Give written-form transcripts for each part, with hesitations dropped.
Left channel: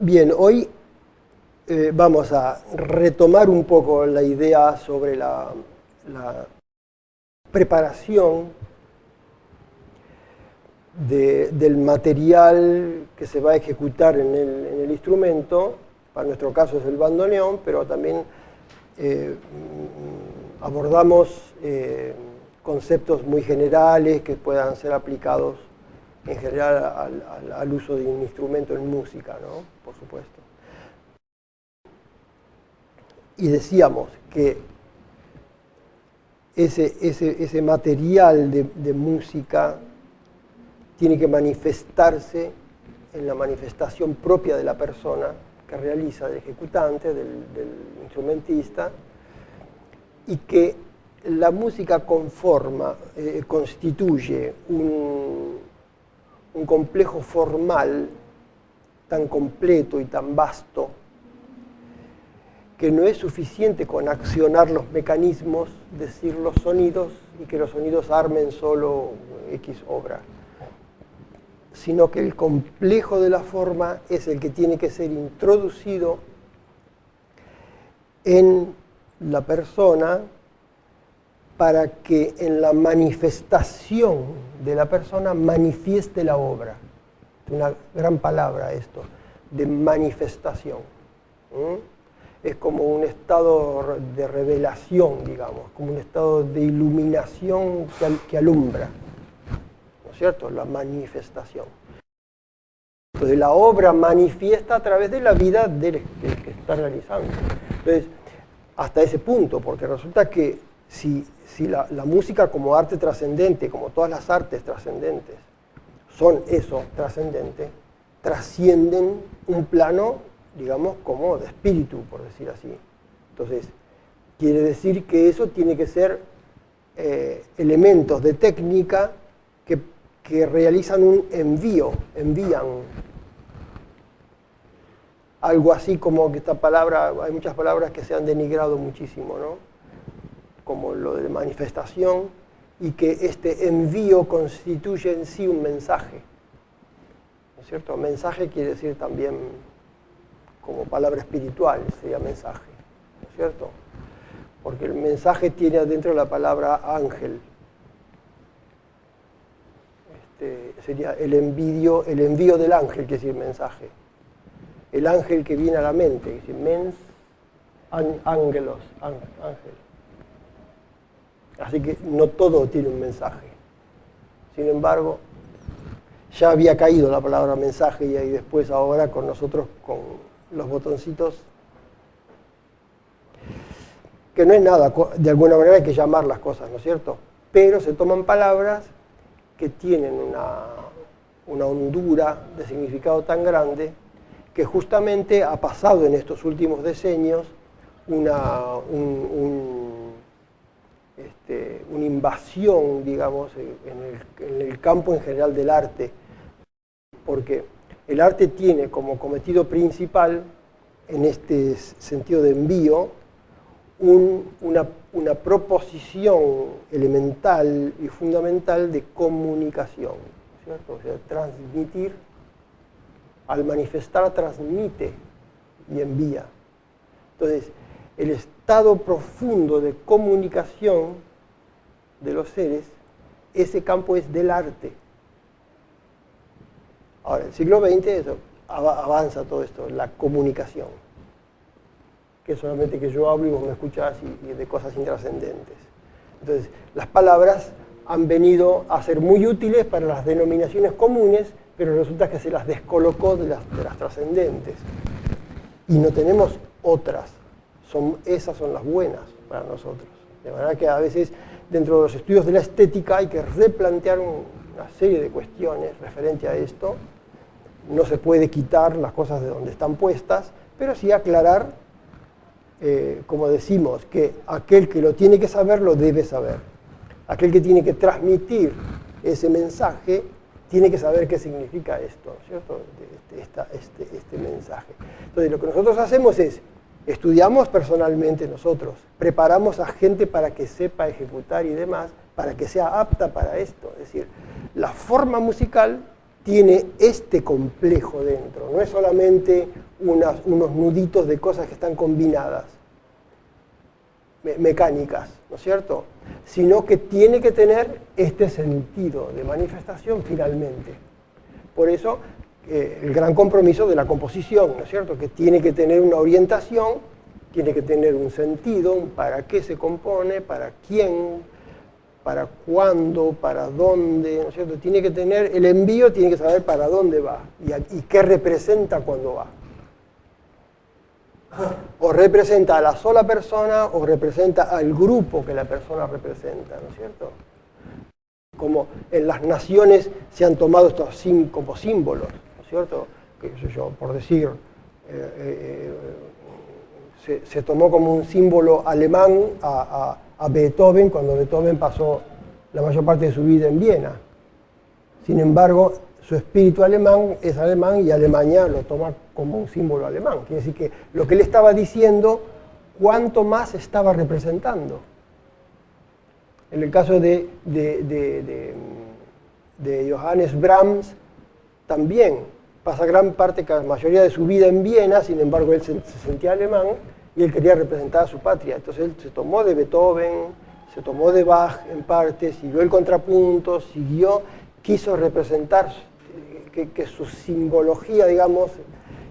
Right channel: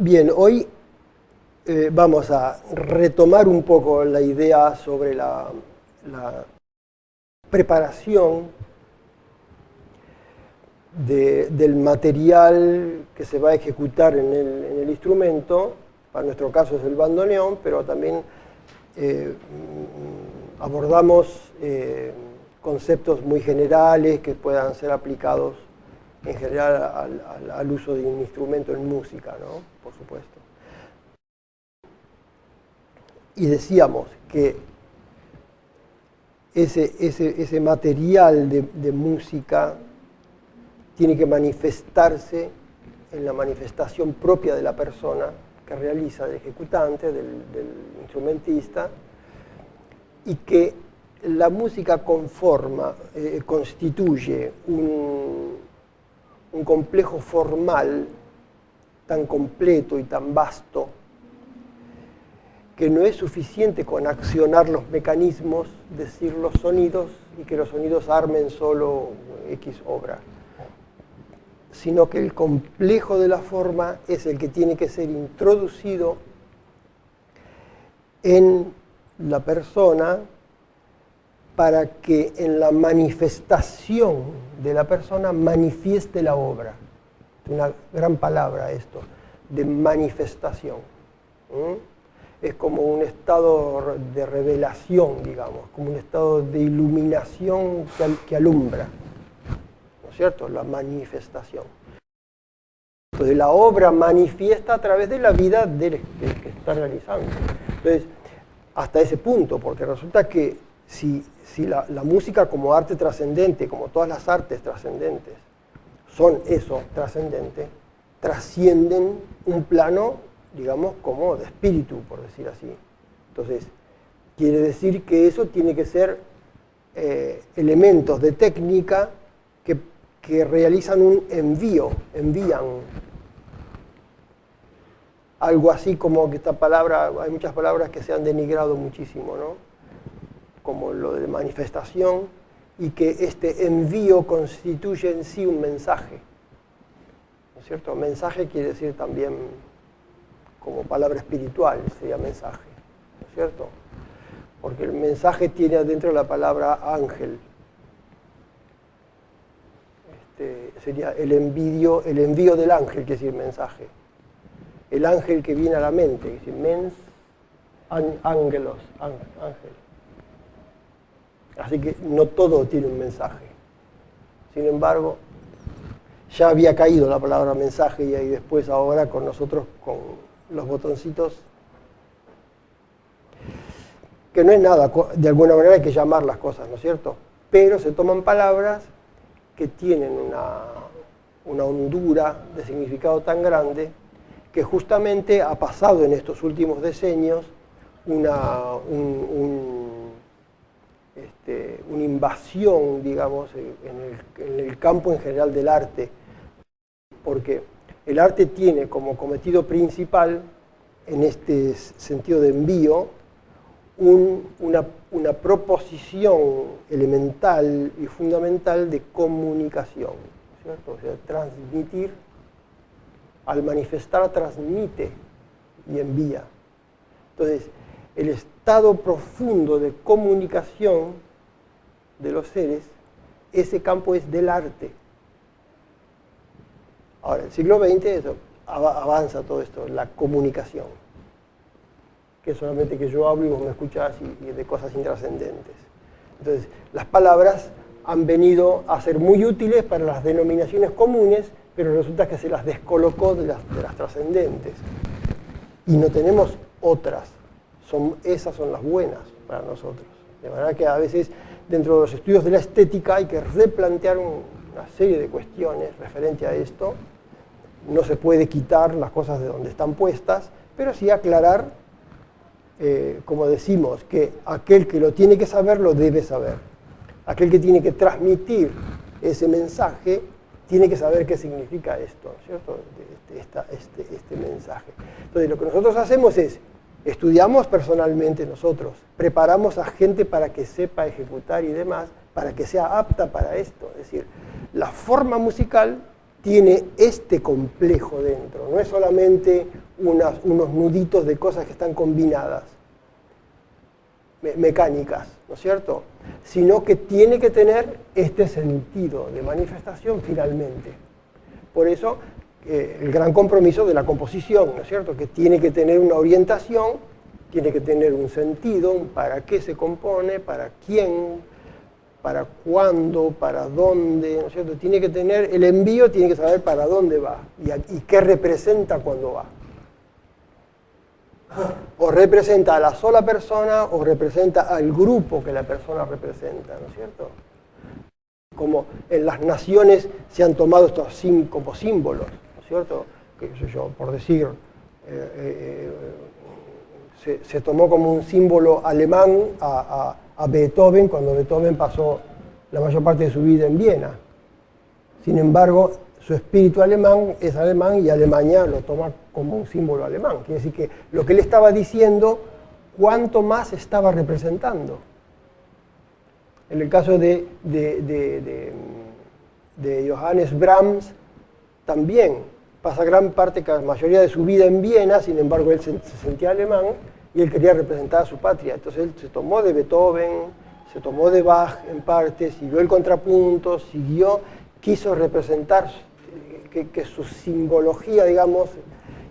Bien, hoy vamos a retomar un poco la idea sobre la preparación del material que se va a ejecutar en el instrumento. En nuestro caso es el bandoneón, pero también abordamos conceptos muy generales que puedan ser aplicados en general al uso de un instrumento en música, ¿no? Por supuesto. Y decíamos que ese material de música tiene que manifestarse en la manifestación propia de la persona que realiza, del ejecutante, del instrumentista, y que la música constituye un complejo formal tan completo y tan vasto que no es suficiente con accionar los mecanismos, decir los sonidos y que los sonidos armen solo X obra, sino que el complejo de la forma es el que tiene que ser introducido en la persona para que en la manifestación de la persona manifieste la obra. Una gran palabra esto, de manifestación. Es como un estado de revelación, digamos, como un estado de iluminación que alumbra, ¿no es cierto? La manifestación. Entonces la obra manifiesta a través de la vida del que está realizando. Entonces, hasta ese punto, porque resulta que si la música como arte trascendente, como todas las artes trascendentes, son eso, trascendente, trascienden un plano, digamos, como de espíritu, por decir así. Entonces, quiere decir que eso tiene que ser elementos de técnica que realizan un envían. Algo así como que esta palabra, hay muchas palabras que se han denigrado muchísimo, ¿no? Como lo de manifestación, y que este envío constituye en sí un mensaje, ¿no es cierto? Mensaje quiere decir también, como palabra espiritual, sería mensaje, ¿no es cierto? Porque el mensaje tiene adentro la palabra ángel. Sería el envío del ángel, que es decir mensaje. El ángel que viene a la mente, es decir, mens, ángelos, ángel. Así que no todo tiene un mensaje. Sin embargo, ya había caído la palabra mensaje y ahí después ahora con nosotros, con los botoncitos, que no es nada, de alguna manera hay que llamar las cosas, ¿no es cierto? Pero se toman palabras que tienen una hondura de significado tan grande que justamente ha pasado en estos últimos decenios una invasión, digamos, en el campo en general del arte, porque el arte tiene como cometido principal, en este sentido de envío, una proposición elemental y fundamental de comunicación, ¿cierto? O sea, transmitir, al manifestar transmite y envía. Entonces, el estado profundo de comunicación de los seres, ese campo es del arte. Ahora, el siglo XX eso, avanza todo esto, la comunicación. Que es solamente que yo hablo y vos me escuchás y de cosas intrascendentes. Entonces, las palabras han venido a ser muy útiles para las denominaciones comunes, pero resulta que se las descolocó de las trascendentes. Y no tenemos otras. Esas son las buenas para nosotros. De verdad que a veces dentro de los estudios de la estética hay que replantear una serie de cuestiones referente a esto. No se puede quitar las cosas de donde están puestas, pero sí aclarar, como decimos, que aquel que lo tiene que saber, lo debe saber. Aquel que tiene que transmitir ese mensaje, tiene que saber qué significa esto, ¿cierto? Este mensaje. Entonces, lo que nosotros hacemos es, estudiamos personalmente nosotros, preparamos a gente para que sepa ejecutar y demás, para que sea apta para esto. Es decir, la forma musical tiene este complejo dentro, no es solamente unos nuditos de cosas que están combinadas, mecánicas, ¿no es cierto? Sino que tiene que tener este sentido de manifestación finalmente. Por eso el gran compromiso de la composición, ¿no es cierto? Que tiene que tener una orientación, tiene que tener un sentido, un para qué se compone, para quién, para cuándo, para dónde, ¿no es cierto? Tiene que tener, el envío tiene que saber para dónde va y qué representa cuando va. O representa a la sola persona o representa al grupo que la persona representa, ¿no es cierto? Como en las naciones se han tomado estos 5 símbolos, ¿no es cierto? Que sé yo, por decir, se tomó como un símbolo alemán a Beethoven cuando Beethoven pasó la mayor parte de su vida en Viena. Sin embargo, su espíritu alemán es alemán y Alemania lo toma como un símbolo alemán. Quiere decir que lo que él estaba diciendo, cuánto más estaba representando. En el caso de Johannes Brahms, también pasa gran parte, la mayoría de su vida en Viena, sin embargo él se sentía alemán y él quería representar a su patria. Entonces él se tomó de Beethoven, se tomó de Bach en parte, siguió el contrapunto, quiso representar que su simbología, digamos,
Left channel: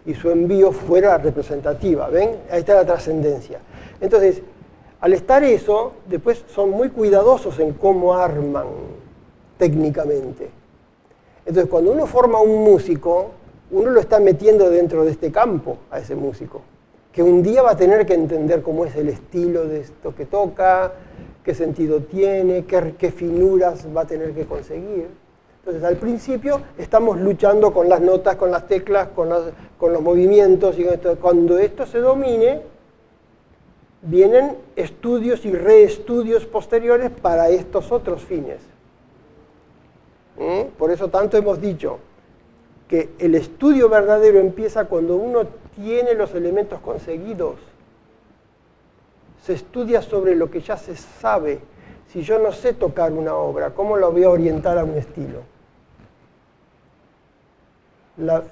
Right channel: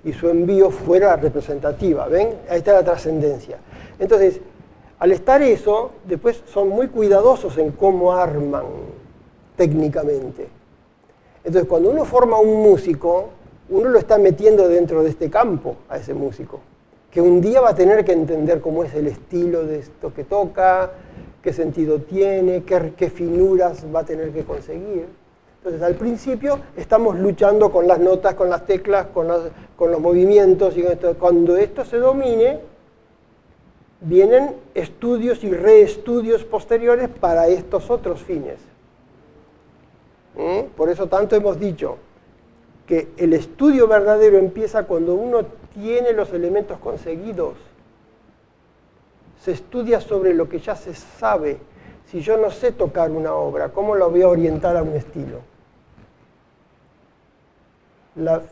y su envío fuera representativa. ¿Ven? Ahí está la trascendencia. Entonces, al estar eso, después son muy cuidadosos en cómo arman técnicamente. Entonces, cuando uno forma un músico, uno lo está metiendo dentro de este campo a ese músico, que un día va a tener que entender cómo es el estilo de esto que toca, qué sentido tiene, qué finuras va a tener que conseguir. Entonces, al principio estamos luchando con las notas, con las teclas, con los movimientos, y cuando esto se domine, vienen estudios y reestudios posteriores para estos otros fines. Por eso tanto hemos dicho que el estudio verdadero empieza cuando uno tiene los elementos conseguidos. Se estudia sobre lo que ya se sabe. Si yo no sé tocar una obra, ¿cómo la voy a orientar a un estilo?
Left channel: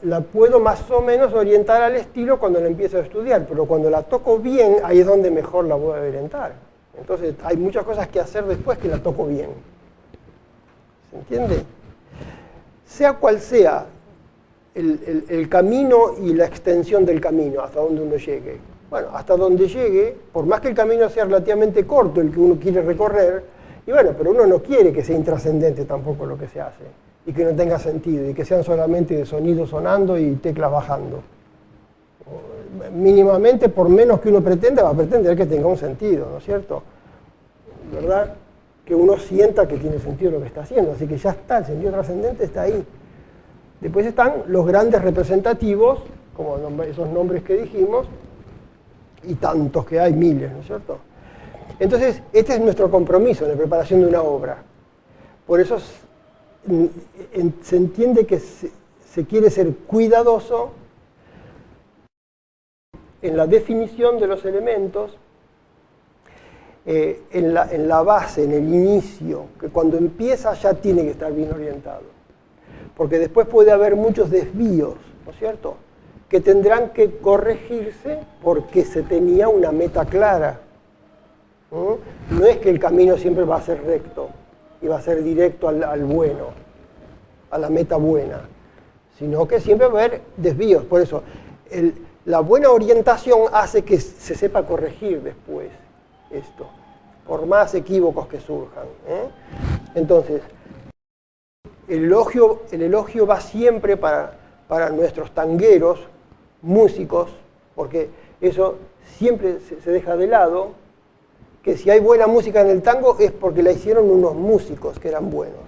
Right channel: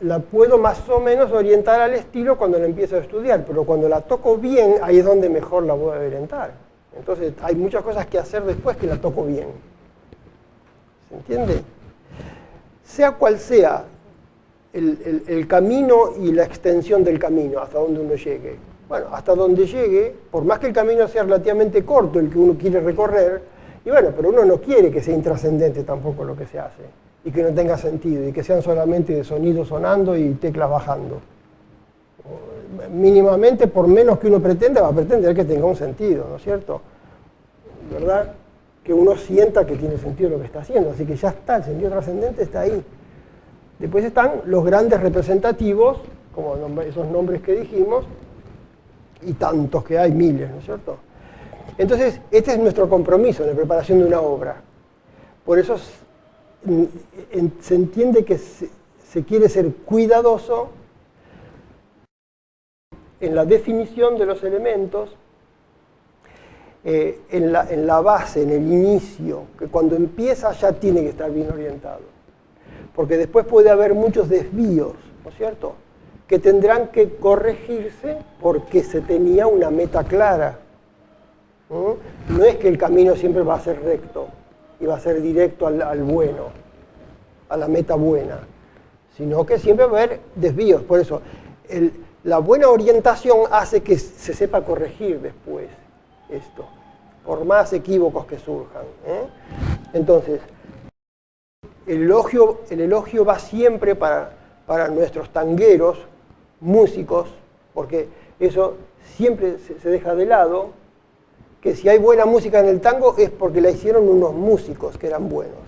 La puedo más o menos orientar al estilo cuando la empiezo a estudiar, pero cuando la toco bien, ahí es donde mejor la voy a orientar. Entonces hay muchas cosas que hacer después que la toco bien. ¿Se entiende? Sea cual sea el camino y la extensión del camino, hasta donde uno llegue. Bueno, hasta donde llegue, por más que el camino sea relativamente corto, el que uno quiere recorrer, y bueno, pero uno no quiere que sea intrascendente tampoco lo que se hace, y que no tenga sentido, y que sean solamente sonidos sonando y teclas bajando. Mínimamente, por menos que uno pretenda, va a pretender que tenga un sentido, ¿no es cierto? ¿Verdad? Que uno sienta que tiene sentido lo que está haciendo, así que ya está, el sentido trascendente está ahí. Después están los grandes representativos, como esos nombres que dijimos, y tantos que hay, miles, ¿no es cierto? Entonces, este es nuestro compromiso en la preparación de una obra. Por eso se entiende que se quiere ser cuidadoso en la definición de los elementos, en la base, en el inicio, que cuando empieza ya tiene que estar bien orientado. Porque después puede haber muchos desvíos, ¿no es cierto?, que tendrán que corregirse porque se tenía una meta clara. No es que el camino siempre va a ser recto y va a ser directo al bueno, a la meta buena, sino que siempre va a haber desvíos. Por eso, la buena orientación hace que se sepa corregir después esto, por más equívocos que surjan. Entonces, el elogio va siempre para nuestros tangueros, músicos, porque eso siempre se deja de lado, que si hay buena música en el tango es porque la hicieron unos músicos que eran buenos.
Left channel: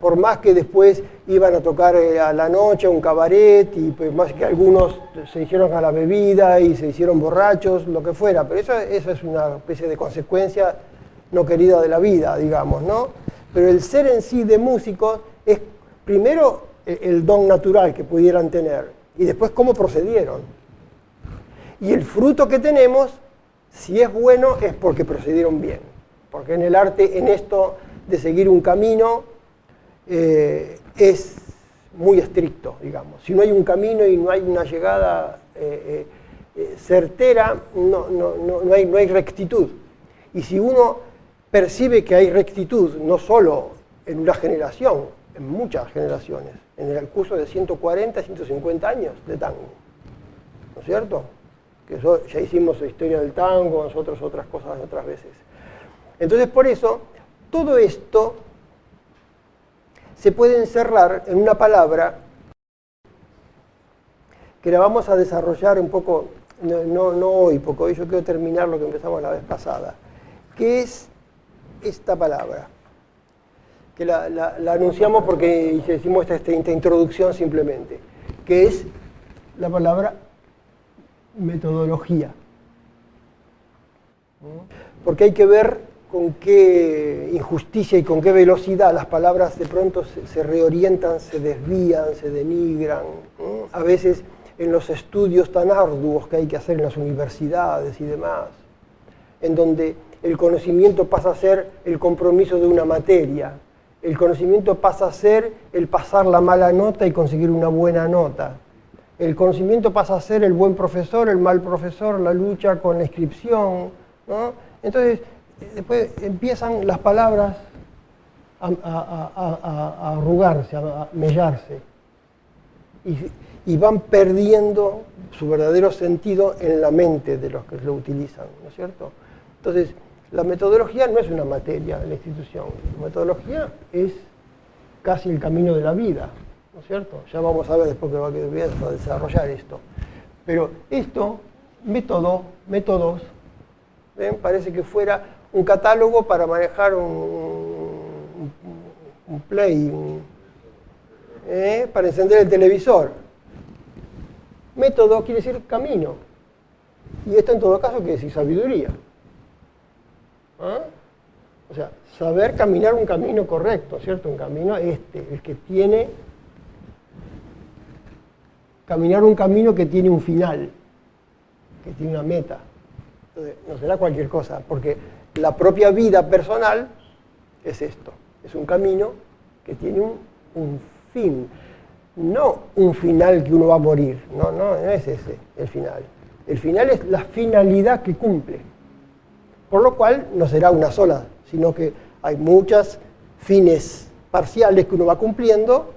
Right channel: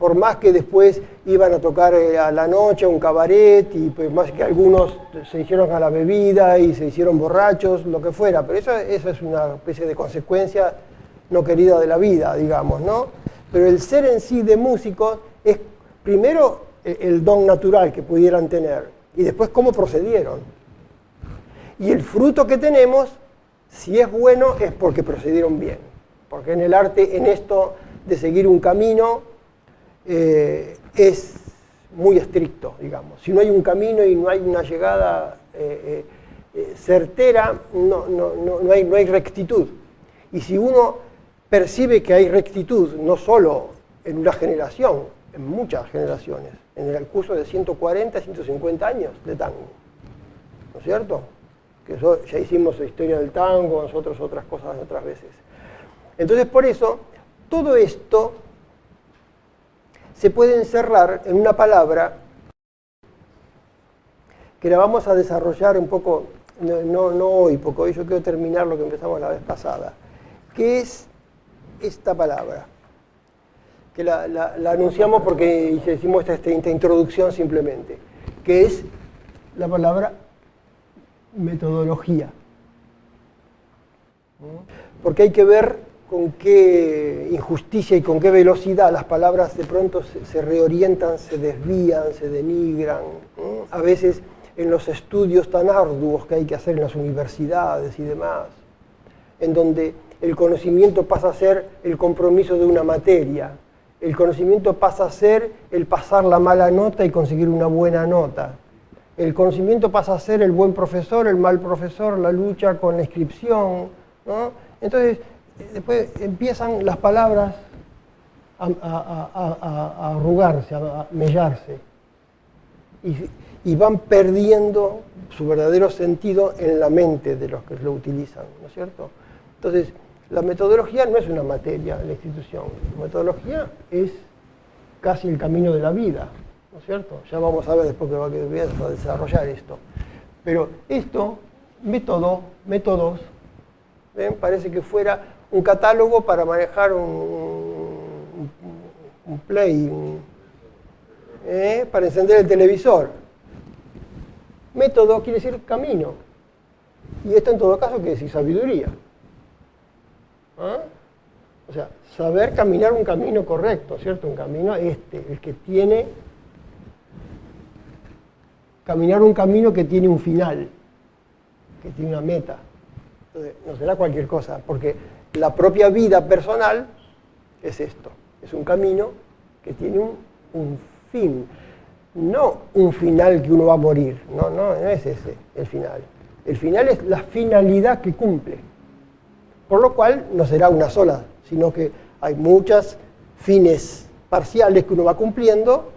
Por más que después iban a tocar a la noche a un cabaret, y pues más que algunos se hicieron a la bebida y se hicieron borrachos, lo que fuera, pero esa es una especie de consecuencia no querida de la vida, digamos, ¿no? Pero el ser en sí de músicos es primero el don natural que pudieran tener y después cómo procedieron. Y el fruto que tenemos, si es bueno, es porque procedieron bien. Porque en el arte, en esto de seguir un camino, es muy estricto, digamos. Si no hay un camino y no hay una llegada certera, no hay rectitud. Y si uno percibe que hay rectitud, no solo en una generación, en muchas generaciones, en el curso de 140, 150 años de tango, ¿no es cierto? Que eso, ya hicimos la historia del tango, nosotros otras cosas otras veces. Entonces, por eso, todo esto se puede encerrar en una palabra que la vamos a desarrollar un poco, no hoy, porque hoy yo quiero terminar lo que empezamos la vez pasada, que es esta palabra, que la anunciamos porque hicimos esta introducción simplemente, que es la palabra metodología. Porque hay que ver con qué injusticia y con qué velocidad las palabras de pronto se reorientan, se desvían, se denigran. A veces en los estudios tan arduos que hay que hacer en las universidades y demás, en donde el conocimiento pasa a ser el compromiso de una materia, el conocimiento pasa a ser el pasar la mala nota y conseguir una buena nota. El conocimiento pasa a ser el buen profesor, el mal profesor, la lucha con la inscripción, ¿no? Entonces, después empiezan las palabras a arrugarse, a mellarse, y van perdiendo su verdadero sentido en la mente de los que lo utilizan, ¿no es cierto? Entonces, la metodología no es una materia de la institución, la metodología es casi el camino de la vida, ¿no es cierto? Ya vamos a ver después que voy a desarrollar esto. Pero esto, métodos, ¿ven? Parece que fuera un catálogo para manejar un play, para encender el televisor. Método quiere decir camino. Y esto en todo caso quiere decir sabiduría. ¿Ah? O sea, saber caminar un camino correcto, ¿cierto? Un camino el que tiene... Caminar un camino que tiene un final, que tiene una meta. Entonces, no será cualquier cosa, porque la propia vida personal es esto. Es un camino que tiene un fin. No un final que uno va a morir. No es ese el final. El final es la finalidad que cumple. Por lo cual no será una sola, sino que hay muchos fines parciales que uno va cumpliendo,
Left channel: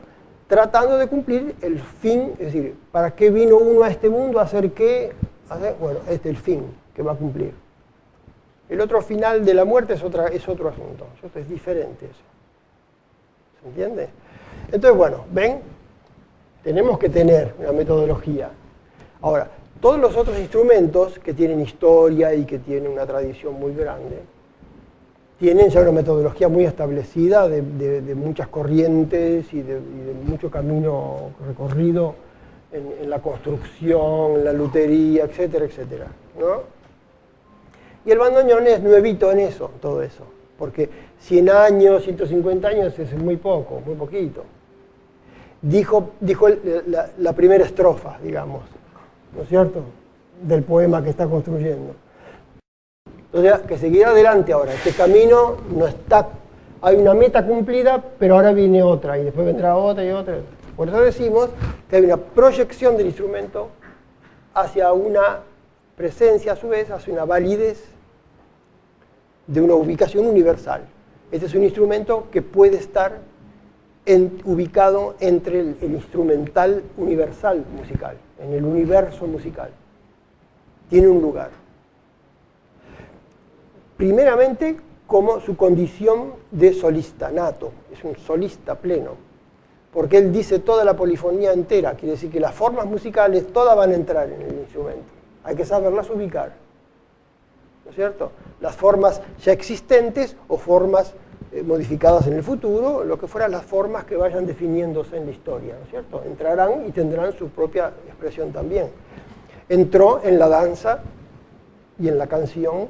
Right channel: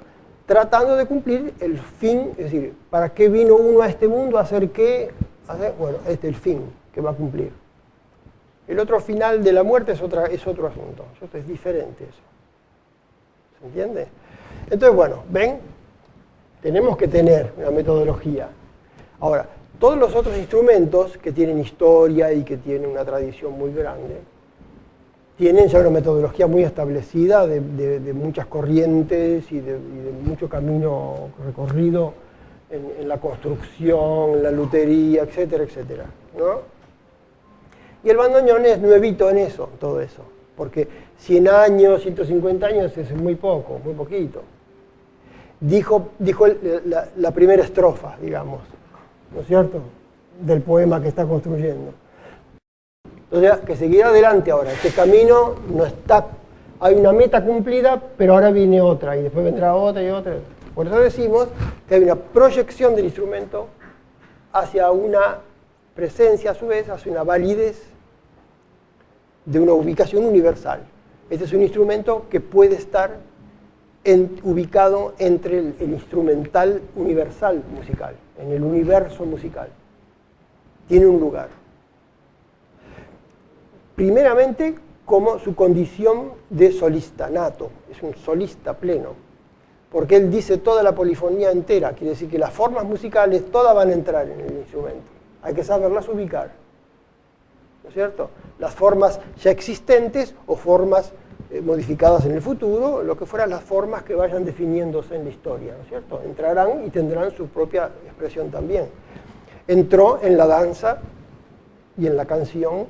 tratando de cumplir el fin, es decir, ¿para qué vino uno a este mundo? ¿A hacer qué? Bueno, este es el fin que va a cumplir. El otro final de la muerte es otro asunto, es diferente eso. ¿Se entiende? Entonces, bueno, ¿ven? Tenemos que tener una metodología. Ahora, todos los otros instrumentos que tienen historia y que tienen una tradición muy grande, tienen ya una metodología muy establecida de muchas corrientes y de mucho camino recorrido en la construcción, en la lutería, etcétera, etcétera, ¿no? Y el bandoneón es nuevito en eso, todo eso, porque 100 años, 150 años es muy poco, muy poquito. Dijo la primera estrofa, digamos, ¿no es cierto?, del poema que está construyendo. Entonces, que seguir adelante ahora. Este camino no está... Hay una meta cumplida, pero ahora viene otra, y después vendrá otra y otra. Por eso decimos que hay una proyección del instrumento hacia una presencia, a su vez, hacia una validez de una ubicación universal. Este es un instrumento que puede estar ubicado entre el instrumental universal musical, en el universo musical. Tiene un lugar. Primeramente, como su condición de solista nato, es un solista pleno, porque él dice toda la polifonía entera, quiere decir que las formas musicales todas van a entrar en el instrumento, hay que saberlas ubicar, ¿no es cierto? Las formas ya existentes o formas modificadas en el futuro, lo que fueran las formas que vayan definiéndose en la historia, ¿no es cierto? Entrarán y tendrán su propia expresión también. Entró en la danza y en la canción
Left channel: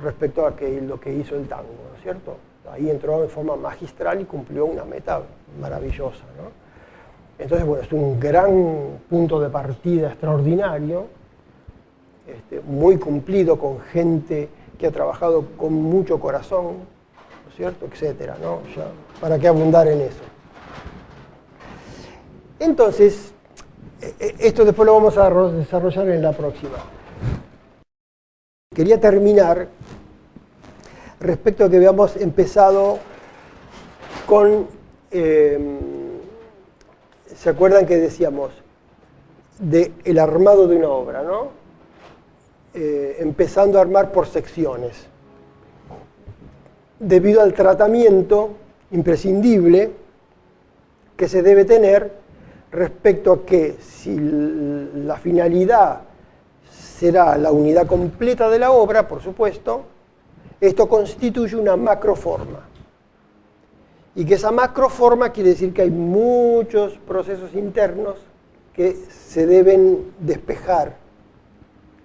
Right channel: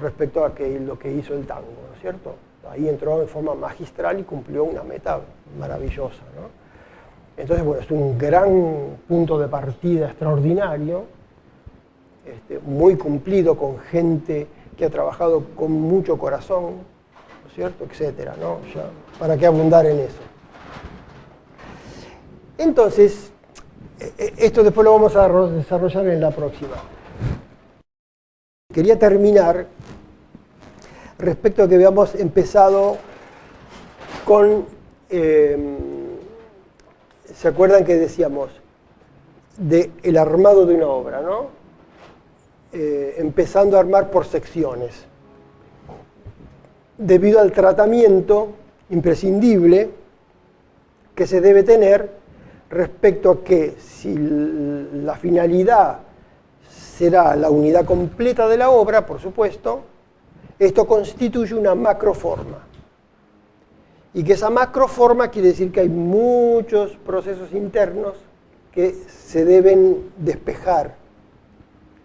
respecto a lo que hizo el tango, ¿no es cierto? Ahí entró de forma magistral y cumplió una meta maravillosa, ¿no? Entonces, bueno, es un gran punto de partida extraordinario, muy cumplido con gente que ha trabajado con mucho corazón, ¿no es cierto?, etcétera, ¿no? Ya, ¿para qué abundar en eso? Entonces, esto después lo vamos a desarrollar en la próxima. Quería terminar respecto a que habíamos empezado con, ¿se acuerdan que decíamos? El armado de una obra, ¿no? Empezando a armar por secciones. Debido al tratamiento imprescindible que se debe tener respecto a que si la finalidad será la unidad completa de la obra, por supuesto, esto constituye una macroforma. Y que esa macroforma quiere decir que hay muchos procesos internos que se deben despejar,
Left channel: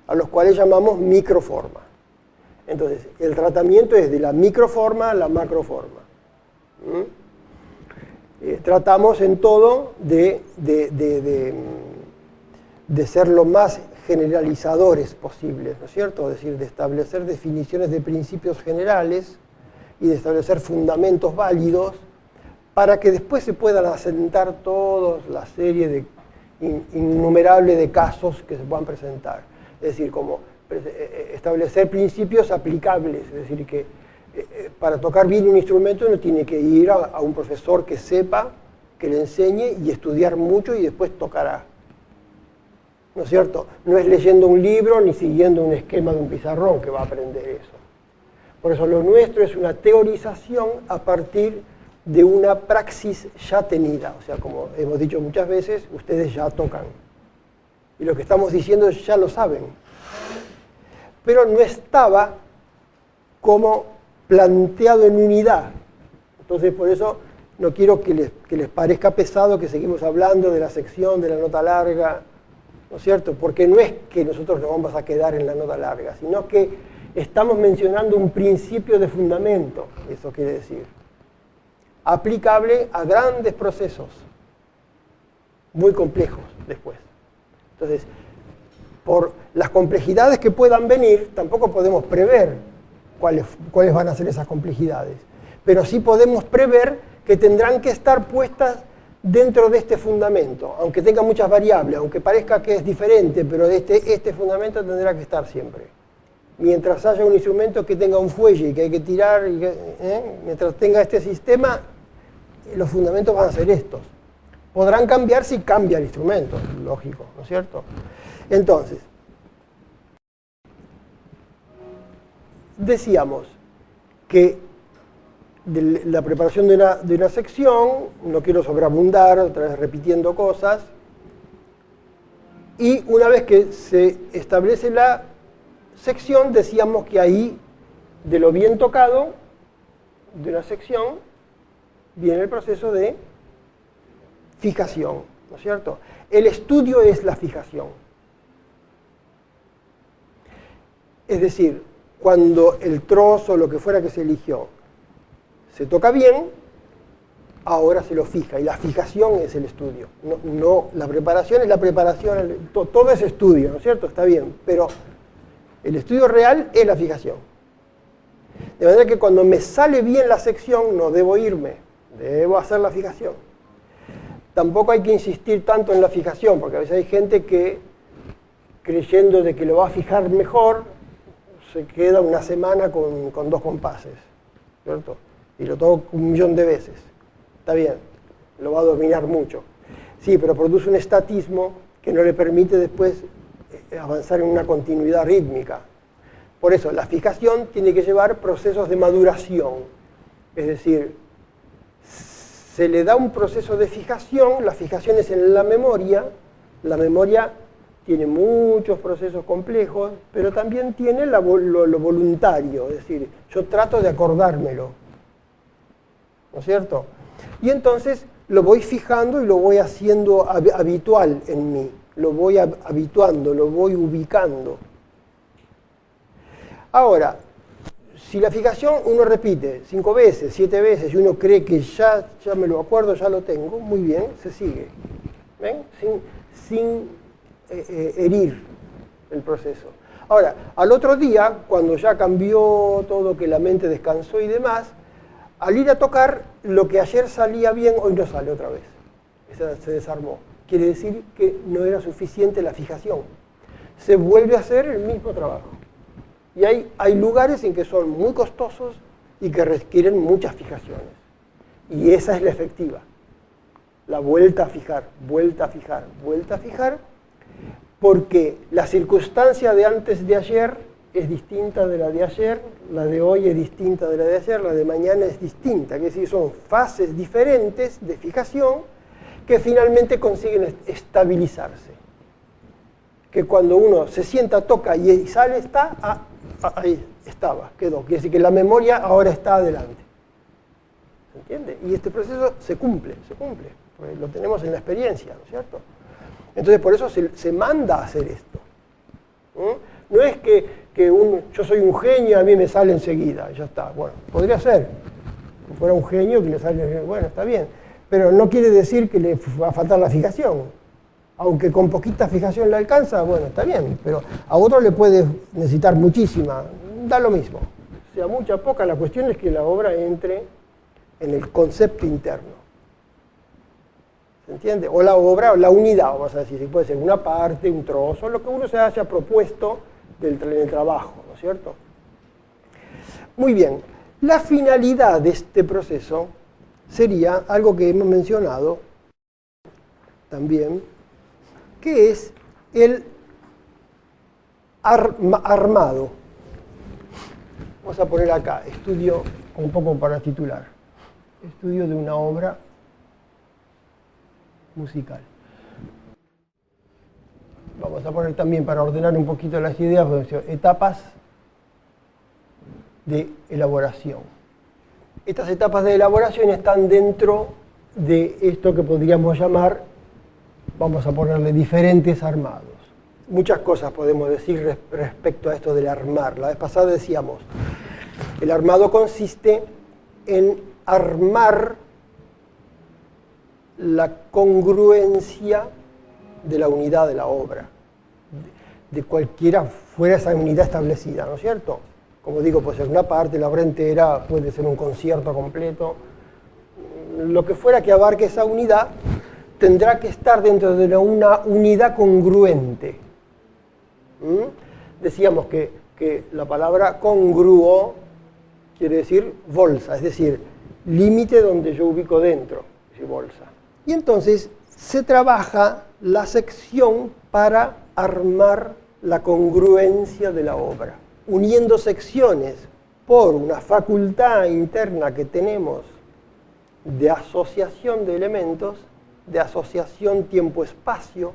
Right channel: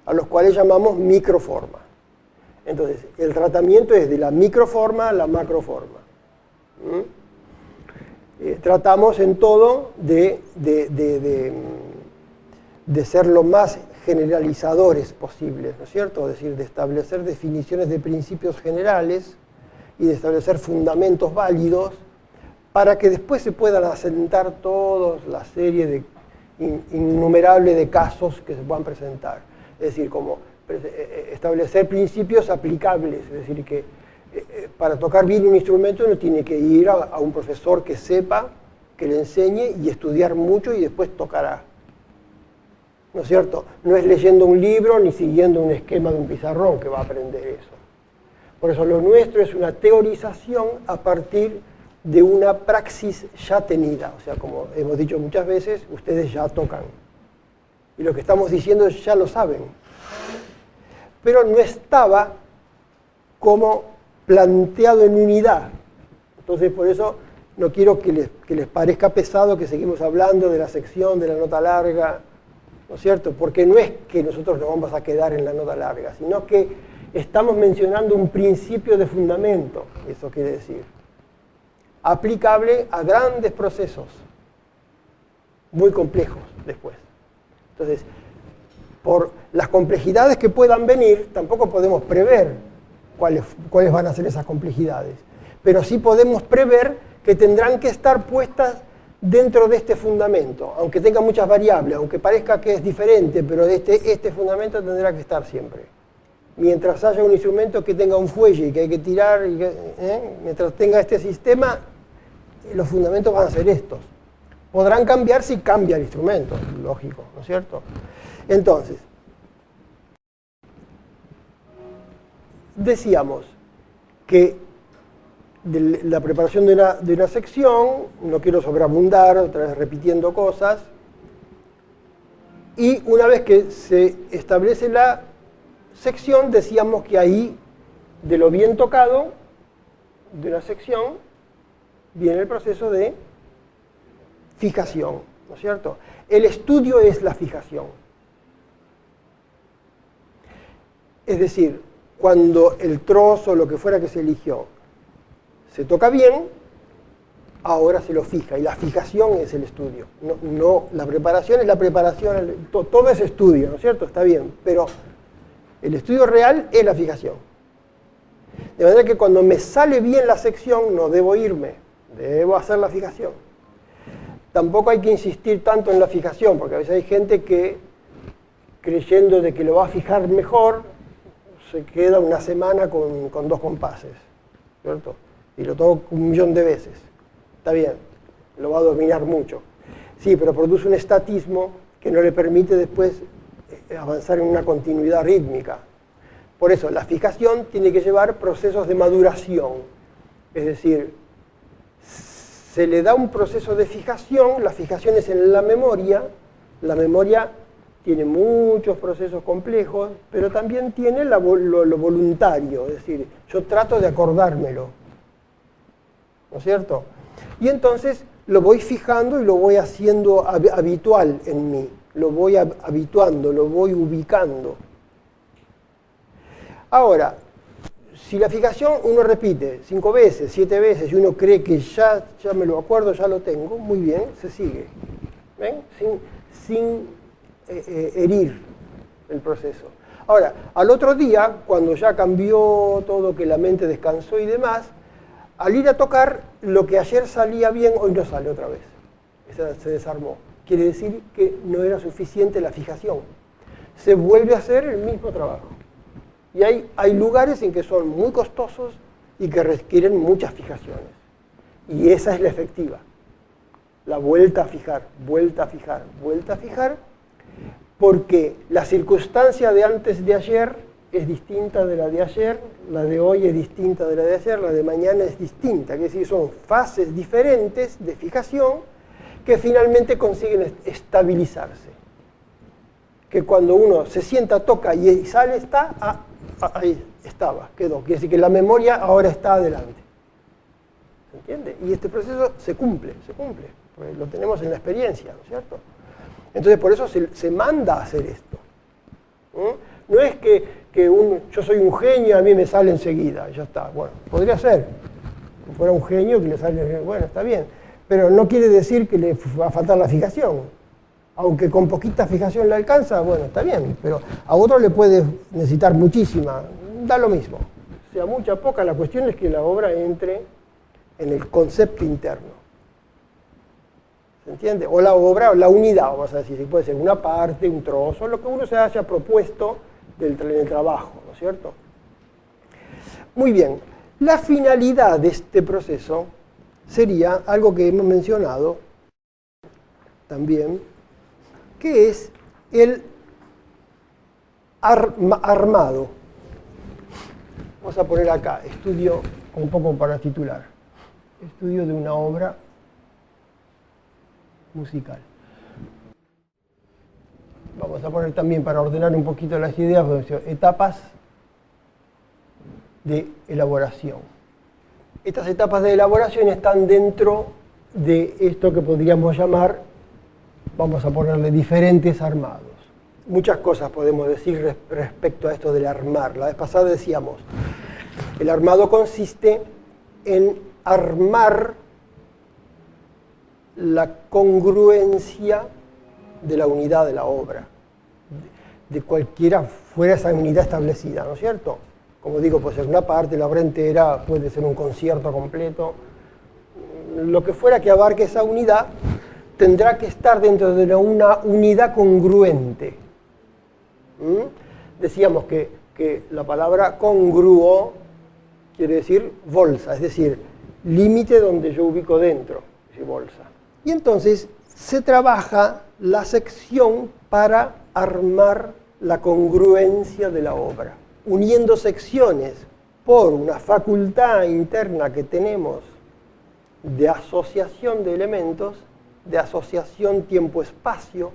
a los cuales llamamos microforma. Entonces, el tratamiento es de la microforma a la macroforma. Tratamos en todo de ser lo más generalizadores posibles, ¿no es cierto? Es decir, de establecer definiciones de principios generales y de establecer fundamentos válidos para que después se puedan asentar toda la serie de innumerable de casos que se puedan presentar. Es decir, como establecer principios aplicables, es decir, que para tocar bien un instrumento uno tiene que ir a un profesor que sepa, que le enseñe y estudiar mucho y después tocará. ¿No es cierto? No es leyendo un libro ni siguiendo un esquema de un pizarrón que va a aprender eso. Por eso lo nuestro es una teorización a partir de una praxis ya tenida. O sea, como hemos dicho muchas veces, ustedes ya tocan. Y lo que estamos diciendo ya lo saben. Pero no estaba como planteado en unidad. Entonces, por eso no quiero que les parezca pesado que seguimos hablando de la sección, de la nota larga, ¿no es cierto? Porque no es que nosotros nos vamos a quedar en la nota larga, sino que estamos mencionando un principio de fundamento, eso quiere decir, aplicable a grandes procesos, muy complejos después. Entonces, por las complejidades que puedan venir, tampoco podemos prever cuáles van a ser esas complejidades, pero sí podemos prever que tendrán que estar puestas dentro de este fundamento, aunque tenga muchas variables, aunque parezca que es diferente, pero este fundamento tendrá que estar siempre. Mientras haya un instrumento que tenga un fuelle que hay que tirar, mientras tenga este sistema, los fundamentos van a ser estos. Podrán cambiar si cambia el instrumento, lógico, ¿no es cierto? Entonces, decíamos que de la preparación de una sección, no quiero sobreabundar, otra vez repitiendo cosas, y una vez que se establece la sección, decíamos que ahí, de lo bien tocado de una sección, viene el proceso de fijación, ¿no es cierto? El estudio es la fijación. Es decir, cuando el trozo, lo que fuera que se eligió, se toca bien, ahora se lo fija, y la fijación es el estudio. No, la preparación es la preparación, todo es estudio, ¿no es cierto? Está bien, pero el estudio real es la fijación. De manera que cuando me sale bien la sección, no debo irme, debo hacer la fijación. Tampoco hay que insistir tanto en la fijación, porque a veces hay gente que, creyendo de que lo va a fijar mejor, se queda una semana con 2 compases, ¿cierto? Y lo toco 1.000.000 de veces. Está bien, lo va a dominar mucho. Sí, pero produce un estatismo que no le permite después avanzar en una continuidad rítmica. Por eso, la fijación tiene que llevar procesos de maduración. Es decir, se le da un proceso de fijación, la fijación es en la memoria tiene muchos procesos complejos, pero también tiene lo voluntario, es decir, yo trato de acordármelo, ¿no es cierto? Y entonces lo voy fijando y lo voy haciendo habitual en mí, lo voy habituando, lo voy ubicando. Ahora, si la fijación uno repite 5 veces, 7 veces y uno cree que ya me lo acuerdo, ya lo tengo, muy bien, se sigue. ¿Ven? Sin herir el proceso. Ahora, al otro día, cuando ya cambió todo, que la mente descansó y demás, al ir a tocar, lo que ayer salía bien, hoy no sale otra vez. Se desarmó. quiere decir que no era suficiente la fijación. Se vuelve a hacer el mismo trabajo. Y hay lugares en que son muy costosos y que requieren muchas fijaciones. Y esa es la efectiva. La vuelta a fijar, vuelta a fijar, vuelta a fijar, porque la circunstancia de antes de ayer es distinta de la de ayer, la de hoy es distinta de la de ayer, la de mañana es distinta. Es decir, son fases diferentes de fijación que finalmente consiguen estabilizarse. Que cuando uno se sienta, toca y sale, está, ahí estaba, quedó. Quiere decir que la memoria ahora está adelante. ¿Se entiende? Y este proceso se cumple, porque lo tenemos en la experiencia, ¿no es cierto? Entonces por eso se manda a hacer esto. No es que yo soy un genio, a mí me sale enseguida, ya está. Bueno, podría ser. Si fuera un genio que le sale, bueno, está bien. Pero no quiere decir que le va a faltar la fijación. Aunque con poquita fijación le alcanza, bueno, está bien. Pero a otro le puede necesitar muchísima. Da lo mismo. Sea mucha o poca, la cuestión es que la obra entre en el concepto interno. ¿Se entiende? O la obra, o la unidad, vamos a decir. Puede ser una parte, un trozo, lo que uno se haya propuesto del trabajo, ¿no es cierto? Muy bien. La finalidad de este proceso sería algo que hemos mencionado también, que es el armado. Vamos a poner acá, estudio, un poco para titular, estudio de una obra musical. Vamos a poner también, para ordenar un poquito las ideas, etapas de elaboración. Estas etapas de elaboración están dentro de esto que podríamos llamar, vamos a ponerle, diferentes armados. Muchas cosas podemos decir respecto a esto del armar. La vez pasada decíamos, el armado consiste en armar la congruencia de la unidad de la obra, de cualquiera fuera esa unidad establecida, ¿no es cierto? Como digo, puede ser una parte, la obra entera, puede ser un concierto completo. Lo que fuera que abarque esa unidad tendrá que estar dentro de una unidad congruente. Decíamos que la palabra congruo quiere decir bolsa, es decir, límite donde yo ubico dentro, es bolsa. Y entonces se trabaja la sección para armar la congruencia de la obra, uniendo secciones por una facultad interna que tenemos de asociación de elementos, de asociación tiempo-espacio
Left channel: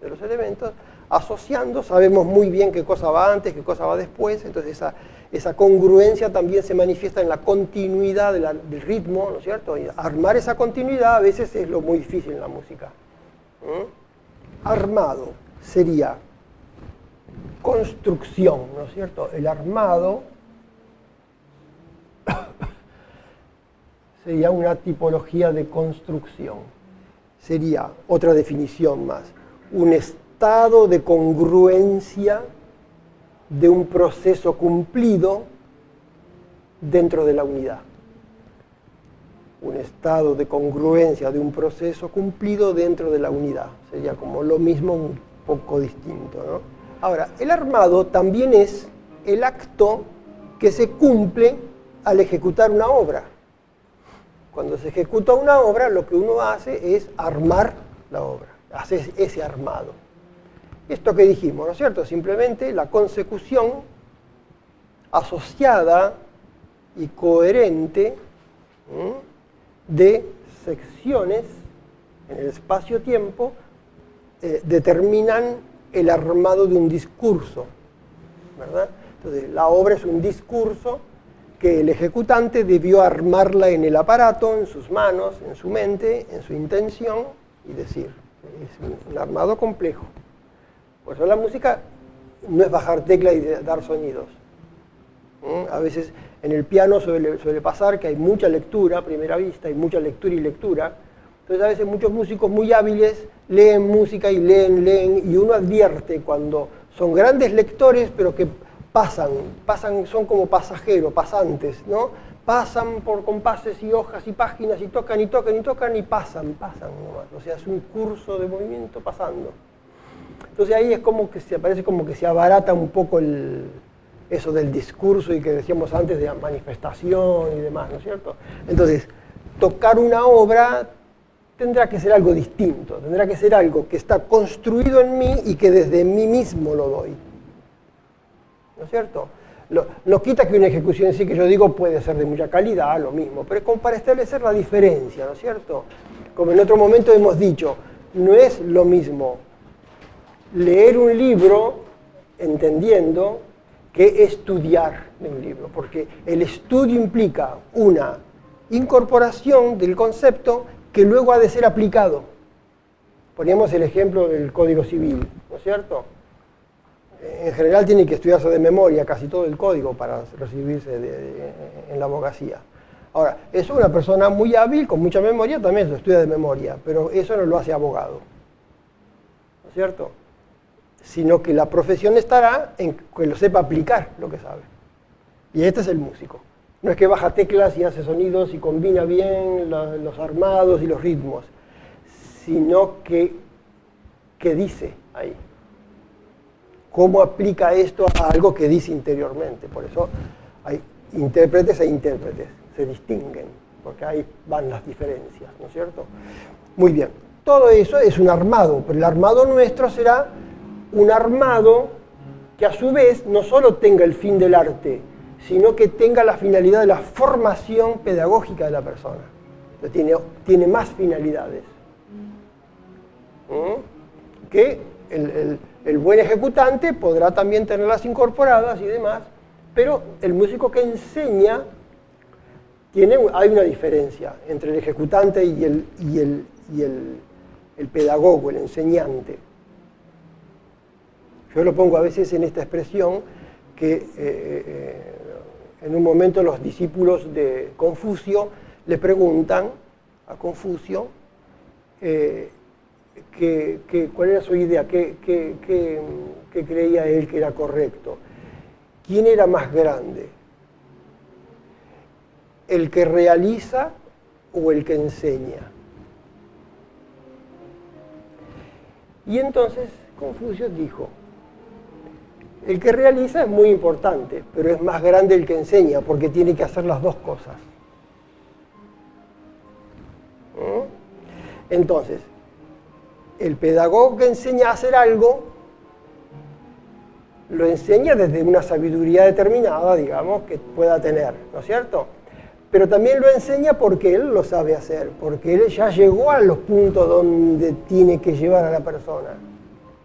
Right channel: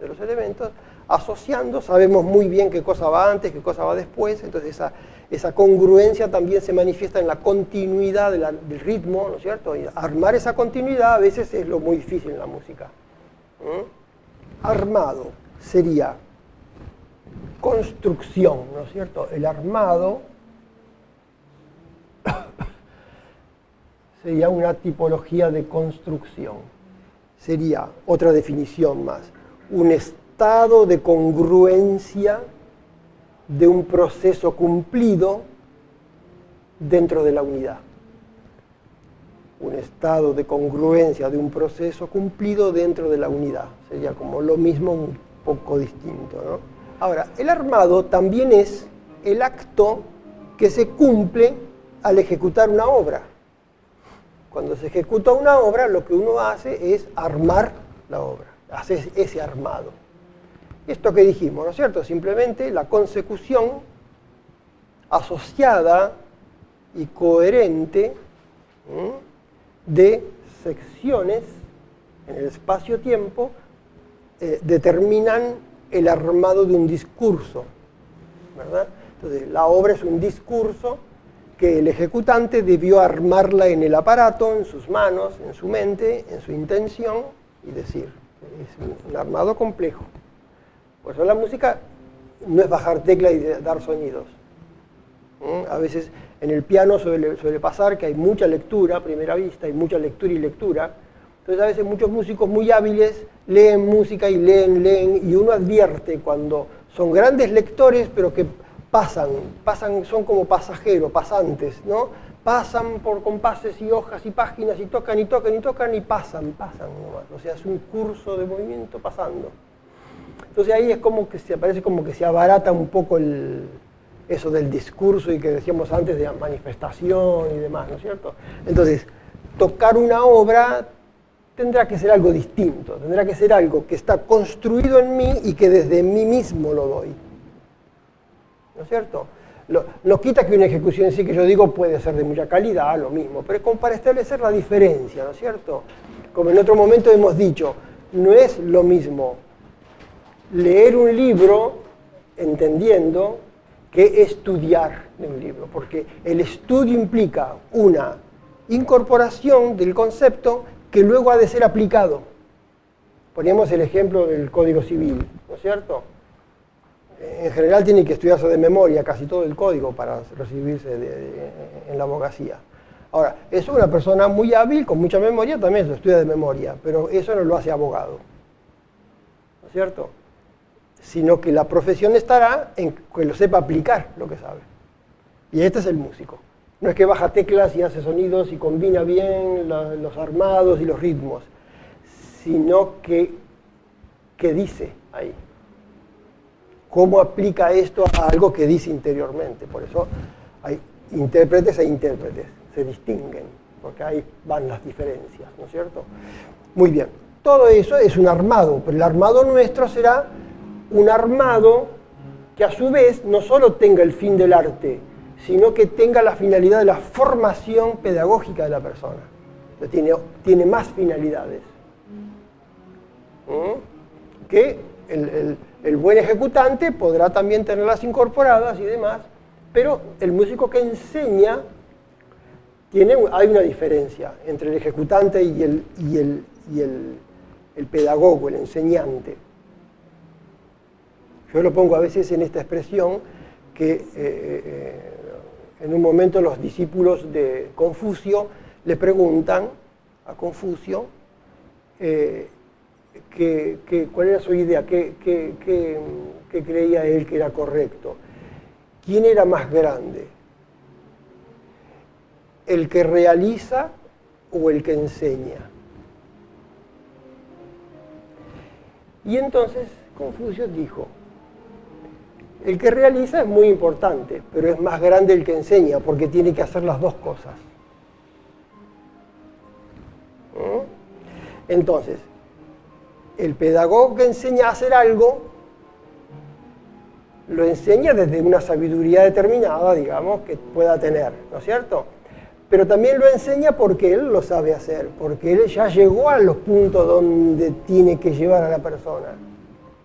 de los elementos, asociando, sabemos muy bien qué cosa va antes, qué cosa va después, entonces esa congruencia también se manifiesta en la continuidad del ritmo, ¿no es cierto? Y armar esa continuidad a veces es lo muy difícil en la música. Armado sería construcción, ¿no es cierto? El armado sería una tipología de construcción. Sería otra definición más, un estado de congruencia de un proceso cumplido dentro de la unidad. Un estado de congruencia de un proceso cumplido dentro de la unidad. Sería como lo mismo, un poco distinto, ¿no? Ahora, el armado también es el acto que se cumple al ejecutar una obra. Cuando se ejecuta una obra, lo que uno hace es armar la obra, hace ese armado. Esto que dijimos, ¿no es cierto? Simplemente la consecución asociada y coherente de secciones en el espacio-tiempo determinan el armado de un discurso, ¿verdad? Entonces, la obra es un discurso que el ejecutante debió armarla en el aparato, en sus manos, en su mente, en su intención, y decir. Es un armado complejo. Por eso la música no es bajar tecla y dar sonidos. A veces en el piano suele pasar que hay mucha lectura a primera vista, hay mucha lectura y lectura. Entonces a veces muchos músicos muy hábiles leen música y leen, y uno advierte cuando son grandes lectores, pero que pasan, son como pasajeros, pasantes, ¿no? Pasan por compases y hojas y páginas y tocan y tocan y tocan y pasan nomás. O sea, es un curso de movimiento pasando. Entonces ahí es como que parece como que se abarata un poco eso del discurso y que decíamos antes de la manifestación y demás, ¿no es cierto? Entonces, tocar una obra tendrá que ser algo distinto, tendrá que ser algo que está construido en mí y que desde mí mismo lo doy. ¿No es cierto? No quita que una ejecución en sí, que yo digo, puede ser de mucha calidad, lo mismo, pero como para establecer la diferencia, ¿no es cierto? Como en otro momento hemos dicho, no es lo mismo leer un libro entendiendo que estudiar un libro, porque el estudio implica una incorporación del concepto que luego ha de ser aplicado. Poníamos el ejemplo del Código Civil, ¿no es cierto? En general tiene que estudiarse de memoria casi todo el código para recibirse en la abogacía. Ahora, es una persona muy hábil, con mucha memoria, también se estudia de memoria, pero eso no lo hace abogado, ¿no es cierto? Sino que la profesión estará en que lo sepa aplicar lo que sabe. Y este es el músico. No es que baja teclas y hace sonidos y combina bien los armados y los ritmos, sino que dice ahí. ¿Cómo aplica esto a algo que dice interiormente? Por eso hay intérpretes e intérpretes, se distinguen, porque ahí van las diferencias, ¿no es cierto? Muy bien, todo eso es un armado, pero el armado nuestro será un armado que a su vez no solo tenga el fin del arte, sino que tenga la finalidad de la formación pedagógica de la persona. O sea, tiene más finalidades. Que el buen ejecutante podrá también tenerlas incorporadas y demás, pero el músico que enseña, hay una diferencia entre el ejecutante y el pedagogo, el enseñante. Yo lo pongo a veces en esta expresión que en un momento los discípulos de Confucio le preguntan a Confucio cuál era su idea, qué creía él que era correcto. ¿Quién era más grande? ¿El que realiza o el que enseña? Y entonces Confucio dijo, el que realiza es muy importante, pero es más grande el que enseña, porque tiene que hacer las dos cosas. Entonces, el pedagogo que enseña a hacer algo, lo enseña desde una sabiduría determinada, digamos, que pueda tener, ¿no es cierto? Pero también lo enseña porque él lo sabe hacer, porque él ya llegó a los puntos donde tiene que llevar a la persona.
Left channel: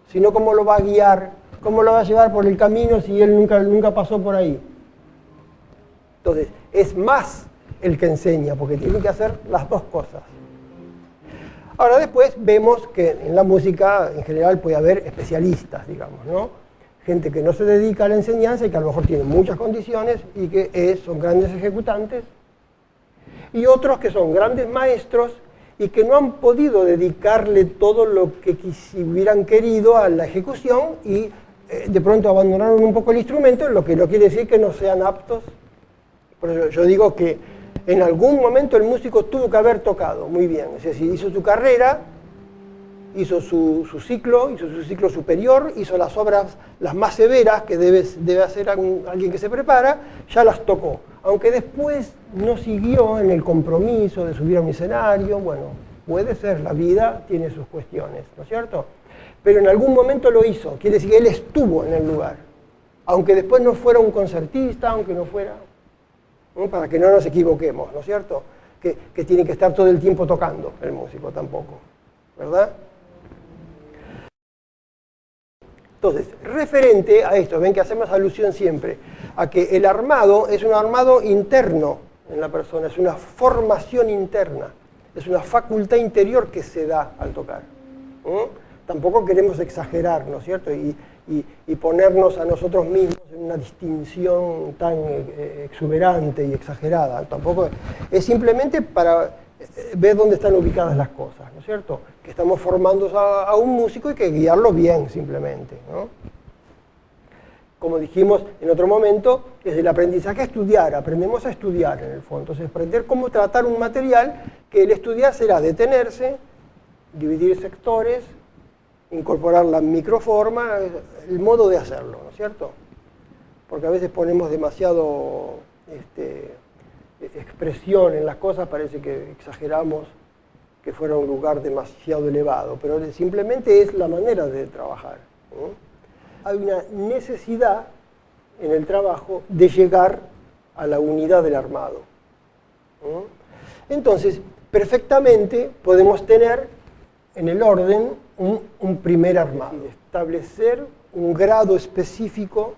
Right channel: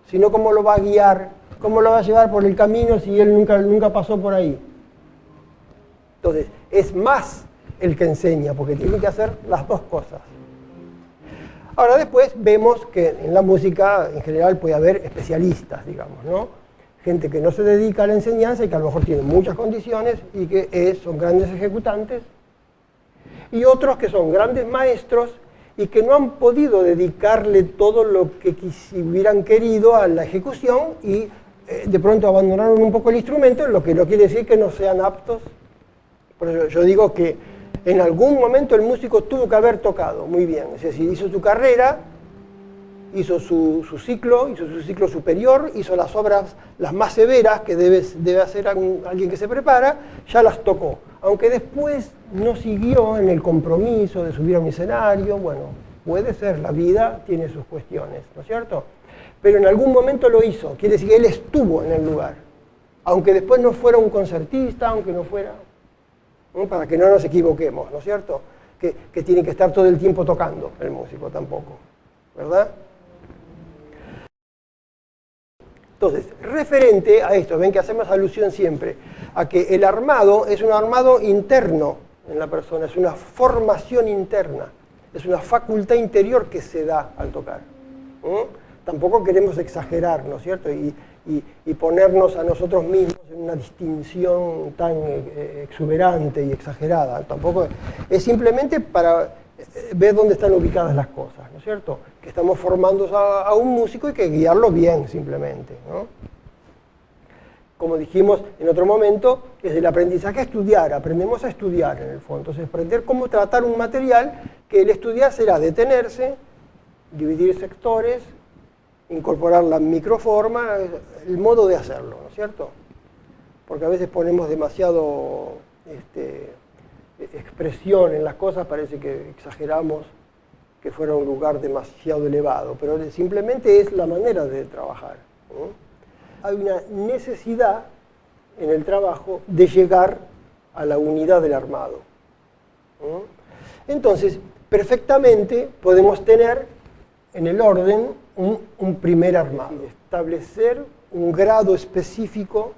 Si no, ¿cómo lo va a guiar? ¿Cómo lo va a llevar por el camino si él nunca pasó por ahí? Entonces, es más el que enseña, porque tiene que hacer las dos cosas. Ahora después vemos que en la música en general puede haber especialistas, digamos, ¿no? Gente que no se dedica a la enseñanza y que a lo mejor tiene muchas condiciones y que son grandes ejecutantes. Y otros que son grandes maestros y que no han podido dedicarle todo lo que hubieran querido a la ejecución y de pronto abandonaron un poco el instrumento, lo que no quiere decir que no sean aptos. Por eso yo digo que en algún momento el músico tuvo que haber tocado muy bien. Es decir, hizo su carrera, hizo su ciclo superior, hizo las obras las más severas que debe hacer alguien que se prepara, ya las tocó. Aunque después no siguió en el compromiso de subir a un escenario, bueno, puede ser, la vida tiene sus cuestiones, ¿no es cierto? Pero en algún momento lo hizo, quiere decir que él estuvo en el lugar. Aunque después no fuera un concertista, aunque no fuera, ¿no? Para que no nos equivoquemos, ¿no es cierto? Que tiene que estar todo el tiempo tocando el músico tampoco, ¿verdad? Entonces, referente a esto, ven que hacemos alusión siempre a que el armado es un armado interno en la persona, es una formación interna, es una facultad interior que se da al tocar. Tampoco queremos exagerar, ¿no es cierto? Y ponernos a nosotros mismos en una distinción tan exuberante y exagerada. Tampoco es simplemente para ver dónde están ubicadas las cosas, ¿no es cierto? Que estamos formando a un músico y hay que guiarlo bien, simplemente, ¿no? como dijimos en otro momento, es el aprendizaje a estudiar, aprendemos a estudiar en el fondo. Entonces, aprender cómo tratar un material, que el estudiar será detenerse, dividir sectores, incorporar la microforma, el modo de hacerlo, ¿no es cierto? Porque a veces ponemos demasiado expresión en las cosas, parece que exageramos, que fuera un lugar demasiado elevado, pero simplemente es la manera de trabajar, ¿no? Hay una necesidad en el trabajo de llegar a la unidad del armado, ¿no? Entonces, perfectamente podemos tener en el orden un primer armado, establecer un grado específico,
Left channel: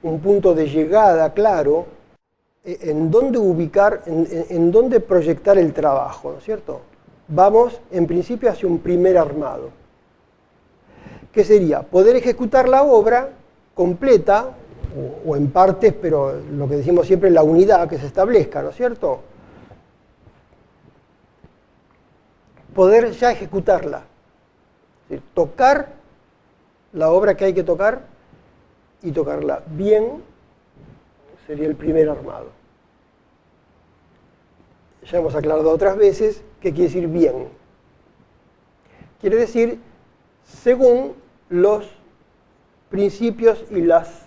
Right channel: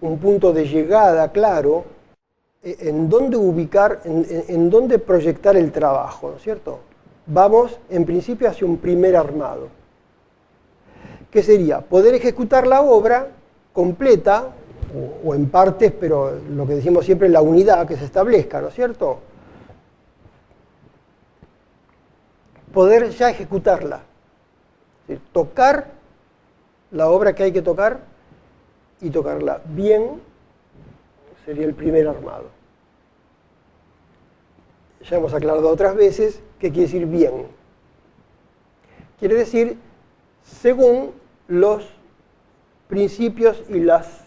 un punto de llegada claro, en dónde ubicar, en dónde proyectar el trabajo, ¿no es cierto? Vamos, en principio, hacia un primer armado, que sería poder ejecutar la obra completa, o en partes, pero lo que decimos siempre es la unidad que se establezca, ¿no es cierto? Poder ya ejecutarla, es decir, tocar la obra que hay que tocar y tocarla bien, sería el primer armado. Ya hemos aclarado otras veces qué quiere decir bien. Quiere decir según los principios y las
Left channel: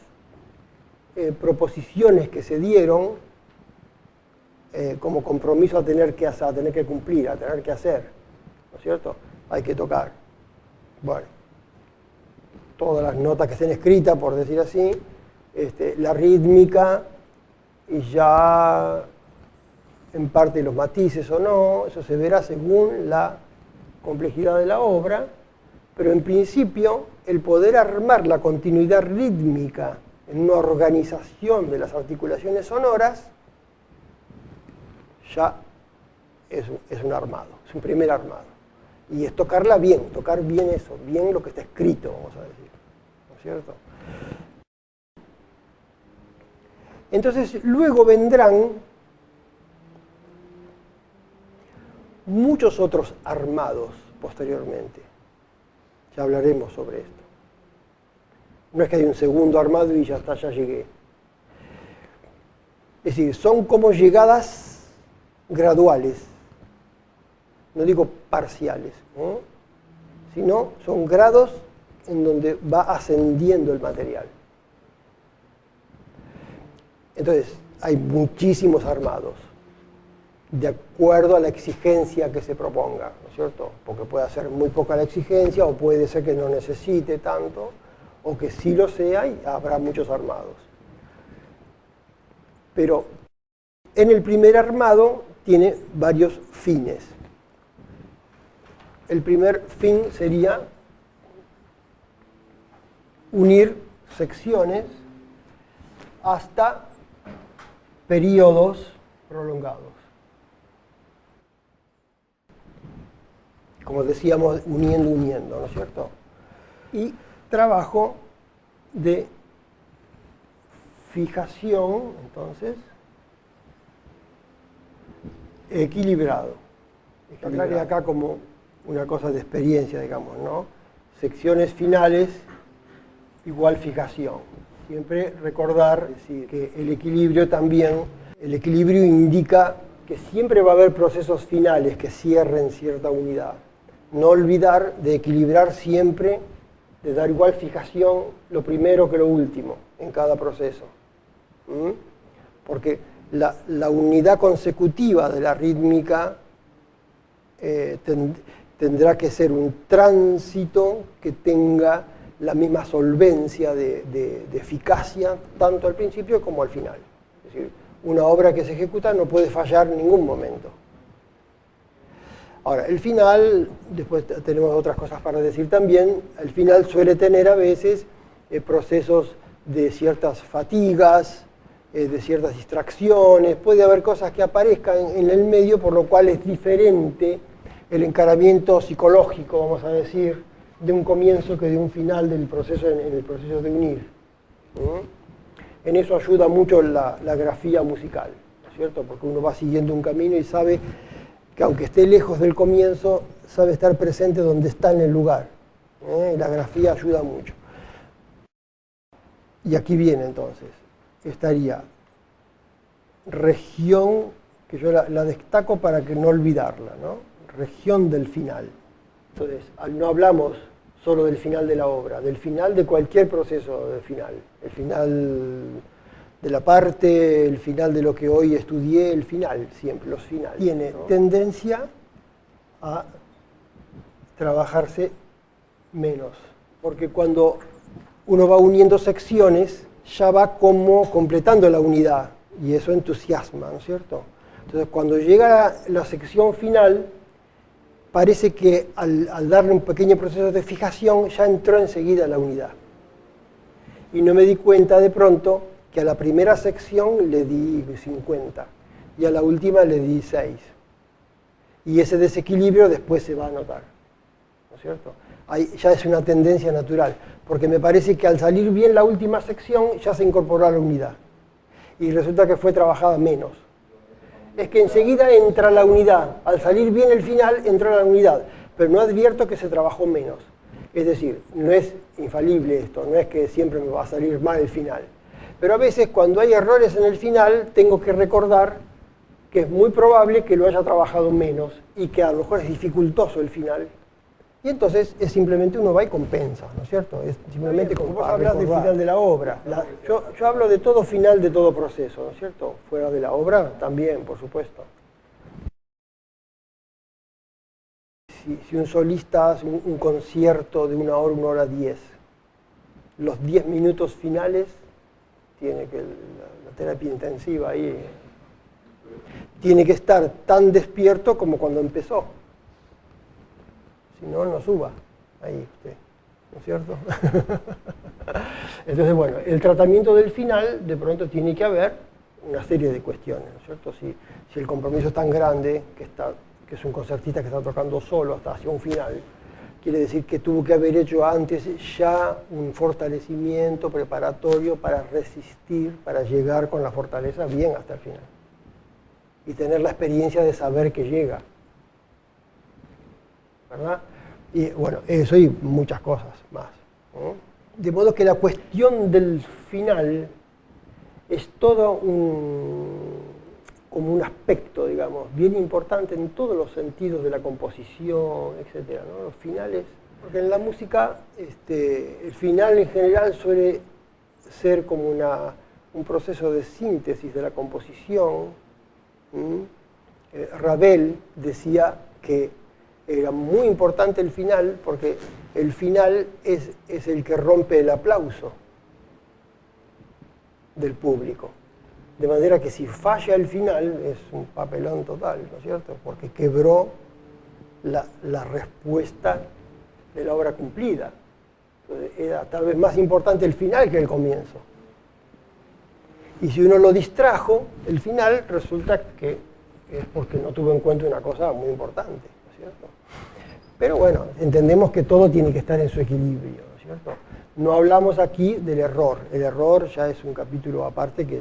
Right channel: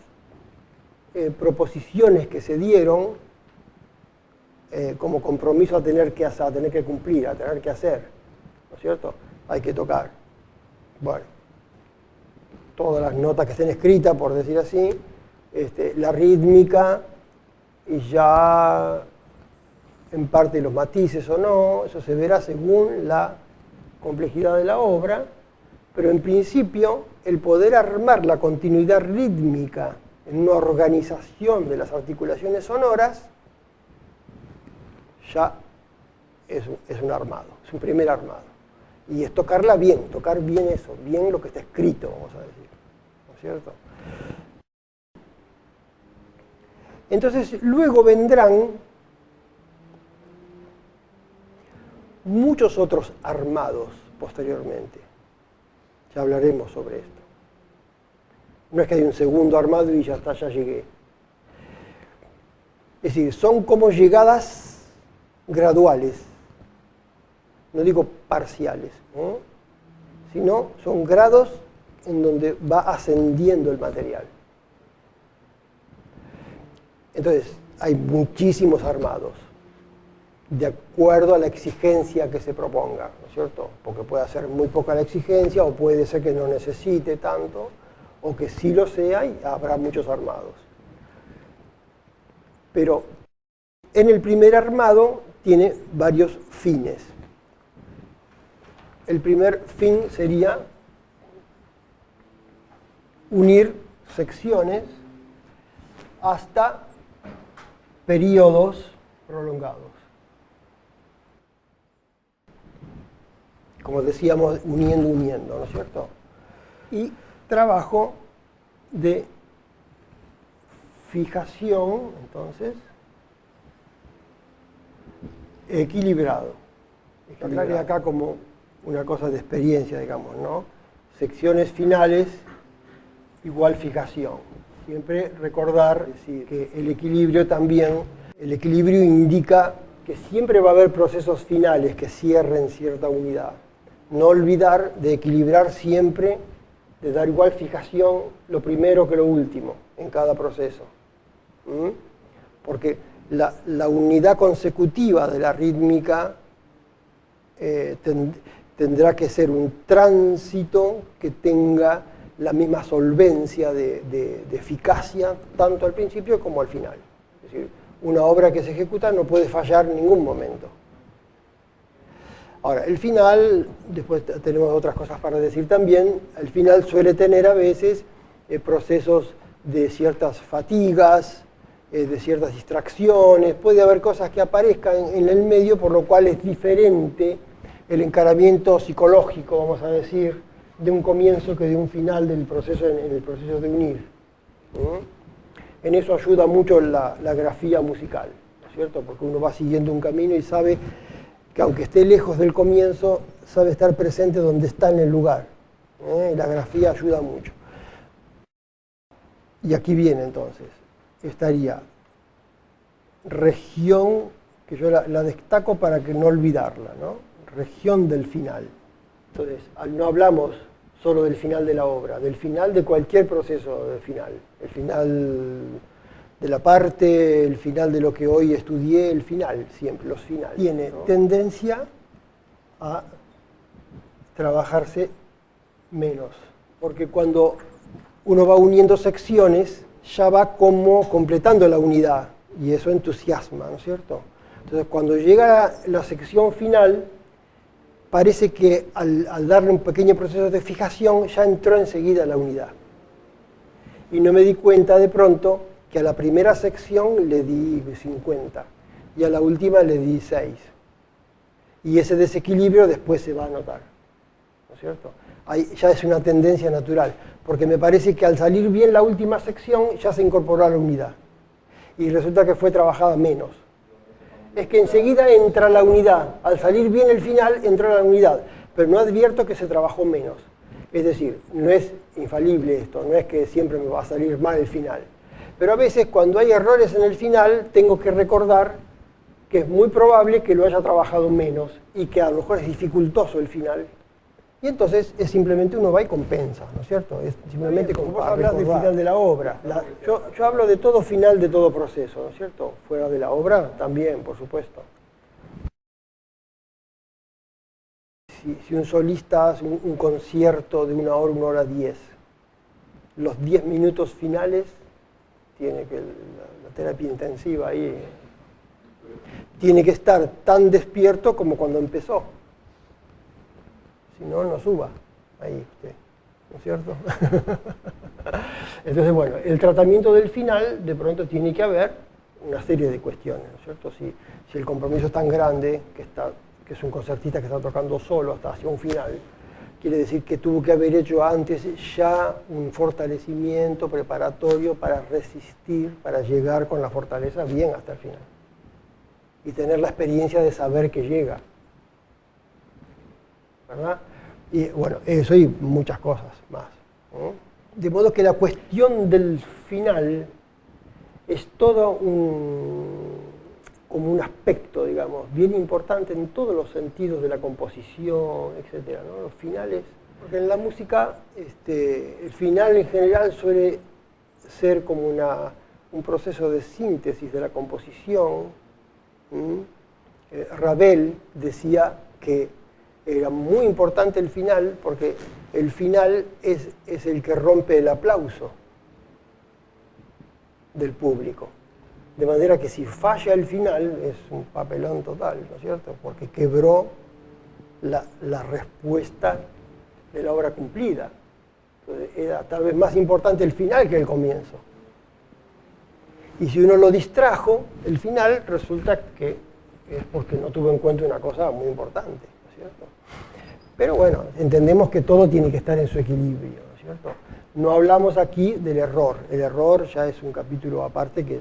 proposiciones que se dieron como compromiso a tener que cumplir, a tener que hacer, ¿no es cierto? Hay que tocar. Bueno, todas las notas que estén escritas, por decir así, la rítmica y ya en parte los matices o no, eso se verá según la complejidad de la obra, pero en principio el poder armar la continuidad rítmica en una organización de las articulaciones sonoras ya es un armado, es un primer armado. Y es tocar bien eso, bien lo que está escrito, vamos a decir, ¿no es cierto? Entonces luego vendrán muchos otros armados posteriormente. Ya hablaremos sobre esto. No es que haya un segundo armado y ya está, ya llegué. Es decir, son como llegadas graduales, no digo parciales, ¿no? Sino son grados en donde va ascendiendo el material. Entonces, hay muchísimos armados, de acuerdo a la exigencia que se proponga, ¿no es cierto? Porque puede ser muy poca la exigencia, o puede ser que no necesite tanto, o que sí lo sea y habrá muchos armados. Pero en el primer armado tiene varios fines. El primer fin sería unir secciones hasta periodos prolongados. Como decíamos, uniendo, ¿no es cierto? Y trabajo de fijación, entonces, equilibrado. Hablaré acá como una cosa de experiencia, digamos, ¿no? Secciones finales igual fijación. Siempre recordar que el equilibrio indica que siempre va a haber procesos finales que cierren cierta unidad. No olvidar de equilibrar siempre, de dar igual fijación lo primero que lo último en cada proceso. Porque la unidad consecutiva de la rítmica tendrá que ser un tránsito que tenga la misma solvencia de eficacia, tanto al principio como al final. Es decir, una obra que se ejecuta no puede fallar en ningún momento. Ahora, el final, después tenemos otras cosas para decir también, el final suele tener a veces procesos de ciertas fatigas, de ciertas distracciones, puede haber cosas que aparezcan en el medio, por lo cual es diferente el encaramiento psicológico, vamos a decir, de un comienzo que de un final del proceso, en el proceso de unir. En eso ayuda mucho la grafía musical, ¿no es cierto? Porque uno va siguiendo un camino y sabe que aunque esté lejos del comienzo, sabe estar presente donde está en el lugar. La grafía ayuda mucho. Y aquí viene entonces, estaría región, que yo la destaco para que no olvidarla, ¿no? Región del final. Entonces, no hablamos solo del final de la obra, del final de cualquier proceso del final. El final de la parte, el final de lo que hoy estudié, el final, siempre, los finales. Tiene tendencia a trabajarse menos, porque cuando uno va uniendo secciones, ya va como completando la unidad, y eso entusiasma, ¿no es cierto? Entonces, cuando llega la sección final, parece que al darle un pequeño proceso de fijación, ya entró enseguida la unidad. Y no me di cuenta de pronto que a la primera sección le di 50, y a la última le di 6. Y ese desequilibrio después se va a notar, ¿no es cierto? Ahí ya es una tendencia natural, porque me parece que al salir bien la última sección ya se incorporó a la unidad y resulta que fue trabajada menos. Es que enseguida entra la unidad, al salir bien el final entra la unidad, pero no advierto que se trabajó menos. Es decir, no es infalible esto, no es que siempre me va a salir mal el final, pero a veces cuando hay errores en el final tengo que recordar que es muy probable que lo haya trabajado menos y que a lo mejor es dificultoso el final. Y entonces es simplemente uno va y compensa, ¿no es cierto? Es simplemente como vos hablas del final de la obra. Yo hablo de todo final de todo proceso, ¿no es cierto? Fuera de la obra también, por supuesto. Si un solista hace un concierto de 1 hora 10, los 10 minutos finales, tiene que la terapia intensiva ahí, tiene que estar tan despierto como cuando empezó. Si no, no suba ahí usted, ¿no es cierto? Entonces, bueno, el tratamiento del final, de pronto tiene que haber una serie de cuestiones, ¿no es cierto? Si el compromiso es tan grande, que es un concertista que está tocando solo hasta hacia un final, quiere decir que tuvo que haber hecho antes ya un fortalecimiento preparatorio para resistir, para llegar con la fortaleza bien hasta el final. Y tener la experiencia de saber que llega. ¿Verdad? Y bueno, eso y muchas cosas más, ¿no? De modo que la cuestión del final es todo como un aspecto, digamos, bien importante en todos los sentidos de la composición, etc., ¿no? Los finales, porque en la música el final en general suele ser como un proceso de síntesis de la composición. Ravel decía que era muy importante el final porque el final es el que rompe el aplauso del público. De manera que si falla el final es un papelón total, ¿no es cierto? Porque quebró la respuesta de la obra cumplida. Entonces, era tal vez más importante el final que el comienzo. Y si uno lo distrajo, el final resulta que es porque no tuvo en cuenta una cosa muy importante, ¿no es cierto? Pero bueno, entendemos que todo tiene que estar en su equilibrio, ¿no es cierto? No hablamos aquí del error. El error ya es un capítulo aparte que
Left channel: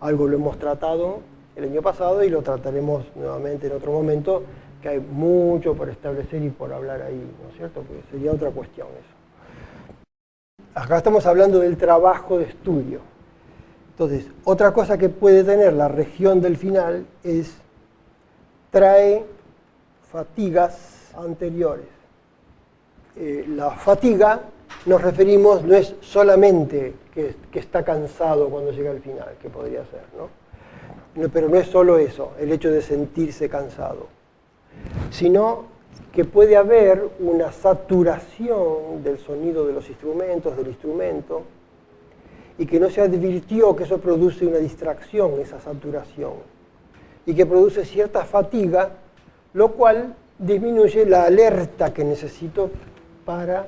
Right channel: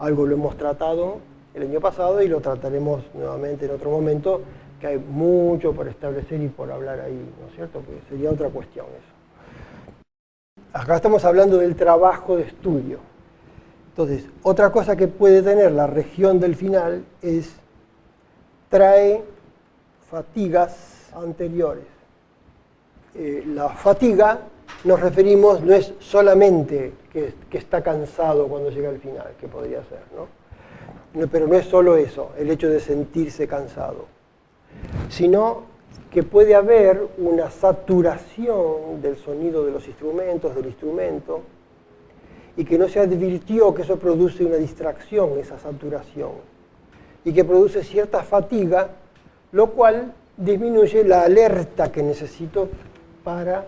algo lo hemos tratado el año pasado y lo trataremos nuevamente en otro momento, que hay mucho por establecer y por hablar ahí, ¿no es cierto? Porque sería otra cuestión eso. Acá estamos hablando del trabajo de estudio. Entonces, otra cosa que puede tener la región del final es trae fatigas anteriores. La fatiga nos referimos, no es solamente que está cansado cuando llega al final, que podría ser, ¿no? Pero no es solo eso, el hecho de sentirse cansado, sino que puede haber una saturación del sonido de los instrumentos, del instrumento, y que no se advirtió que eso produce una distracción, esa saturación, y que produce cierta fatiga, lo cual disminuye la alerta que necesito para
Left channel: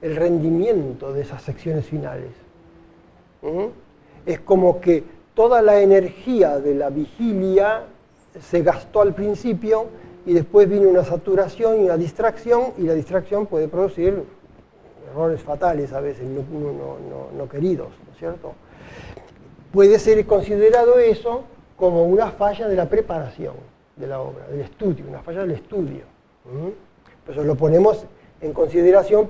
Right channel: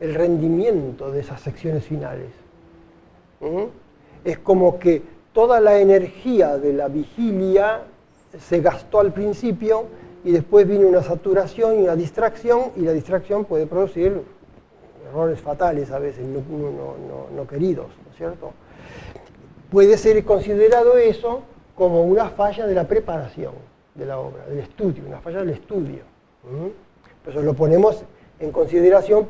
el rendimiento de esas secciones finales. Es como que toda la energía de la vigilia se gastó al principio y después viene una saturación y una distracción, y la distracción puede producir errores fatales a veces, no queridos, ¿no es cierto? Puede ser considerado eso como una falla de la preparación de la obra, del estudio, una falla del estudio. Eso lo ponemos en consideración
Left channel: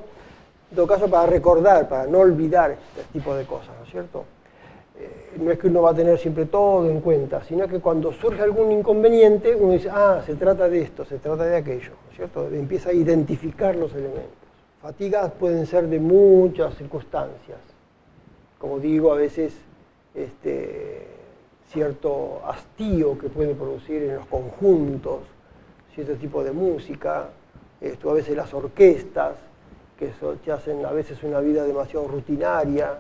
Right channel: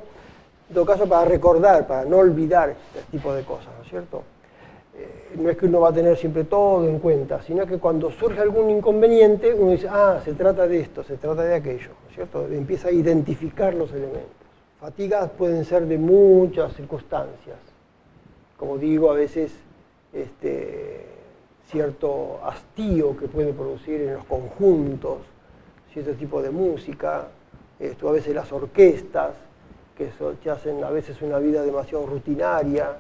En todo caso, para recordar, para no olvidar este tipo de cosas, ¿no es cierto? No es que uno va a tener siempre todo en cuenta, sino que cuando surge algún inconveniente, uno dice, ah, se trata de esto, se trata de aquello, ¿no es cierto? Empieza a identificar los elementos. Fatigas pueden ser de muchas circunstancias. Como digo, a veces cierto hastío que puede producir en los conjuntos, cierto tipo de música, a veces las orquestas, que hacen a veces una vida demasiado rutinaria,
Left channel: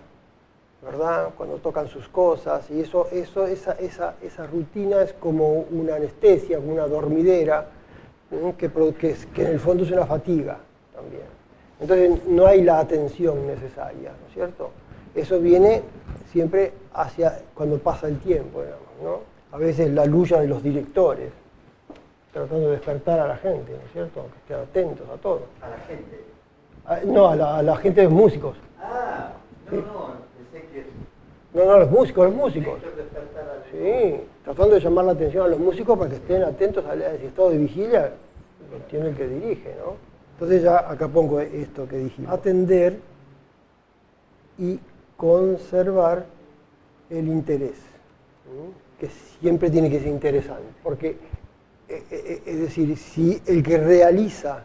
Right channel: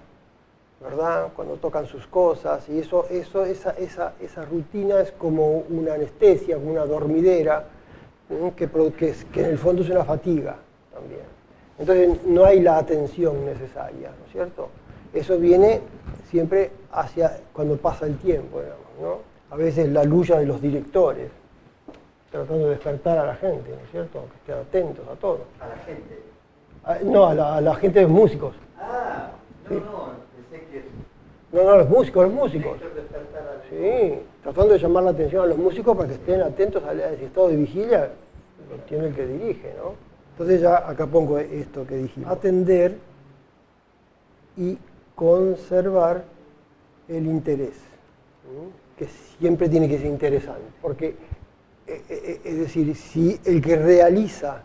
¿verdad? Cuando tocan sus cosas, y esa rutina es como una anestesia, como una dormidera, ¿no? que en el fondo es una fatiga también. Entonces no hay la atención necesaria, ¿no es cierto? Eso viene siempre hacia cuando pasa el tiempo, digamos, ¿no? A veces la lucha de los directores, tratando de despertar a la gente, ¿no es cierto? Que estén atentos a todo. ¿A la gente? No, a la gente de músicos. Ah, sí. Pensé que... No, los músicos. Sí, tratando de llamar la atención a los músicos para que estén atentos al estado de vigilia, tiene el que dirige, ¿no? Entonces ya acá pongo esto que dijimos. Atender y conservar el interés, ¿no? Que siempre tiene que ser interesante, porque, es decir, si el que realiza,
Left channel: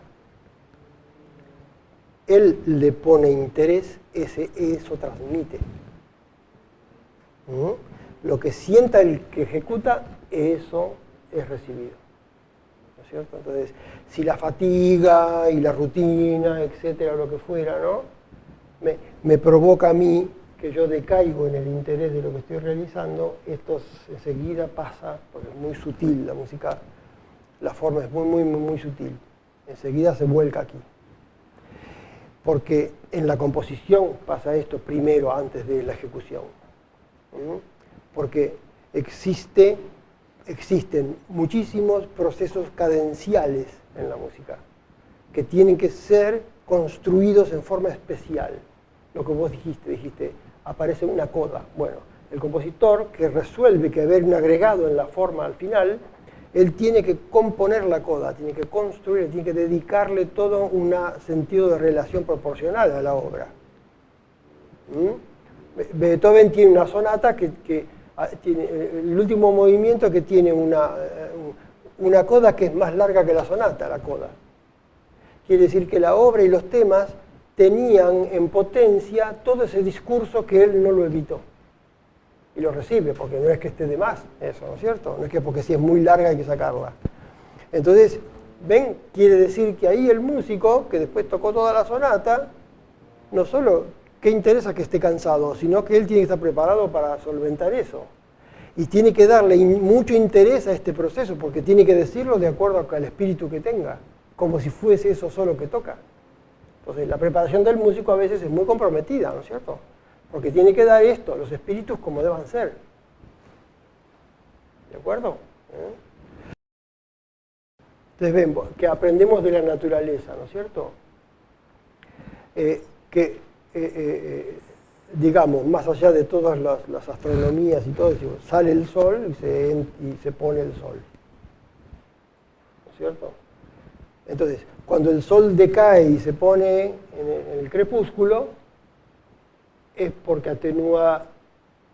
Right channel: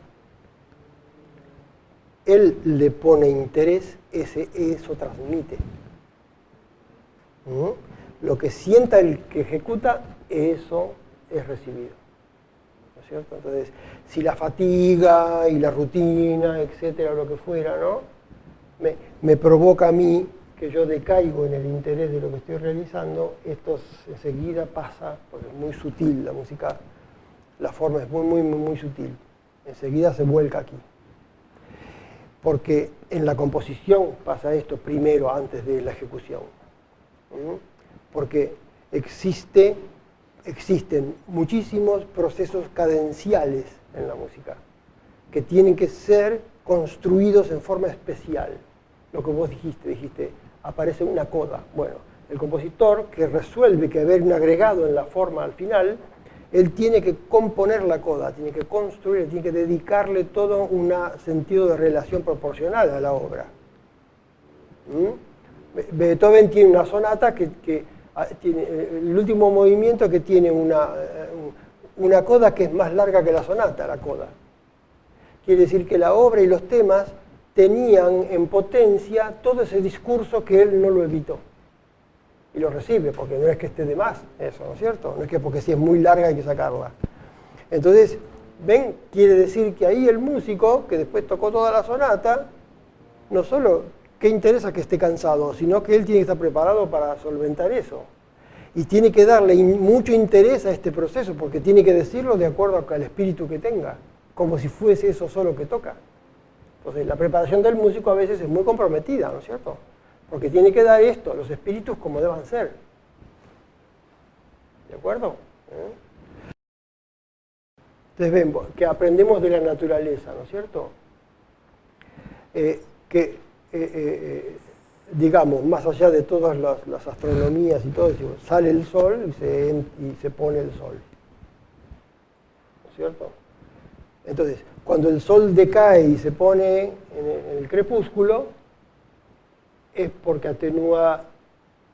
él le pone interés, eso transmite. ¿No? Lo que sienta el que ejecuta, eso es recibido. ¿No es cierto? Entonces, si la fatiga y la rutina, etcétera, lo que fuera, ¿no? me provoca a mí que yo decaigo en el interés de lo que estoy realizando, esto enseguida pasa, porque es muy sutil la música, la forma es muy sutil, enseguida se vuelca aquí. Porque en la composición pasa esto primero antes de la ejecución. Porque existen muchísimos procesos cadenciales en la música que tienen que ser construidos en forma especial. Lo que vos dijiste, aparece una coda. Bueno, el compositor que resuelve que haber un agregado en la forma al final, él tiene que componer la coda, tiene que construir, tiene que dedicarle todo un sentido de relación proporcional a la obra. Beethoven tiene una sonata que tiene el último movimiento que tiene una coda que es más larga que la sonata, la coda. Quiere decir que la obra y los temas tenían en potencia todo ese discurso que él no lo evitó. Y lo recibe, porque no es que esté de más eso, ¿no es cierto? No es que porque si es muy larga hay que sacarla. Entonces, ven, quiere decir que ahí el músico, que después tocó toda la sonata, no solo que interesa que esté cansado, sino que él tiene que estar preparado para solventar eso. Y tiene que darle mucho interés a este proceso, porque tiene que decirlo de acuerdo al espíritu que tenga, como si fuese eso solo que toca. Entonces, la preparación del músico a veces es muy comprometida, ¿no es cierto? Porque tiene que dar esto, los espíritus como deban ser. ¿De acuerdo? Entonces vemos que aprendemos de la naturaleza, ¿no es cierto? Digamos, más allá de todas las astronomías y todo, decimos, sale el sol y se pone el sol. ¿No es cierto? Entonces, cuando el sol decae y se pone en el crepúsculo, es porque atenúa,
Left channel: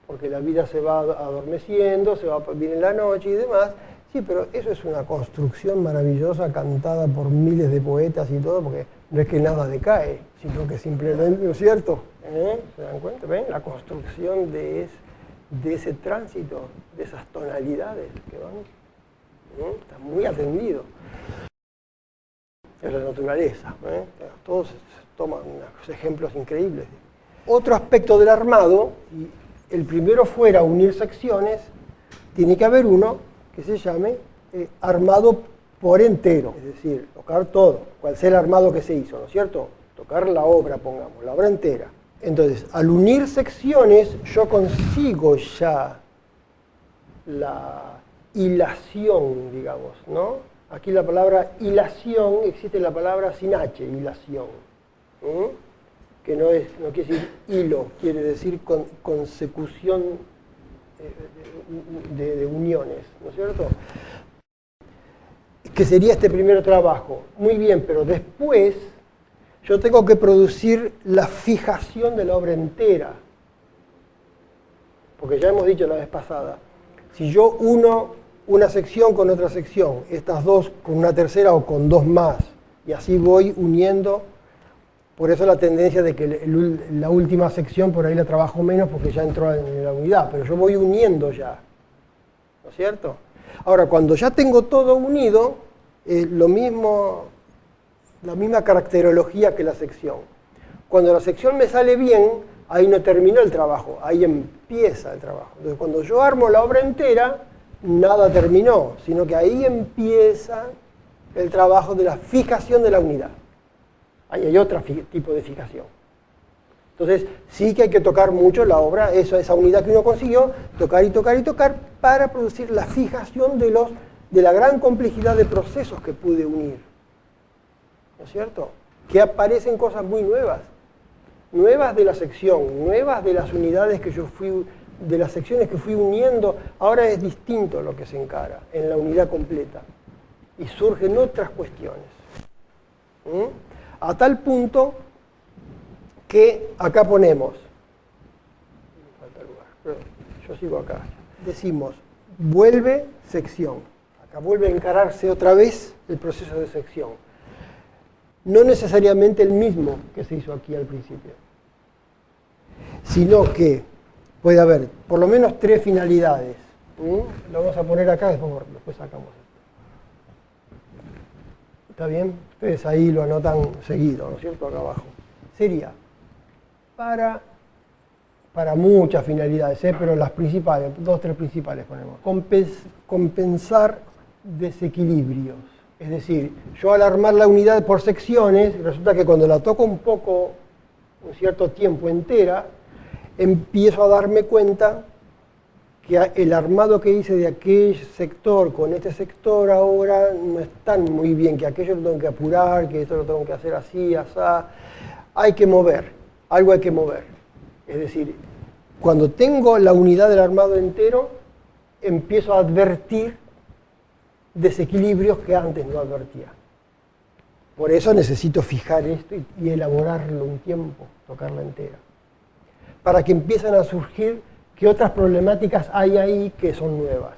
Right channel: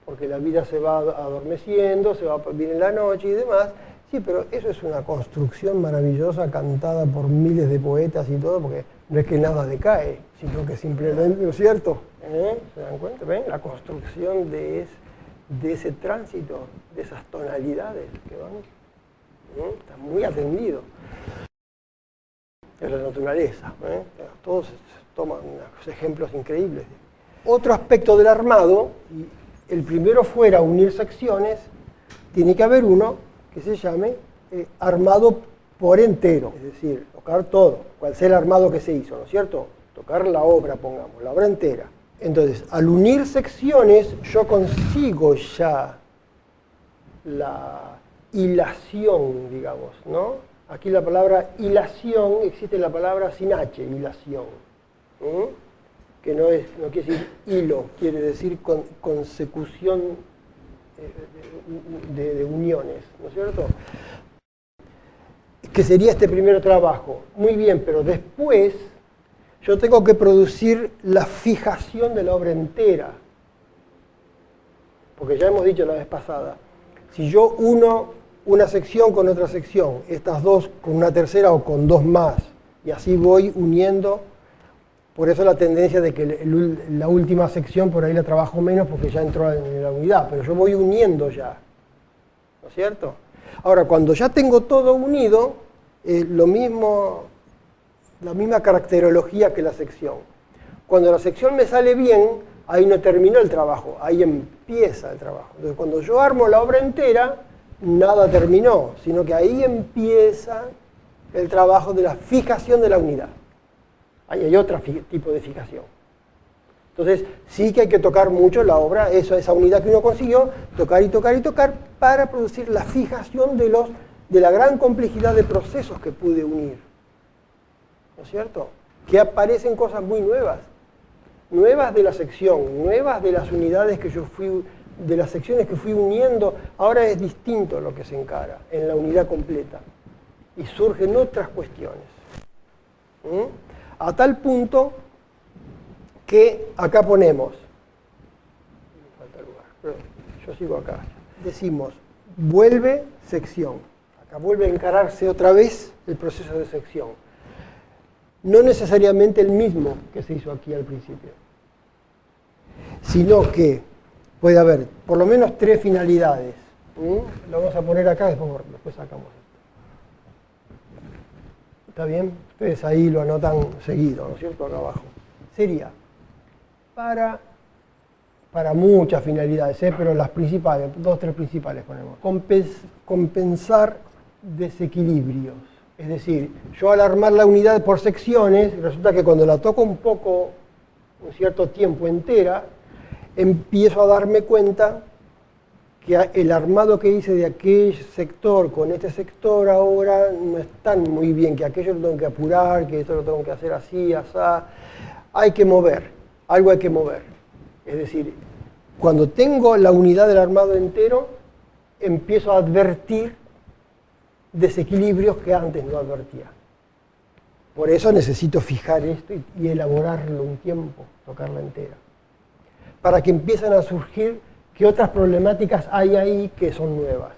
porque la vida se va adormeciendo, viene la noche y demás. Sí, pero eso es una construcción maravillosa cantada por miles de poetas y todo, porque no es que nada decae, sino que simplemente, ¿no es cierto? ¿Se dan cuenta? ¿Ven? La construcción de ese tránsito, de esas tonalidades que van, ¿no? Está muy atendido. Es la naturaleza, todos toman unos ejemplos increíbles. Otro aspecto del armado, y el primero fuera unir secciones, tiene que haber uno que se llame armado por entero, es decir, tocar todo, cual sea el armado que se hizo, ¿no es cierto? Tocar la obra, pongamos, la obra entera. Entonces, al unir secciones, yo consigo ya la hilación, digamos, ¿no? Aquí la palabra hilación, existe la palabra sin H, hilación, ¿no? Que no quiere decir hilo, quiere decir consecución de uniones, ¿no es cierto? Que sería este primer trabajo. Muy bien, pero después yo tengo que producir la fijación de la obra entera. Porque ya hemos dicho la vez pasada, si yo uno una sección con otra sección, estas dos con una tercera o con dos más, y así voy uniendo, por eso la tendencia de que la última sección por ahí la trabajo menos porque ya entró en la unidad, pero yo voy uniendo ya, ¿no es cierto? Ahora, cuando ya tengo todo unido, lo mismo, la misma caracterología que la sección. Cuando la sección me sale bien, ahí no termina el trabajo, ahí empieza el trabajo. Entonces, cuando yo armo la obra entera, nada terminó, sino que ahí empieza el trabajo de la fijación de la unidad. Ahí hay otro tipo de fijación. Entonces, sí que hay que tocar mucho la obra, esa unidad que uno consiguió, tocar y tocar y tocar, para producir la fijación de la gran complejidad de procesos que pude unir. ¿No es cierto? Que aparecen cosas muy nuevas. Nuevas de la sección, nuevas de las unidades que yo fui, de las secciones que fui uniendo, ahora es distinto a lo que se encara en la unidad completa. Y surgen otras cuestiones. A tal punto que acá ponemos, yo sigo acá, decimos, vuelve sección. Acá vuelve a encararse otra vez el proceso de sección. No necesariamente el mismo que se hizo aquí al principio, sino que puede haber por lo menos tres finalidades. Lo vamos a poner acá, después sacamos esto. ¿Está bien? Ustedes ahí lo anotan seguido, ¿no es cierto? Acá abajo. Sería para muchas finalidades, pero las principales, dos, tres principales ponemos. Compensar desequilibrios. Es decir, yo al armar la unidad por secciones, resulta que cuando la toco un cierto tiempo entera, empiezo a darme cuenta que el armado que hice de aquel sector con este sector ahora no están muy bien, que aquello lo tengo que apurar, que esto lo tengo que hacer así, asá. Hay que mover, algo hay que mover. Es decir, cuando tengo la unidad del armado entero, empiezo a advertir desequilibrios que antes no advertía. Por eso necesito fijar esto y elaborarlo un tiempo, tocarla entera. Para que empiecen a surgir qué otras problemáticas hay ahí que son nuevas.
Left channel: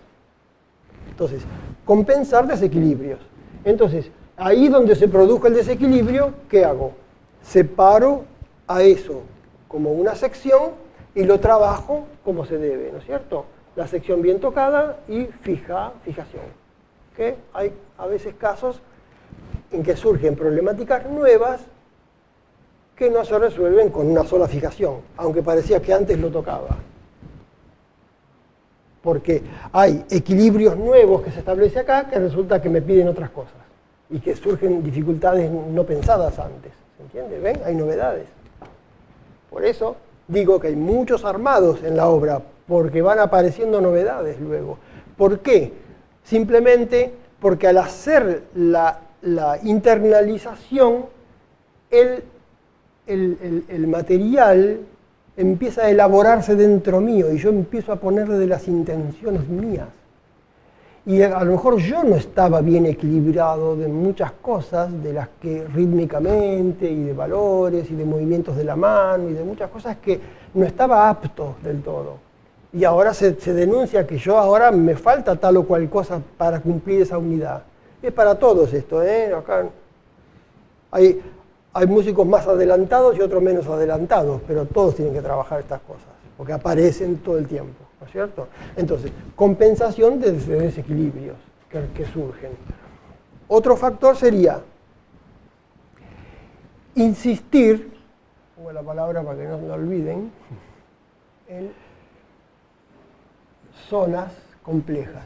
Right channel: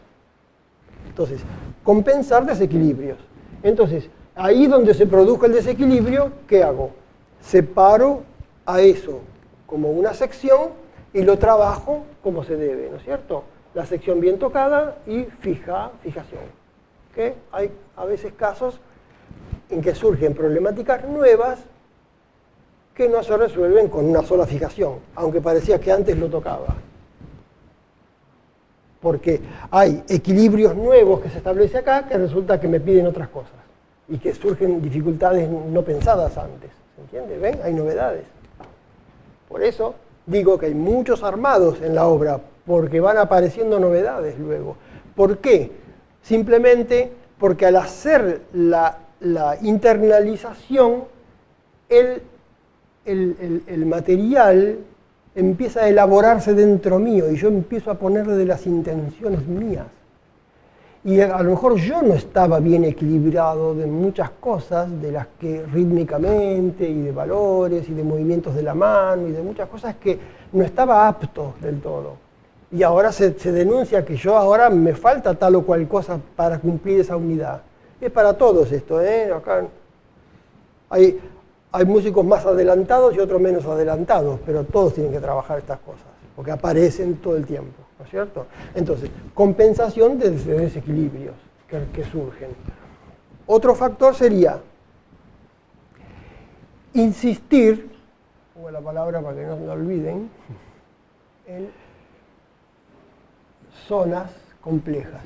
Entonces, compensar desequilibrios. Entonces, ahí donde se produjo el desequilibrio, ¿qué hago? Separo a eso como una sección y lo trabajo como se debe, ¿no es cierto? La sección bien tocada y fijación. ¿Okay? Hay a veces casos en que surgen problemáticas nuevas que no se resuelven con una sola fijación, aunque parecía que antes lo tocaba. Porque hay equilibrios nuevos que se establecen acá que resulta que me piden otras cosas y que surgen dificultades no pensadas antes. ¿Se entiende? ¿Ven? Hay novedades. Por eso digo que hay muchos armados en la obra, porque van apareciendo novedades luego. ¿Por qué? Simplemente porque al hacer la internalización, el material empieza a elaborarse dentro mío y yo empiezo a ponerle de las intenciones mías. Y a lo mejor yo no estaba bien equilibrado de muchas cosas, de las que rítmicamente, y de valores, y de movimientos de la mano, y de muchas cosas que no estaba apto del todo. Y ahora se denuncia que yo ahora me falta tal o cual cosa para cumplir esa unidad. Es para todos esto, ¿eh? Acá hay músicos más adelantados y otros menos adelantados, pero todos tienen que trabajar estas cosas, porque aparecen todo el tiempo, ¿no es cierto? Entonces, compensación de desequilibrios que surgen. Otro factor sería insistir, pongo la palabra para que no me olviden, en zonas complejas.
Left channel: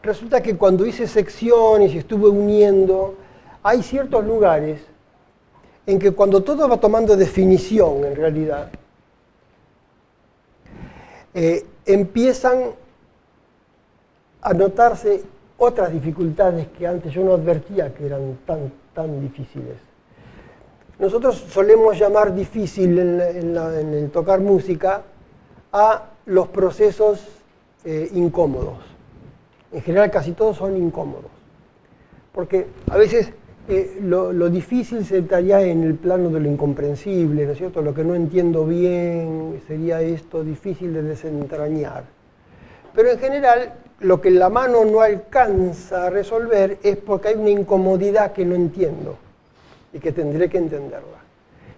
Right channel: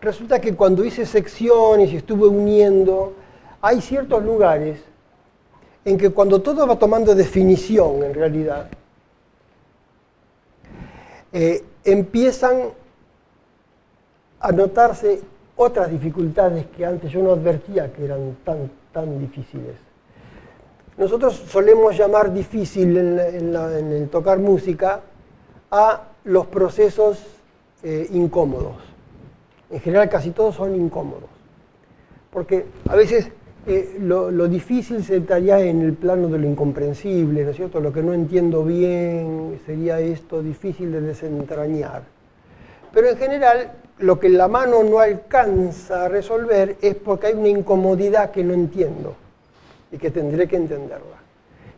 Resulta que cuando hice secciones y estuve uniendo, hay ciertos lugares en que cuando todo va tomando definición, en realidad, empiezan a notarse otras dificultades que antes yo no advertía que eran tan difíciles. Nosotros solemos llamar difícil en el tocar música a los procesos incómodos. En general casi todos son incómodos. Porque a veces lo difícil se estaría en el plano de lo incomprensible, ¿no es cierto? Lo que no entiendo bien sería esto difícil de desentrañar. Pero en general, lo que la mano no alcanza a resolver es porque hay una incomodidad que no entiendo y que tendré que entenderla.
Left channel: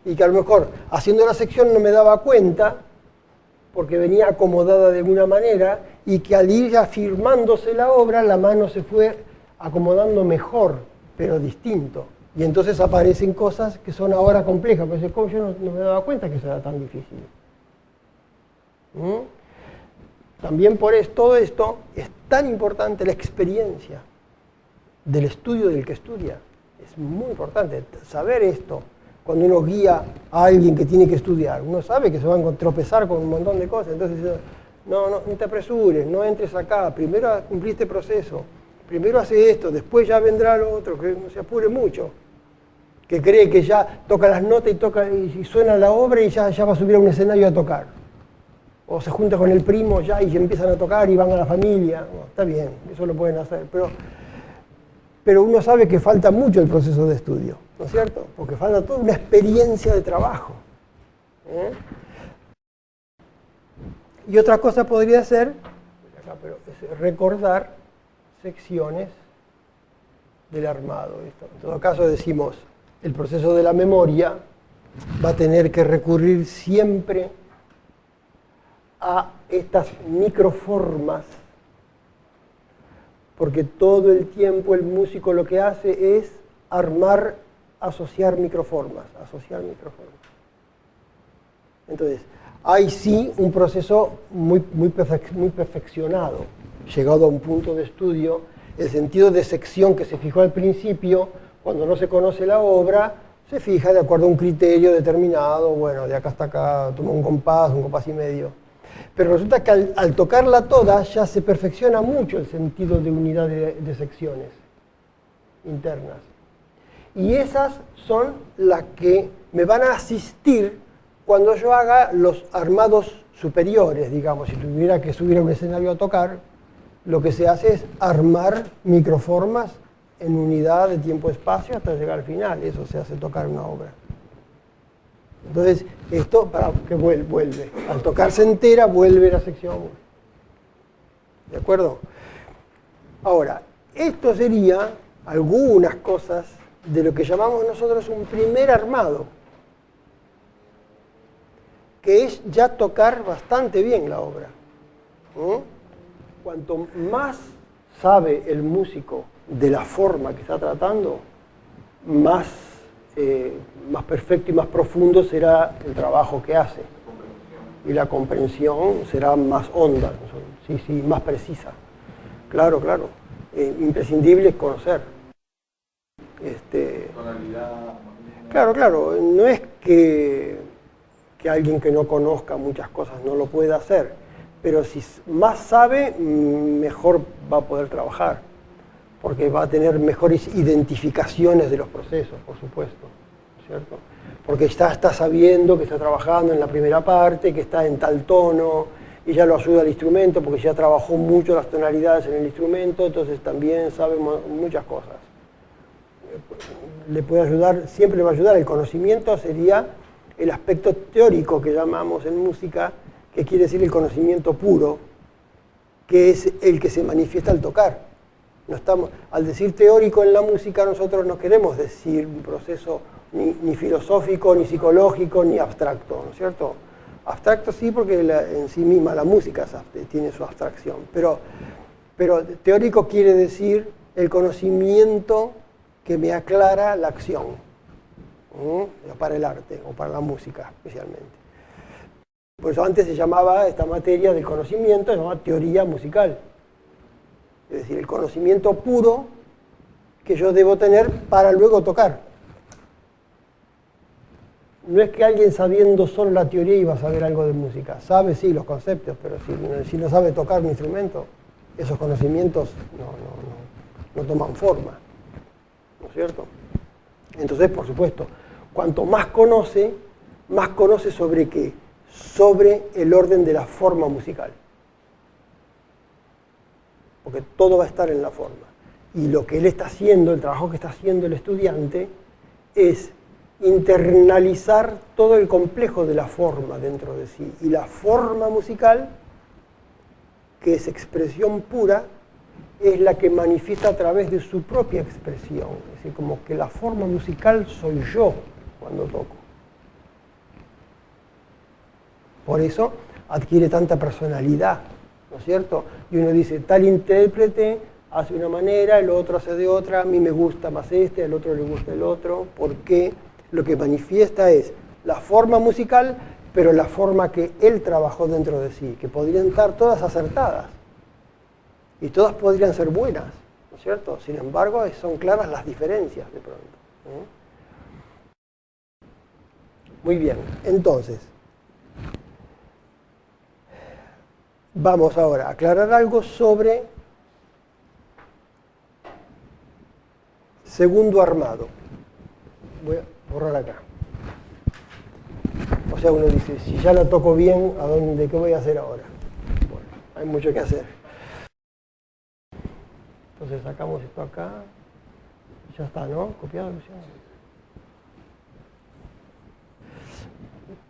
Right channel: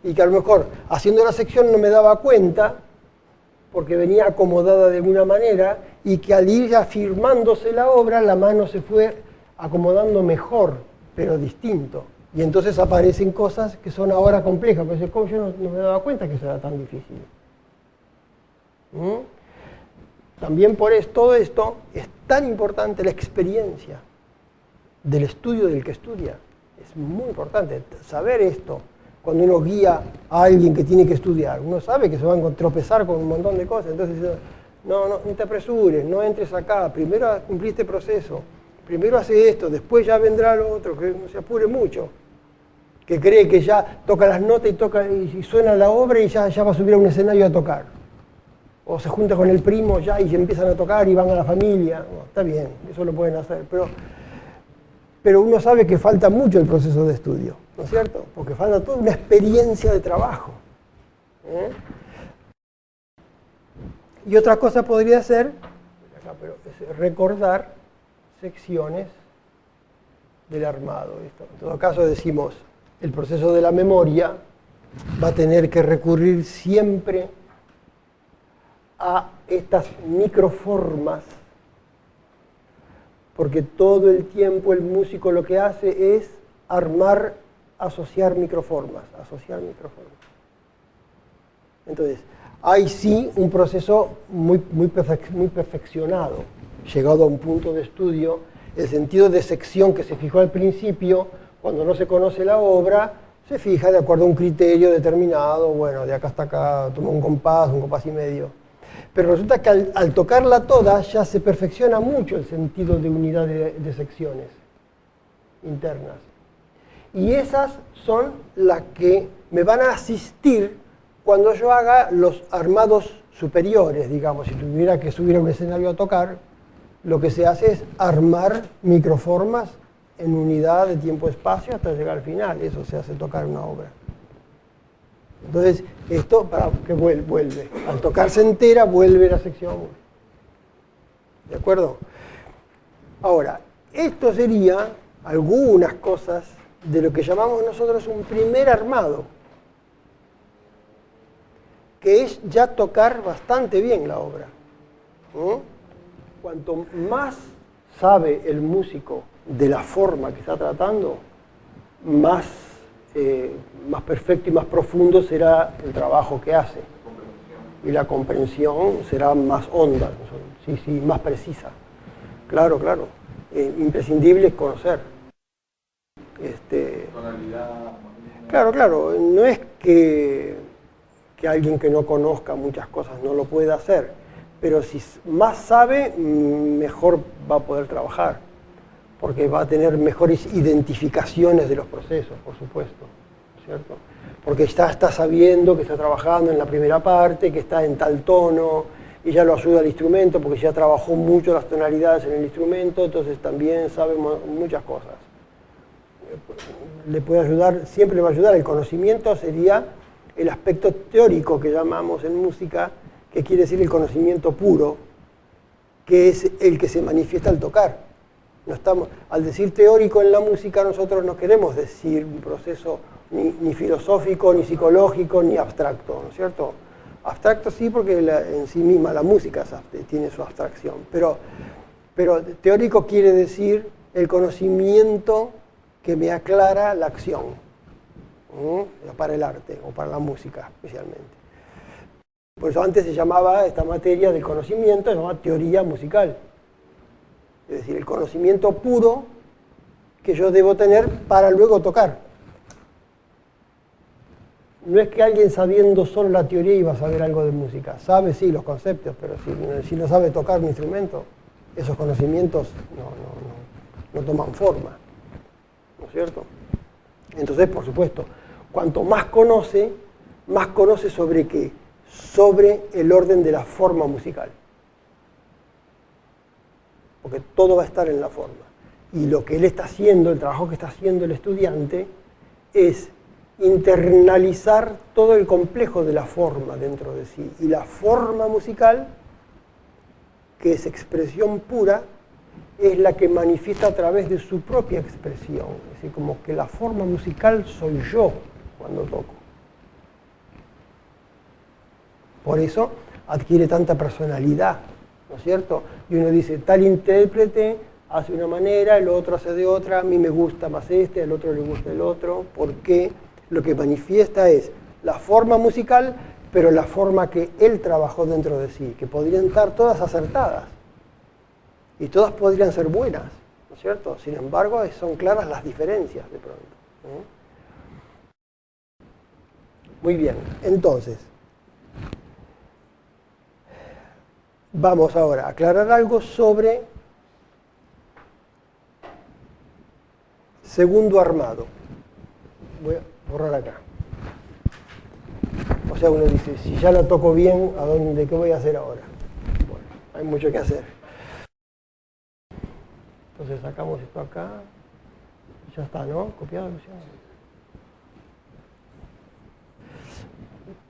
Y que a lo mejor haciendo la sección no me daba cuenta porque venía acomodada de alguna manera y que al ir afirmándose la obra, la mano se fue acomodando mejor, pero distinto. Y entonces aparecen cosas que son ahora complejas, pero ¿cómo yo no me daba cuenta que eso era tan difícil? También por todo esto es tan importante la experiencia del estudio del que estudia. Es muy importante saber esto. Cuando uno guía a alguien que tiene que estudiar, uno sabe que se va a tropezar con un montón de cosas. Entonces, no te apresures, no entres acá, primero cumplí este proceso, primero hace esto, después ya vendrá lo otro, que no se apure mucho. Que cree que ya toca las notas y suena la obra y ya va a subir a un escenario a tocar. O se junta con el primo ya y se empiezan a tocar y van a la familia. Bueno, está bien, eso lo pueden hacer, pero uno sabe que falta mucho el proceso de estudio, ¿no es cierto? Porque falta toda una experiencia de trabajo. Y otra cosa podría ser es recordar secciones del armado. En todo caso decimos, el proceso de la memoria va a tener que recurrir siempre a estas microformas, porque todo el tiempo el músico lo que hace es asociar microformas. Entonces, hay sí un proceso muy perfeccionado, llegado a un punto de estudio, el sentido de sección que se fijó al principio, cuando no se conoce la obra, se fija de acuerdo a un criterio determinado, bueno, de acá hasta acá, toma un compás y medio. Pero resulta que al tocarla toda ya se perfecciona mucho el sentido de unidad de secciones internas. Y esas son las que me van a asistir cuando yo haga los armados superiores, digamos. Si tuviera que subir a un escenario a tocar, lo que se hace es armar microformas en unidad de tiempo-espacio hasta llegar al final. Eso se hace tocar una obra. Entonces, esto para que vuelve. Al tocarse entera, vuelve la sección 1. ¿De acuerdo? Ahora, esto sería algunas cosas de lo que llamamos nosotros un primer armado, que es ya tocar bastante bien la obra. Cuanto más sabe el músico de la forma que está tratando, más perfecto y más profundo será el trabajo que hace. Y la comprensión será más honda, sí, más precisa. Claro. Imprescindible es conocer. Claro, no es que alguien que no conozca muchas cosas no lo pueda hacer, pero si más sabe, mejor va a poder trabajar, porque va a tener mejores identificaciones de los procesos, por supuesto, ¿cierto? Porque está sabiendo que está trabajando en la primera parte, que está en tal tono, y ya lo ayuda el instrumento, porque ya trabajó mucho las tonalidades en el instrumento, entonces también sabe muchas cosas. Le puede ayudar, siempre le va a ayudar. El conocimiento sería el aspecto teórico que llamamos en música, que quiere decir el conocimiento puro, que es el que se manifiesta al tocar. Al decir teórico en la música, nosotros no queremos decir un proceso ni filosófico, ni psicológico, ni abstracto, ¿no es cierto? Abstracto sí, porque en sí misma la música tiene su abstracción, pero teórico quiere decir el conocimiento que me aclara la acción, ¿no? Para el arte o para la música especialmente. Por eso antes se llamaba esta materia del conocimiento, se llamaba teoría musical. Es decir, el conocimiento puro que yo debo tener para luego tocar. No es que alguien sabiendo solo la teoría iba a saber algo de música. Sabe, sí, los conceptos, pero si no sabe tocar un instrumento, esos conocimientos no toman forma. ¿No es cierto? Entonces, por supuesto, cuanto más conoce sobre qué, sobre el orden de la forma musical. Porque todo va a estar en la forma. Y lo que él está haciendo, el trabajo que está haciendo el estudiante, es internalizar todo el complejo de la forma dentro de sí. Y la forma musical, que es expresión pura, es la que manifiesta a través de su propia expresión. Es decir, como que la forma musical soy yo cuando toco. Por eso adquiere tanta personalidad, ¿no es cierto? Y uno dice, tal intérprete hace una manera, el otro hace de otra, a mí me gusta más este, al otro le gusta el otro, porque lo que manifiesta es la forma musical, pero la forma que él trabajó dentro de sí, que podrían estar todas acertadas, y todas podrían ser buenas, ¿no es cierto? Sin embargo, son claras las diferencias de pronto. Muy bien, entonces, vamos ahora a aclarar algo sobre segundo armado. Voy a borrar acá. O sea, uno dice, si ya lo toco bien, ¿qué voy a hacer ahora? Bueno, hay mucho que hacer. Entonces sacamos esto acá. Ya está, ¿no? Copiado, Luciano.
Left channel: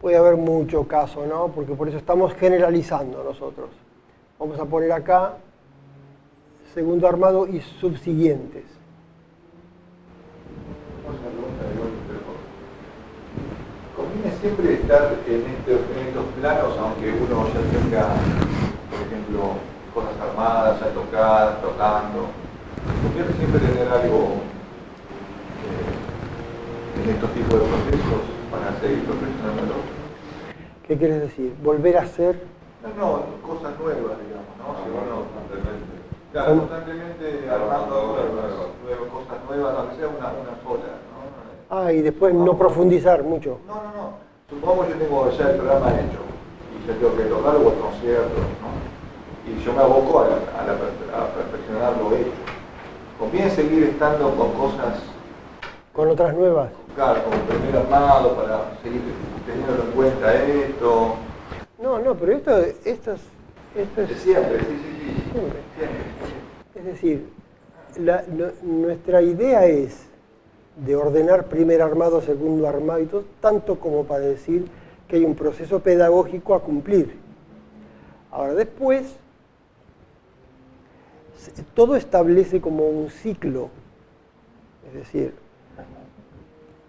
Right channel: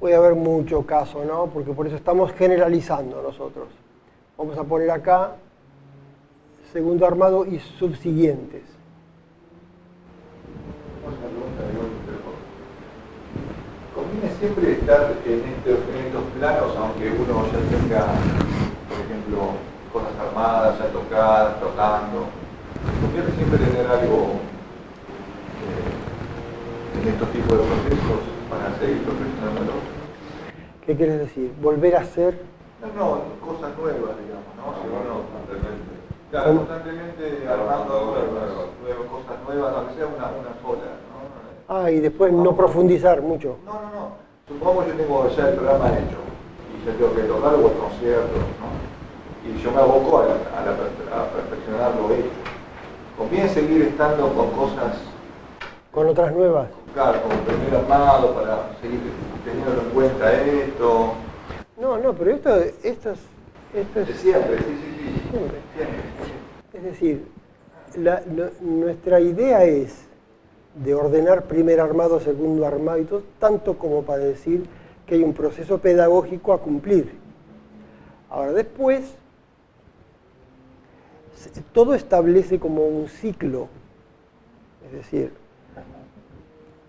Puede haber mucho caso, ¿no? Porque por eso estamos generalizando nosotros. Vamos a poner acá segundo armado y subsiguientes. Conviene siempre estar en estos planos, aunque uno se acerca, por ejemplo, cosas armadas, ya tocadas, tocando. Conviene siempre tener algo en estos tipos de procesos para seguir profesionando. ¿Qué quieres decir? ¿Volver a hacer? No, cosas nuevas, digamos, ¿no? Si uno constantemente. Claro, constantemente armando cosas nuevas, aunque sea una sola, ¿no? Ah, y después no profundizar mucho. No. Supongamos que yo tengo ya el programa hecho y yo tengo que tocar los conciertos, ¿no? Y yo me aboco a perfeccionar lo hecho. Conviene seguir estando con cosas... ¿Con otras nuevas? Claro, como primer armado, para seguir teniendo en cuenta esto. No, pero esto es... Siempre, sí. Es decir, nuestra idea es de ordenar primer armado, segundo armado y todo, tanto como para decir que hay un proceso pedagógico a cumplir. Ahora después, todo establece como un ciclo. Es decir,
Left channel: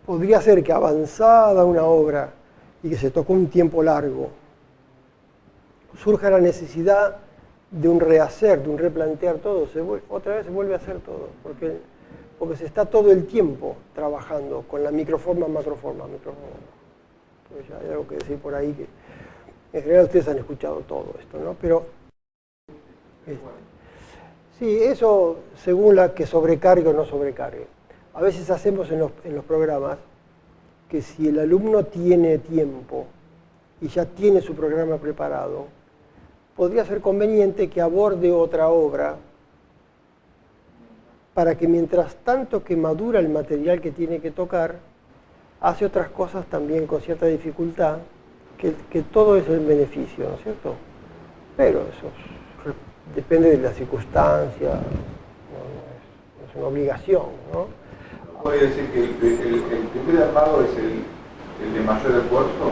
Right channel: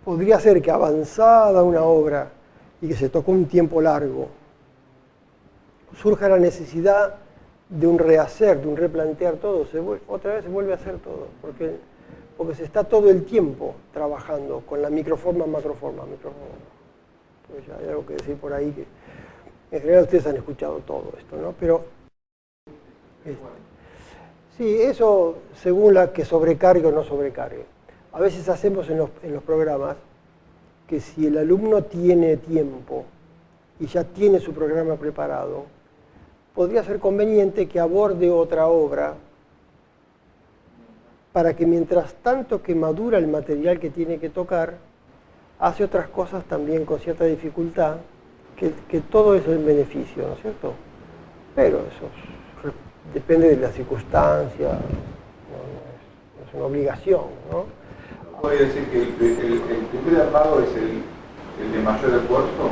podría ser que avanzada una obra y que se tocó un tiempo largo, surja la necesidad de un rehacer, de un replantear todo, otra vez se vuelve a hacer todo, porque se está todo el tiempo trabajando con la microforma, macroforma. Pues ya hay algo que decir por ahí que en general ustedes han escuchado todo esto, ¿no? Pero sí, eso según la que sobrecargue o no sobrecargue. A veces hacemos en los programas que si el alumno tiene tiempo y ya tiene su programa preparado, podría ser conveniente que aborde otra obra para que mientras tanto que madura el material que tiene que tocar, hace otras cosas también con cierta dificultad, que todo es el beneficio, ¿no es cierto? Pero eso depende de la circunstancia, no es una obligación, ¿no? Podría decir que el primer armado es el de mayor esfuerzo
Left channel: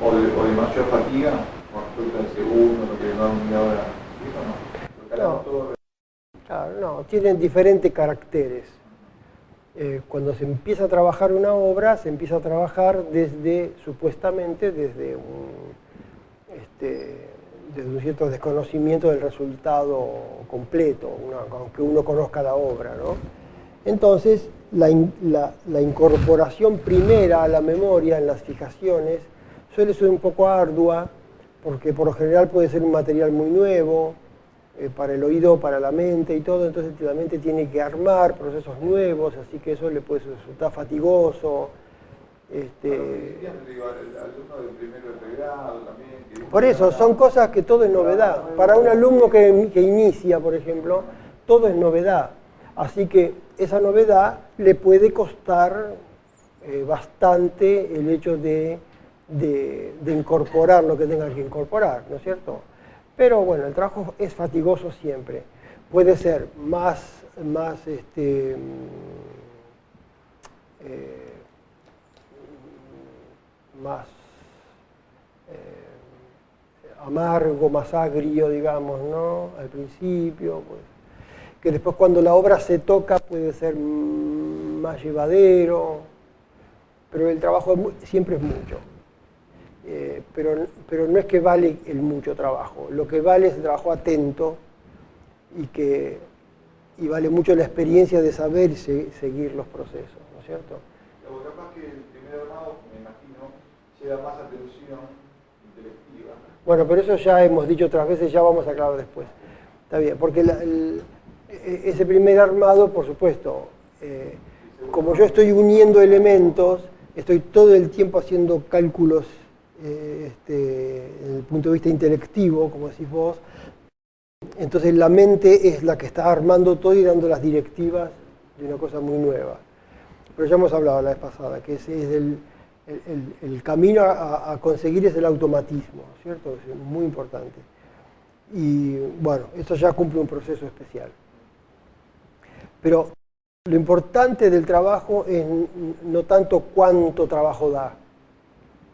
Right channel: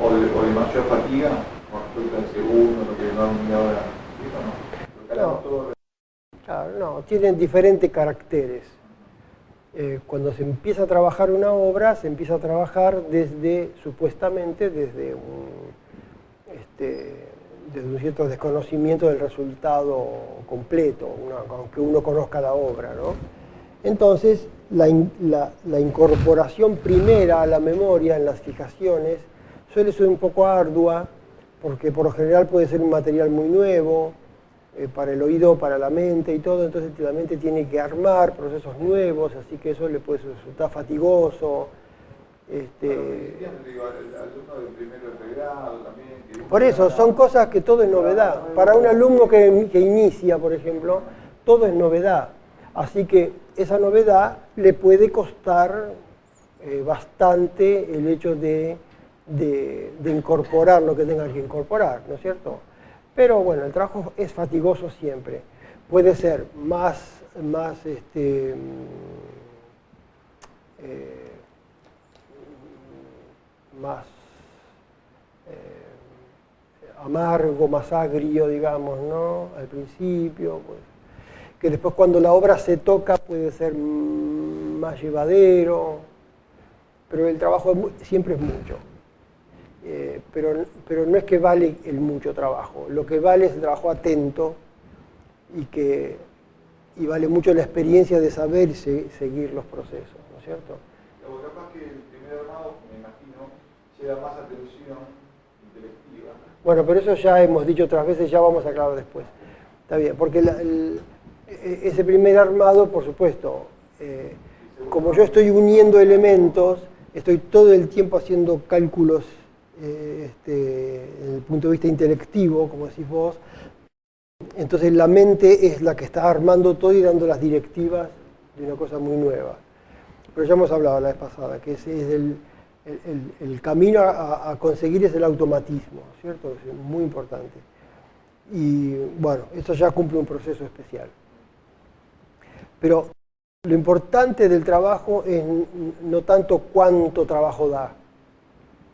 o de mayor fatiga con respecto al segundo, lo que llamamos media hora. Claro, no, tienen diferentes caracteres. Cuando se empieza a trabajar una obra, se empieza a trabajar supuestamente desde un cierto desconocimiento del resultado completo, aunque uno conozca la obra, ¿no? Entonces, la incorporación primera a la memoria en las fijaciones suele ser un poco ardua, porque por lo general puede ser un material muy nuevo, para el oído, para la mente y todo, entonces la mente tiene que armar procesos nuevos, así que eso le puede resultar fatigoso. Por eso, son cosas que todo es novedad. Para un alumno que inicia, por ejemplo, todo es novedad. Así que esa novedad le puede costar bastante el hecho de incorporar lo que tenga que incorporar, ¿no es cierto? Pero bueno, el trabajo es fatigoso siempre. puede ser más más amargo, más agrio, digamos, ¿no? Al principio, pues, que después cuando la obra se toca puede ser más llevadero, pero el trabajo siempre es mucho. Pero no es que vale el mucho trabajo, lo que vale es el trabajo atento y vale mucho la experiencia de saber seguir los procesos, ¿no es cierto? Pero capaz que el primer armado, me imagino, lleva más atención intelectiva. Bueno, pero eso ya hemos dicho otras veces, ya vamos a aclarar después. Está bien, porque ese primer armado, por supuesto, como yo estoy uniendo elementos, estoy todo el tiempo haciendo cálculos desde el punto de vista intelectivo, como decís vos, entonces la mente es la que está armando todo y dando las directivas de una cosa muy nueva. Pero ya hemos hablado la vez pasada, que ese es el camino a conseguir es el automatismo, ¿cierto? Es muy importante. Y bueno, esto ya cumple un proceso especial. Pero lo importante del trabajo es no tanto cuánto trabajo da,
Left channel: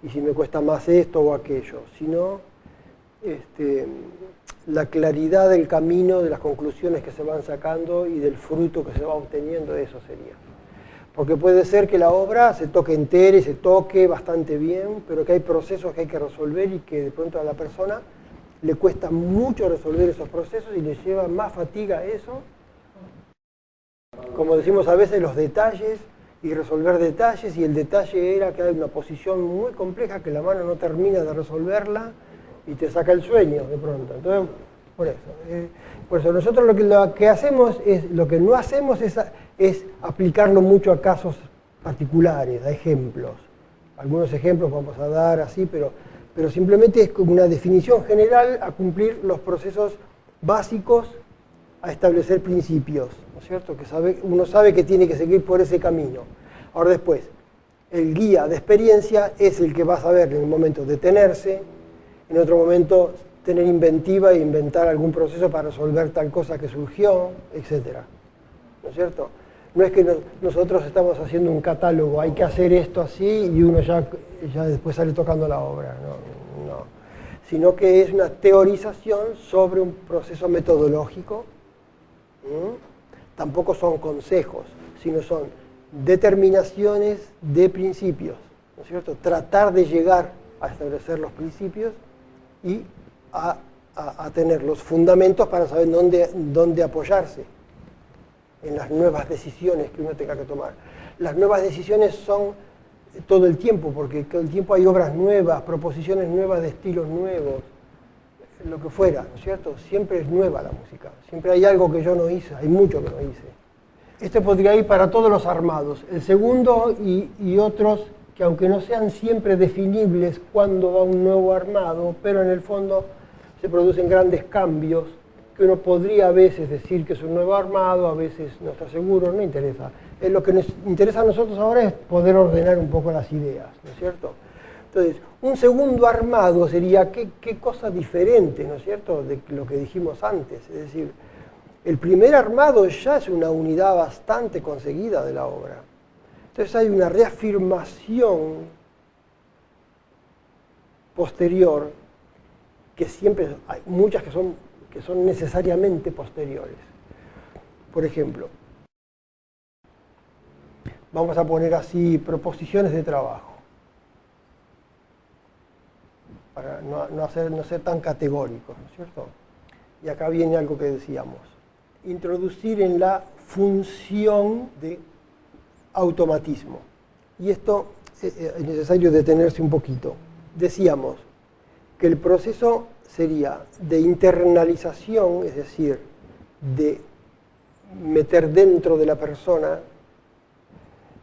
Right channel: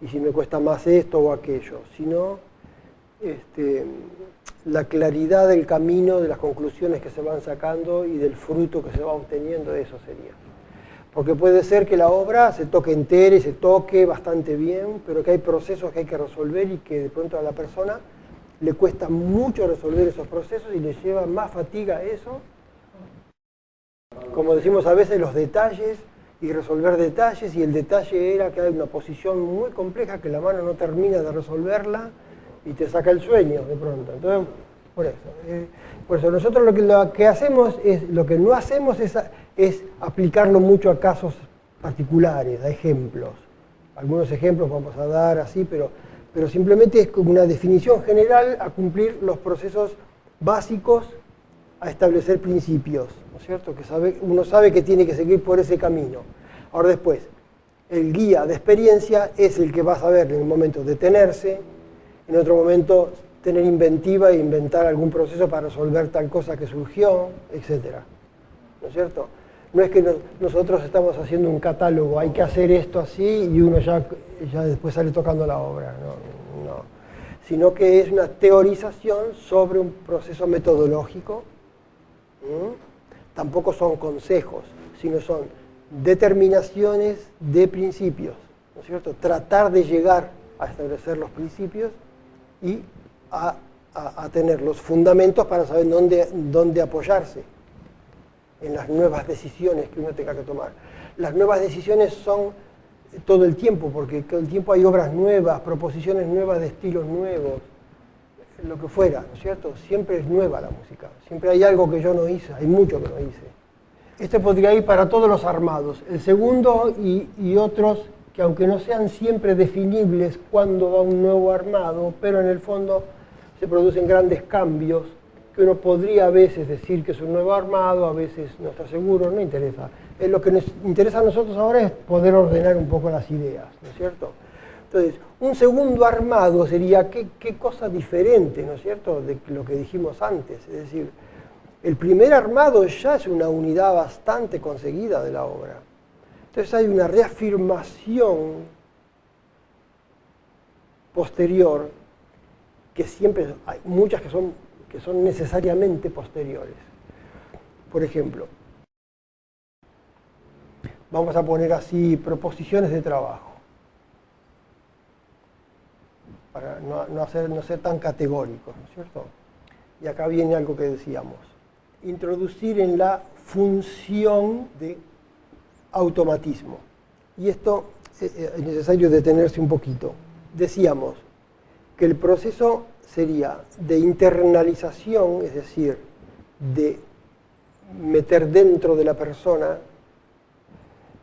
y si me cuesta más esto o aquello, sino la claridad del camino, de las conclusiones que se van sacando y del fruto que se va obteniendo, eso sería. Porque puede ser que la obra se toque entera y se toque bastante bien, pero que hay procesos que hay que resolver y que de pronto a la persona le cuesta mucho resolver esos procesos y le lleva más fatiga eso. Como decimos a veces, los detalles y resolver detalles, y el detalle era que hay una posición muy compleja que la mano no termina de resolverla y te saca el sueño de pronto. Entonces, por eso nosotros lo que hacemos es, lo que no hacemos es aplicarlo mucho a casos particulares, a ejemplos. Algunos ejemplos vamos a dar así, pero simplemente es como una definición general a cumplir los procesos básicos, a establecer principios, ¿no es cierto? Que uno sabe que tiene que seguir por ese camino. Ahora después, el guía de experiencia es el que va a saber en un momento detenerse, en otro momento tener inventiva e inventar algún proceso para resolver tal cosa que surgió, etc. ¿No es cierto? No es que nosotros estamos haciendo un catálogo, hay que hacer esto así y uno ya después sale tocando la obra, no. Sino que es una teorización sobre un proceso metodológico. Tampoco son consejos, sino son determinaciones de principios, ¿no es cierto? Tratar de llegar a establecer los principios y a tener los fundamentos para saber dónde apoyarse en las nuevas decisiones que uno tenga que tomar. Las nuevas decisiones son todo el tiempo, porque todo el tiempo hay obras nuevas, proposiciones nuevas de estilos nuevos, lo que fuera, ¿no es cierto? Siempre es nueva la música, siempre hay algo que yo no hice, hay mucho que no hice. Este podría ir para todos los armados. El segundo y otros que aunque no sean siempre definibles cuando va un nuevo armado, pero en el fondo se producen grandes cambios, que uno podría a veces decir que es un nuevo armado, a veces no está seguro, no interesa. Lo que nos interesa a nosotros ahora es poder ordenar un poco las ideas, ¿no es cierto? Entonces, un segundo armado sería qué cosa diferente, ¿no es cierto?, de lo que dijimos antes. Es decir, el primer armado ya es una unidad bastante conseguida de la obra. Entonces hay una reafirmación posterior, que siempre hay muchas que son necesariamente posteriores. Por ejemplo, vamos a poner así proposiciones de trabajo, para no ser tan categóricos, ¿no es cierto? Y acá viene algo que decíamos, introducir en la función de automatismo. Y esto es necesario detenerse un poquito. Decíamos que el proceso sería de internalización, es decir, de meter dentro de la persona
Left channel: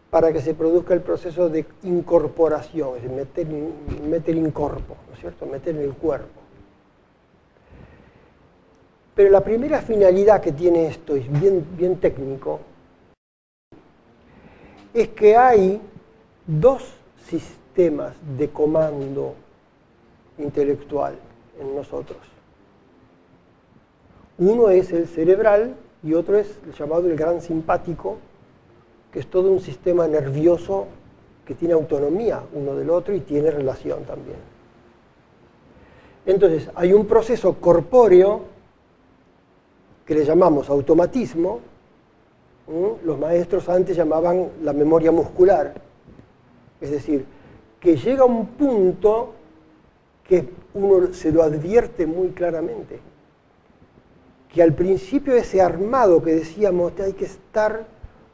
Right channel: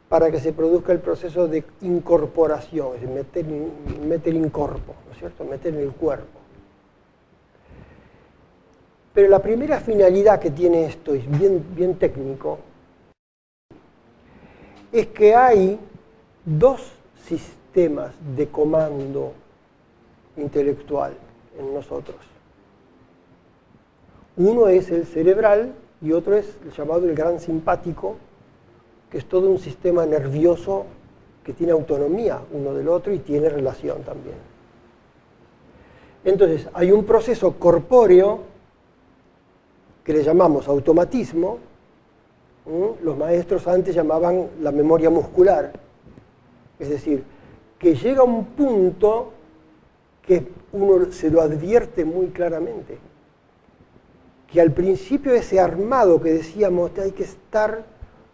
para que se produzca el proceso de incorporación, es decir, meter in corpo, ¿no es cierto?, meter en el cuerpo. Pero la primera finalidad que tiene esto, es bien técnico, es que hay dos sistemas de comando intelectual en nosotros. Uno es el cerebral y otro es el llamado el gran simpático, que es todo un sistema nervioso que tiene autonomía uno del otro y tiene relación también. Entonces, hay un proceso corpóreo que le llamamos automatismo. Los maestros antes llamaban la memoria muscular. Es decir, que llega a un punto que uno se lo advierte muy claramente. Que al principio ese armado que decíamos que hay que estar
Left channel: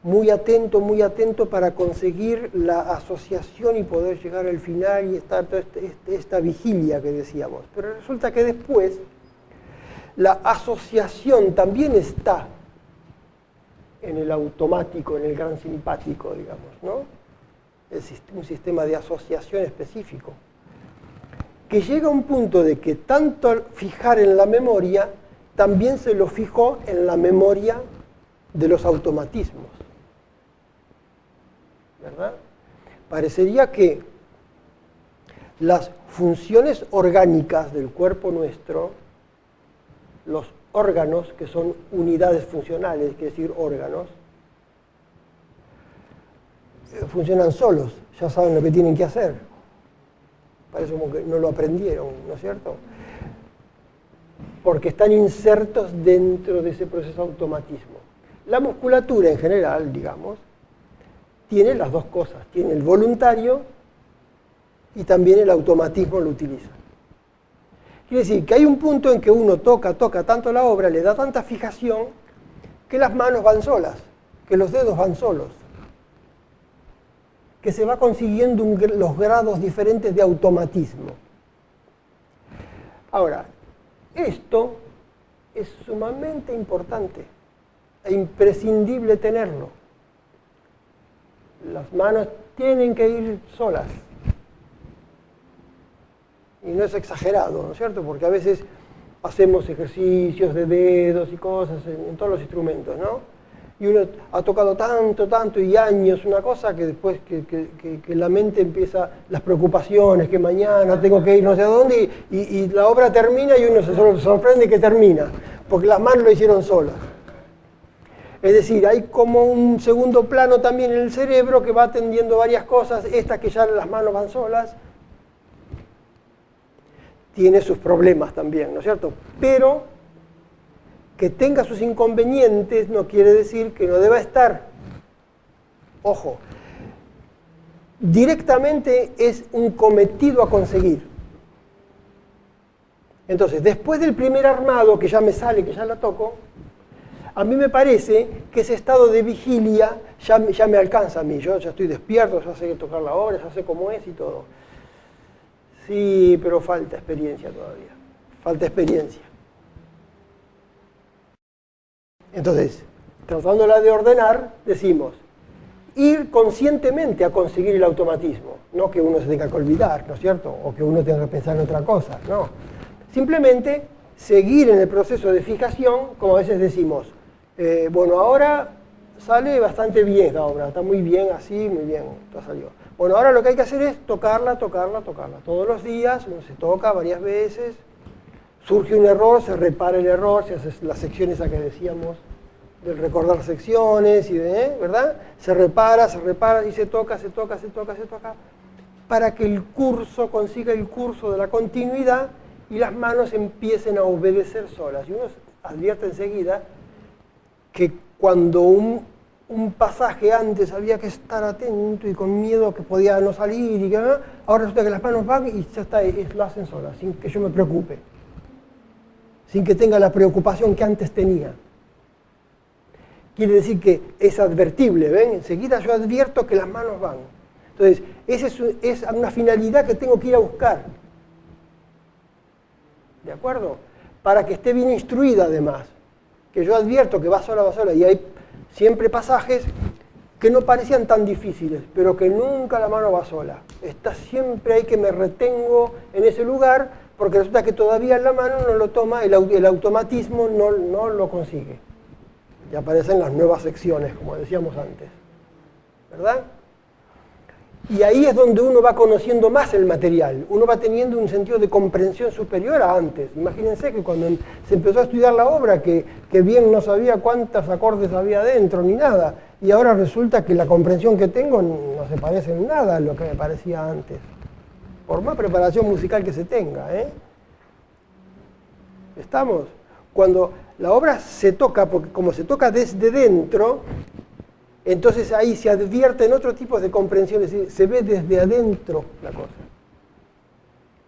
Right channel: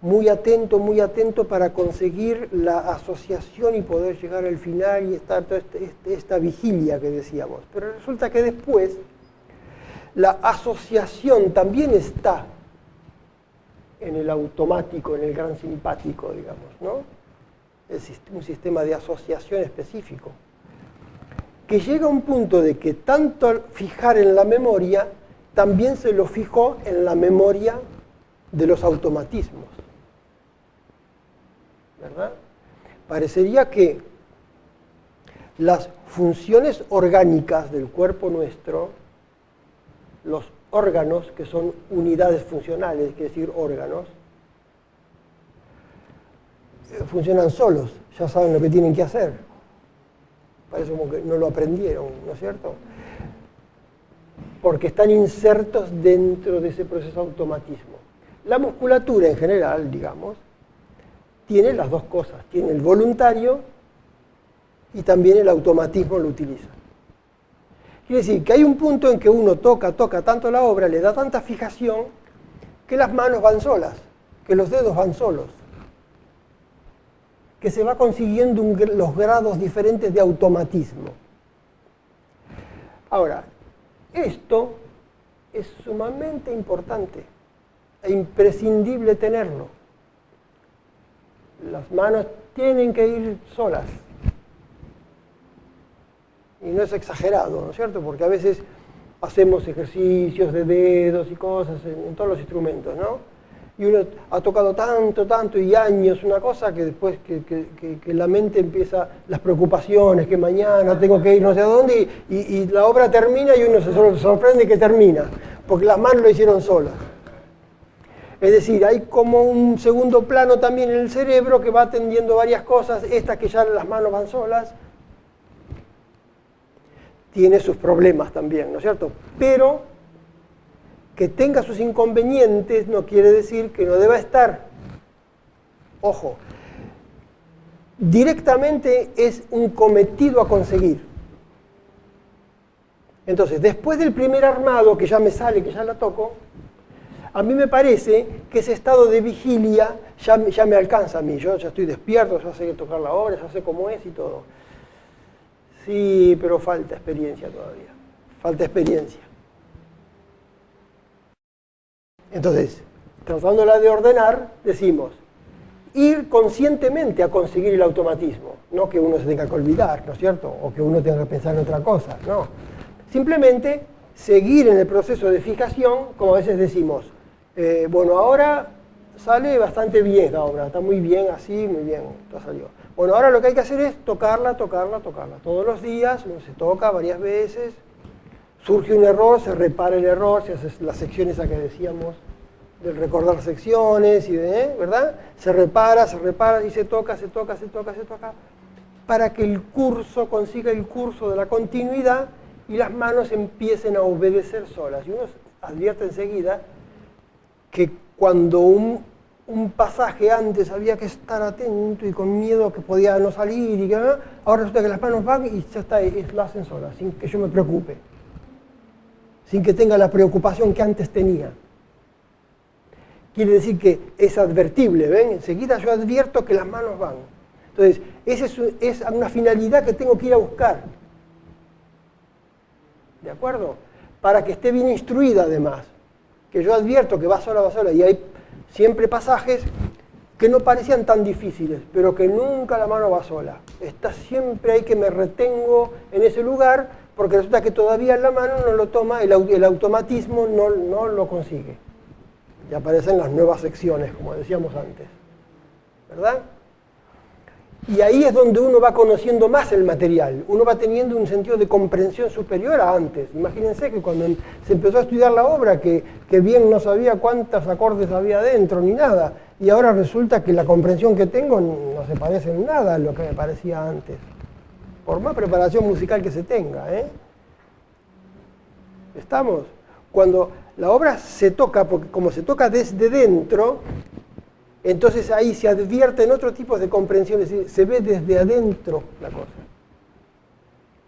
muy atento para conseguir la asociación y poder llegar al final y estar toda esta vigilia que decíamos. Pero resulta que después la asociación también está en el automático, en el gran simpático, digamos, ¿no? Es un sistema de asociación específico. Que llega a un punto de que tanto al fijar en la memoria, también se lo fijó en la memoria de los automatismos. ¿Verdad? Parecería que las funciones orgánicas del cuerpo nuestro, los órganos, que son unidades funcionales, quiere decir órganos, funcionan solos, ya saben lo que tienen que hacer. Parece como que no lo aprendieron, ¿no es cierto? Porque están insertos dentro de ese proceso de automatismo. La musculatura en general, digamos, tiene las dos cosas. Tiene el voluntario y también el automatismo lo utiliza. Quiere decir que hay un punto en que uno toca tanto la obra, le da tanta fijación, que las manos van solas, que los dedos van solos, que se va consiguiendo los grados diferentes de automatismo. Ahora, esto es sumamente importante e imprescindible tenerlo. Las manos tienen que ir solas. Y no es exagerado, ¿no es cierto? Porque a veces hacemos ejercicios de dedos y cosas en todos los instrumentos, ¿no? Y uno ha tocado tanto y años una cosa que después que la mente empieza las preocupaciones, que mañana tengo que ir no sé a dónde, y la obra termina y uno se sorprende que termina, porque las manos lo hicieron solas. Es decir, hay como un segundo plano también en el cerebro que va atendiendo varias cosas, estas que ya las manos van solas, tiene sus problemas también, ¿no es cierto? Pero que tenga sus inconvenientes no quiere decir que no deba estar. Ojo, directamente es un cometido a conseguir. Entonces, después del primer armado, que ya me sale, que ya lo toco, a mí me parece que ese estado de vigilia ya me alcanza a mí. Yo ya estoy despierto, ya sé tocar la hora, ya sé cómo es y todo. Sí, pero falta experiencia todavía. Falta experiencia. Entonces, tratándola de ordenar, decimos, ir conscientemente a conseguir el automatismo. No que uno se tenga que olvidar, ¿no es cierto? O que uno tenga que pensar en otra cosa, no. Simplemente seguir en el proceso de fijación, como a veces decimos, bueno, ahora sale bastante bien la obra, está muy bien así, muy bien, todo salió. Bueno, ahora lo que hay que hacer es tocarla. Todos los días, uno se toca varias veces, surge un error, se repara el error, se hace la sección esa que decíamos, de recordar secciones, y ¿verdad? Se repara y se toca, para que el curso consiga el curso de la continuidad y las manos empiecen a obedecer solas. Y uno advierte enseguida que cuando un pasaje antes había que estar atento y con miedo que podía no salir y que ahora resulta que las manos van y ya está, lo hacen solas, sin que yo me preocupe, sin que tenga la preocupación que antes tenía. Quiere decir que es advertible, ¿ven? Enseguida yo advierto que las manos van. Entonces, esa es una finalidad que tengo que ir a buscar. ¿De acuerdo? Para que esté bien instruida además. Que yo advierto que va sola, y hay siempre pasajes que no parecían tan difíciles, pero que nunca la mano va sola. Está siempre ahí que me retengo en ese lugar, porque resulta que todavía la mano no lo toma, el automatismo no lo consigue. Y aparecen las nuevas secciones, como decíamos antes. ¿Verdad? Y ahí es donde uno va conociendo más el material, uno va teniendo un sentido de comprensión superior a antes. Imagínense que cuando se empezó a estudiar la obra, que bien no sabía cuántos acordes había dentro ni nada, y ahora resulta que la comprensión que tengo no se parece en nada a lo que me parecía antes, por más preparación musical que se tenga, ¿eh? ¿Estamos? Cuando la obra se toca, porque como se toca desde dentro, entonces ahí se advierten otro tipo de comprensión, es decir, se ve desde adentro la cosa.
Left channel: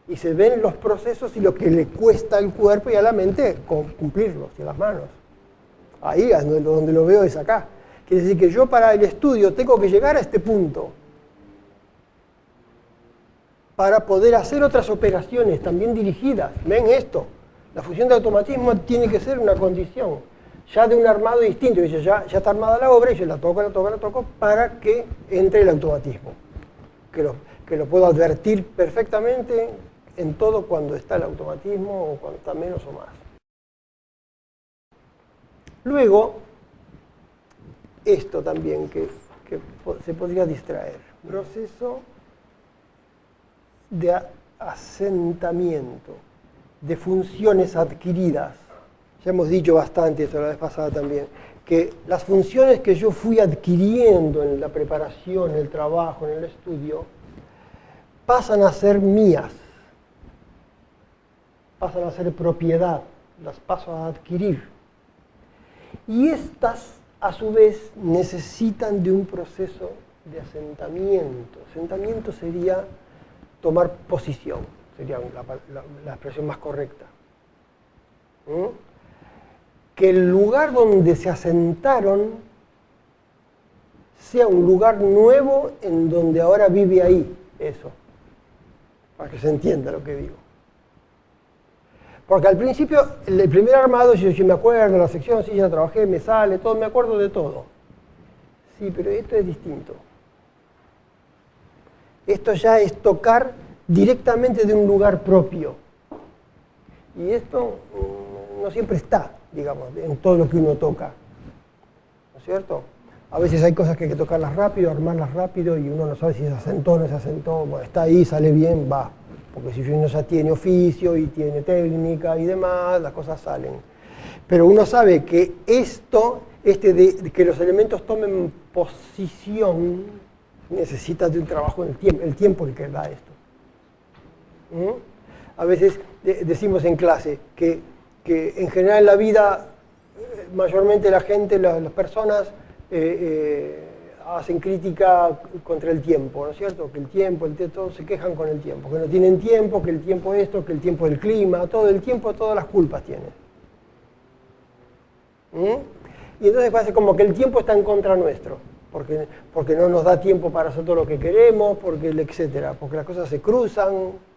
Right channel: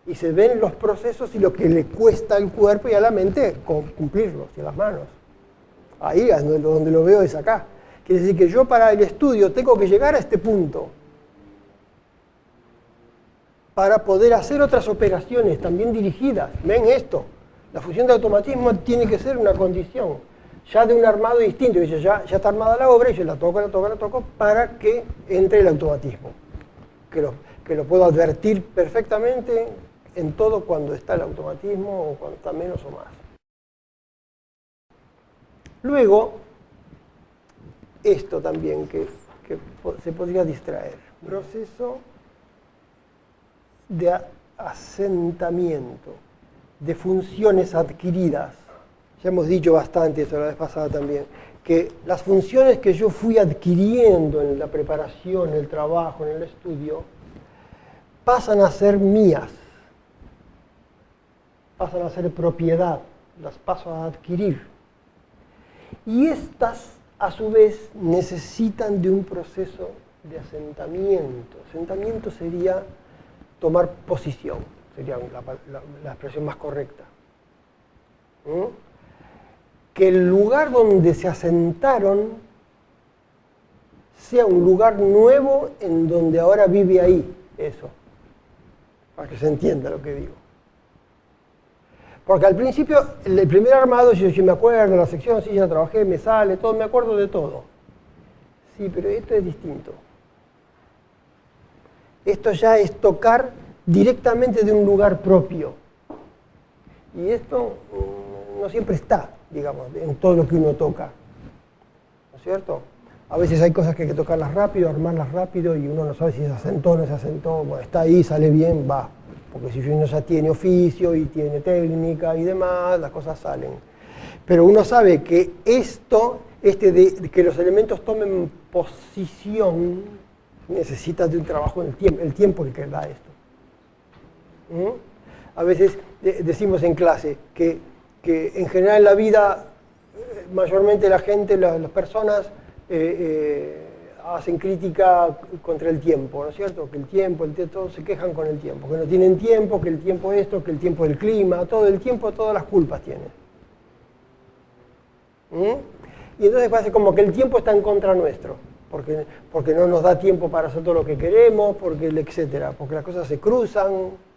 Y se ven los procesos y lo que le cuesta al cuerpo y a la mente cumplirlos, y a las manos. Ahí es donde lo veo, es acá. Quiere decir que yo para el estudio tengo que llegar a este punto para poder hacer otras operaciones también dirigidas. ¿Ven esto? La función de automatismo tiene que ser una condición ya de un armado distinto. Dice, ya está armada la obra y yo la toco para que entre el automatismo. Que lo puedo advertir perfectamente en todo cuando está el automatismo o cuando está menos o más. Luego, esto también que se podría distraer. Proceso de asentamiento de funciones adquiridas. Ya hemos dicho bastante eso la vez pasada también, que las funciones que yo fui adquiriendo en la preparación, en el trabajo, en el estudio, pasan a ser mías, pasan a ser propiedad, las paso a adquirir. Y estas, a su vez, necesitan de un proceso de asentamiento. Asentamiento sería tomar posición, sería la expresión más correcta. Que el lugar donde se asentaron sea un lugar nuevo en donde ahora vive ahí, eso, para que se entienda lo que digo. Porque al principio, el primer armado, yo me acuerdo de la sección, sí, ya trabajé, me sale, todo, me acuerdo de todo. Sí, pero esto es distinto. Esto ya es tocar directamente de un lugar propio. Y esto no siempre está, digamos, en todo lo que uno toca. ¿No es cierto? A veces hay cosas que hay que tocarlas rápido, armarlas rápido, y uno no sabe si se asentó o no se asentó. Bueno, está ahí, sale bien, va. Porque si uno ya tiene oficio y tiene técnica y demás, las cosas salen. Pero uno sabe que esto, de que los elementos tomen posición, necesita de un trabajo en el tiempo el que da esto. A veces decimos en clase que en general en la vida, mayormente la gente, las personas, hacen crítica contra el tiempo, ¿no es cierto? Que el tiempo, todos se quejan con el tiempo, que no tienen tiempo, que el tiempo esto, que el tiempo del clima, todo el tiempo, todas las culpas tienen. Y entonces parece como que el tiempo está en contra nuestro, porque no nos da tiempo para hacer todo lo que queremos, etcétera, porque las cosas se cruzan,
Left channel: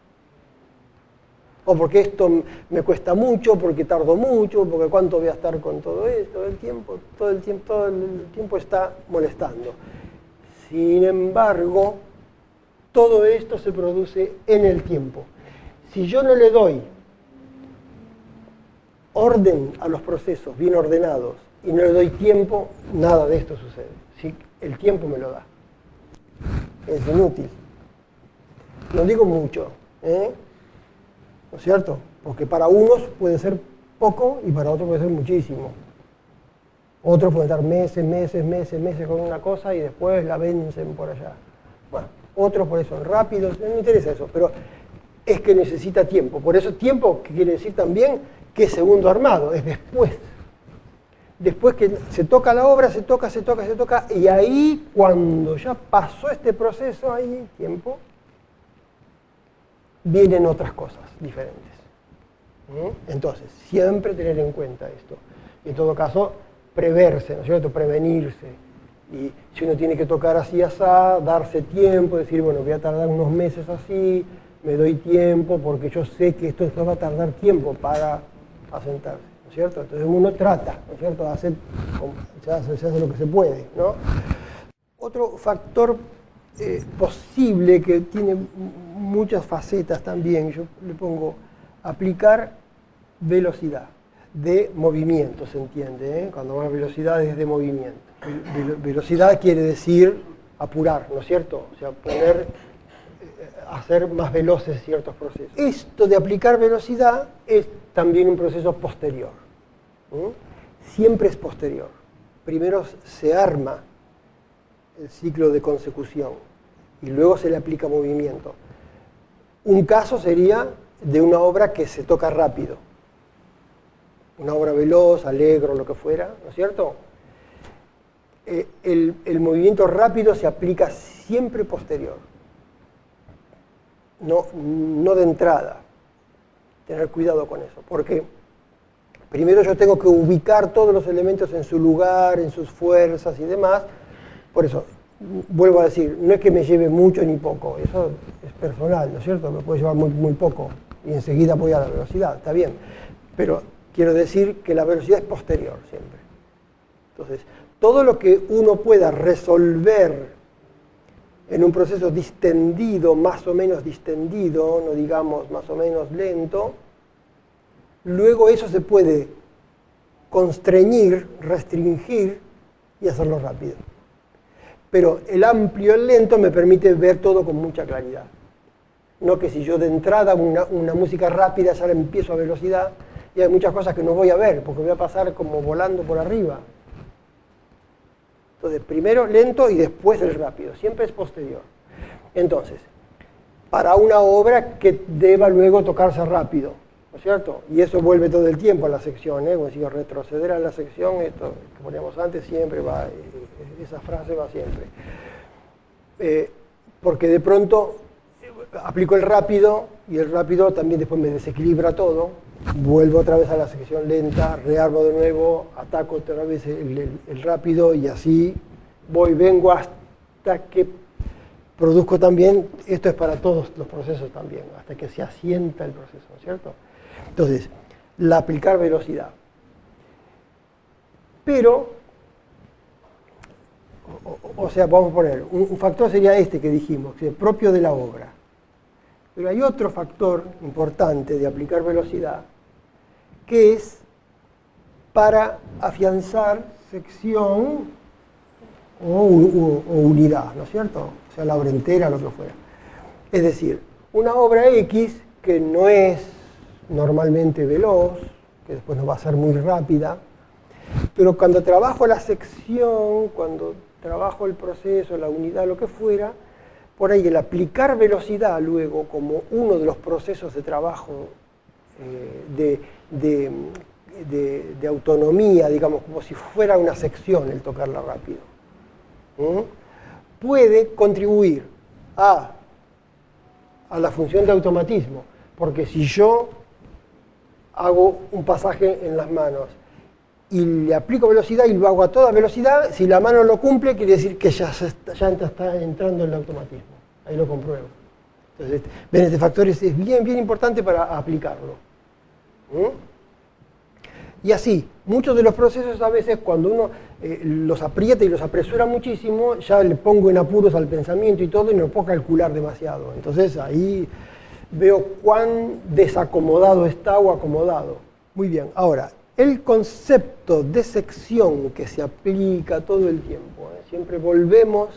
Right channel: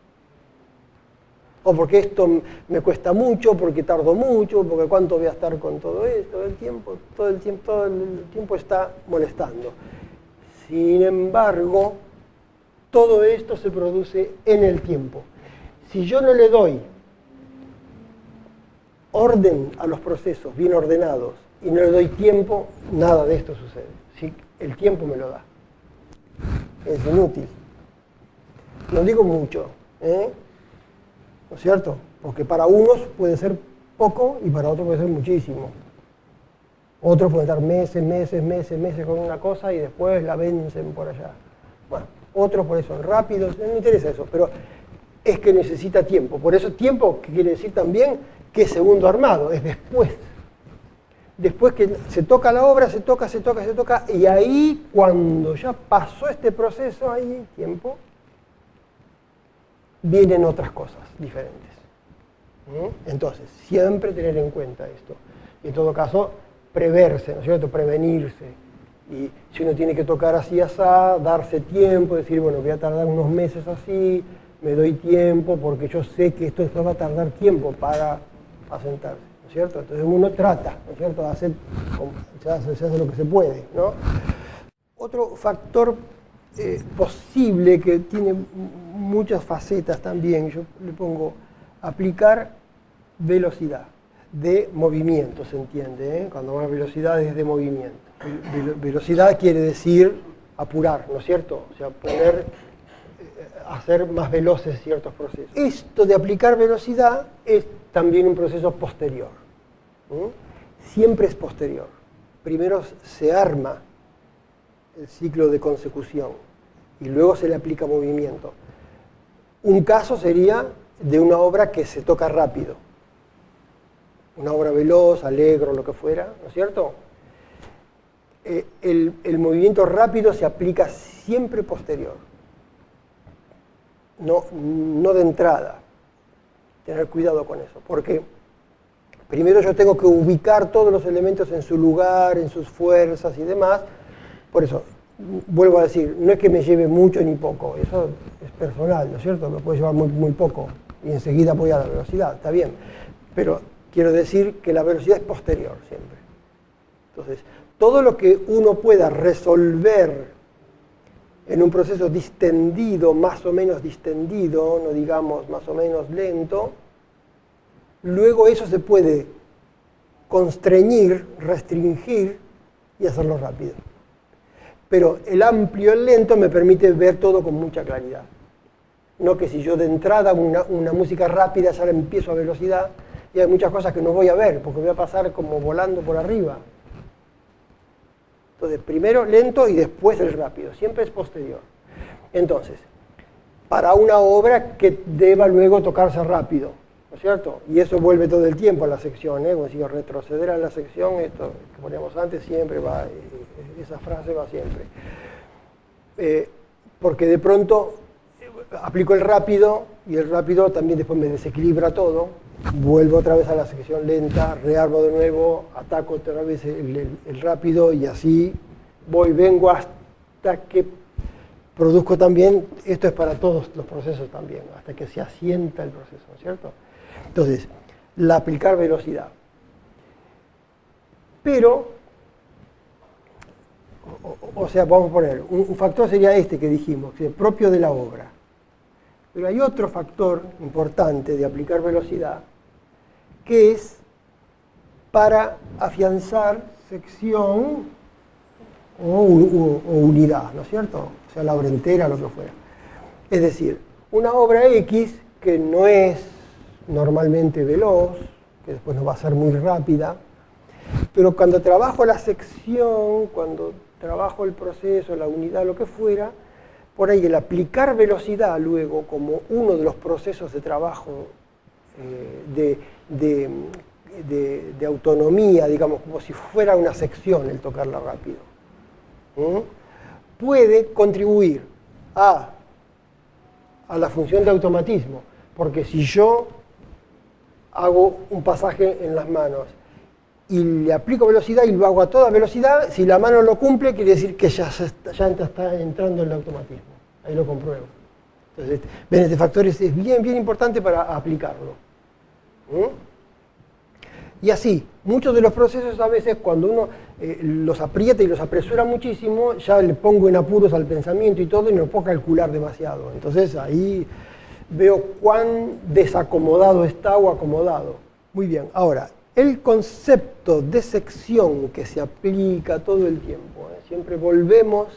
o porque esto me cuesta mucho, porque tardo mucho, porque cuánto voy a estar con todo esto, todo el tiempo está molestando. Sin embargo, todo esto se produce en el tiempo. Si yo no le doy orden a los procesos, bien ordenados, y no le doy tiempo, nada de esto sucede. Si el tiempo me lo da. Es inútil. Lo digo mucho, ¿no es cierto? Porque para unos puede ser poco y para otros puede ser muchísimo. Otros pueden estar meses con una cosa y después la vencen por allá. Bueno, otros por eso son rápidos, no me interesa eso, pero es que necesita tiempo. Por eso tiempo quiere decir también que es segundo armado, es después. Después que se toca la obra, se toca, y ahí cuando ya pasó este proceso, ahí tiempo, vienen otras cosas diferentes. Entonces, siempre tener en cuenta esto. En todo caso, preverse, ¿no es cierto? Prevenirse. Y si uno tiene que tocar así, asá, darse tiempo, decir, bueno, voy a tardar unos meses así, me doy tiempo, porque yo sé que esto va a tardar tiempo para asentarse, ¿no es cierto? Entonces uno trata, ¿no es cierto?, de hacer, se hace lo que se puede, ¿no? Otro factor posible que tiene muchas facetas también, yo le pongo aplicar velocidad de movimiento, ¿se entiende? Cuando hablo de velocidad es de movimiento. Velocidad quiere decir apurar, ¿no es cierto? O sea, poder hacer más veloces ciertos procesos. Esto de aplicar velocidad es también un proceso posterior, ¿no? Siempre es posterior. Primero se arma el ciclo de consecución y luego se le aplica movimiento. Un caso sería de una obra que se toca rápido, una obra veloz, alegre, lo que fuera, ¿no es cierto? El movimiento rápido se aplica siempre posterior, no de entrada. Tener cuidado con eso, porque primero yo tengo que ubicar todos los elementos en su lugar, en sus fuerzas y demás. Por eso, vuelvo a decir, no es que me lleve mucho ni poco, eso es personal, ¿no es cierto? Me puede llevar muy poco y enseguida voy a la velocidad, está bien. Pero quiero decir que la velocidad es posterior siempre. Entonces, todo lo que uno pueda resolver en un proceso distendido, más o menos distendido, no digamos más o menos lento, luego eso se puede constreñir, restringir y hacerlo rápido. Pero el amplio, el lento, me permite ver todo con mucha claridad. No que si yo de entrada una música rápida ya la empiezo a velocidad y hay muchas cosas que no voy a ver porque voy a pasar como volando por arriba. Entonces, primero lento y después el rápido. Siempre es posterior. Entonces, para una obra que deba luego tocarse rápido, ¿no es cierto? Y eso vuelve todo el tiempo a la sección, ¿eh? Como si yo retroceder a la sección, esto que poníamos antes siempre va, esa frase va siempre. Porque de pronto aplico el rápido y el rápido también después me desequilibra todo, vuelvo otra vez a la sección lenta, rearmo de nuevo, ataco otra vez el rápido y así vengo hasta que produzco también, esto es para todos los procesos también, hasta que se asienta el proceso, ¿no es cierto? Entonces, la aplicar velocidad. Pero, o sea, vamos a poner, un factor sería este que dijimos, que es propio de la obra. Pero hay otro factor importante de aplicar velocidad, que es para afianzar sección o unidad, ¿no es cierto? O sea, la obra entera, lo que fuera. Es decir, una obra X que no es normalmente veloz, que después no va a ser muy rápida, pero cuando trabajo la sección, cuando trabajo el proceso, la unidad, lo que fuera, por ahí el aplicar velocidad luego como uno de los procesos de trabajo de autonomía, digamos, como si fuera una sección el tocarla rápido, puede contribuir a la función de automatismo, porque si yo hago un pasaje en las manos y le aplico velocidad y lo hago a toda velocidad, si la mano lo cumple, quiere decir que ya está entrando en el automatismo. Ahí lo compruebo. Entonces, ven, este factor es bien importante para aplicarlo. Y así, muchos de los procesos a veces cuando uno los aprieta y los apresura muchísimo, ya le pongo en apuros al pensamiento y todo y no puedo calcular demasiado. Entonces ahí veo cuán desacomodado está o acomodado. Muy bien, ahora, el concepto de sección que se aplica todo el tiempo, siempre volvemos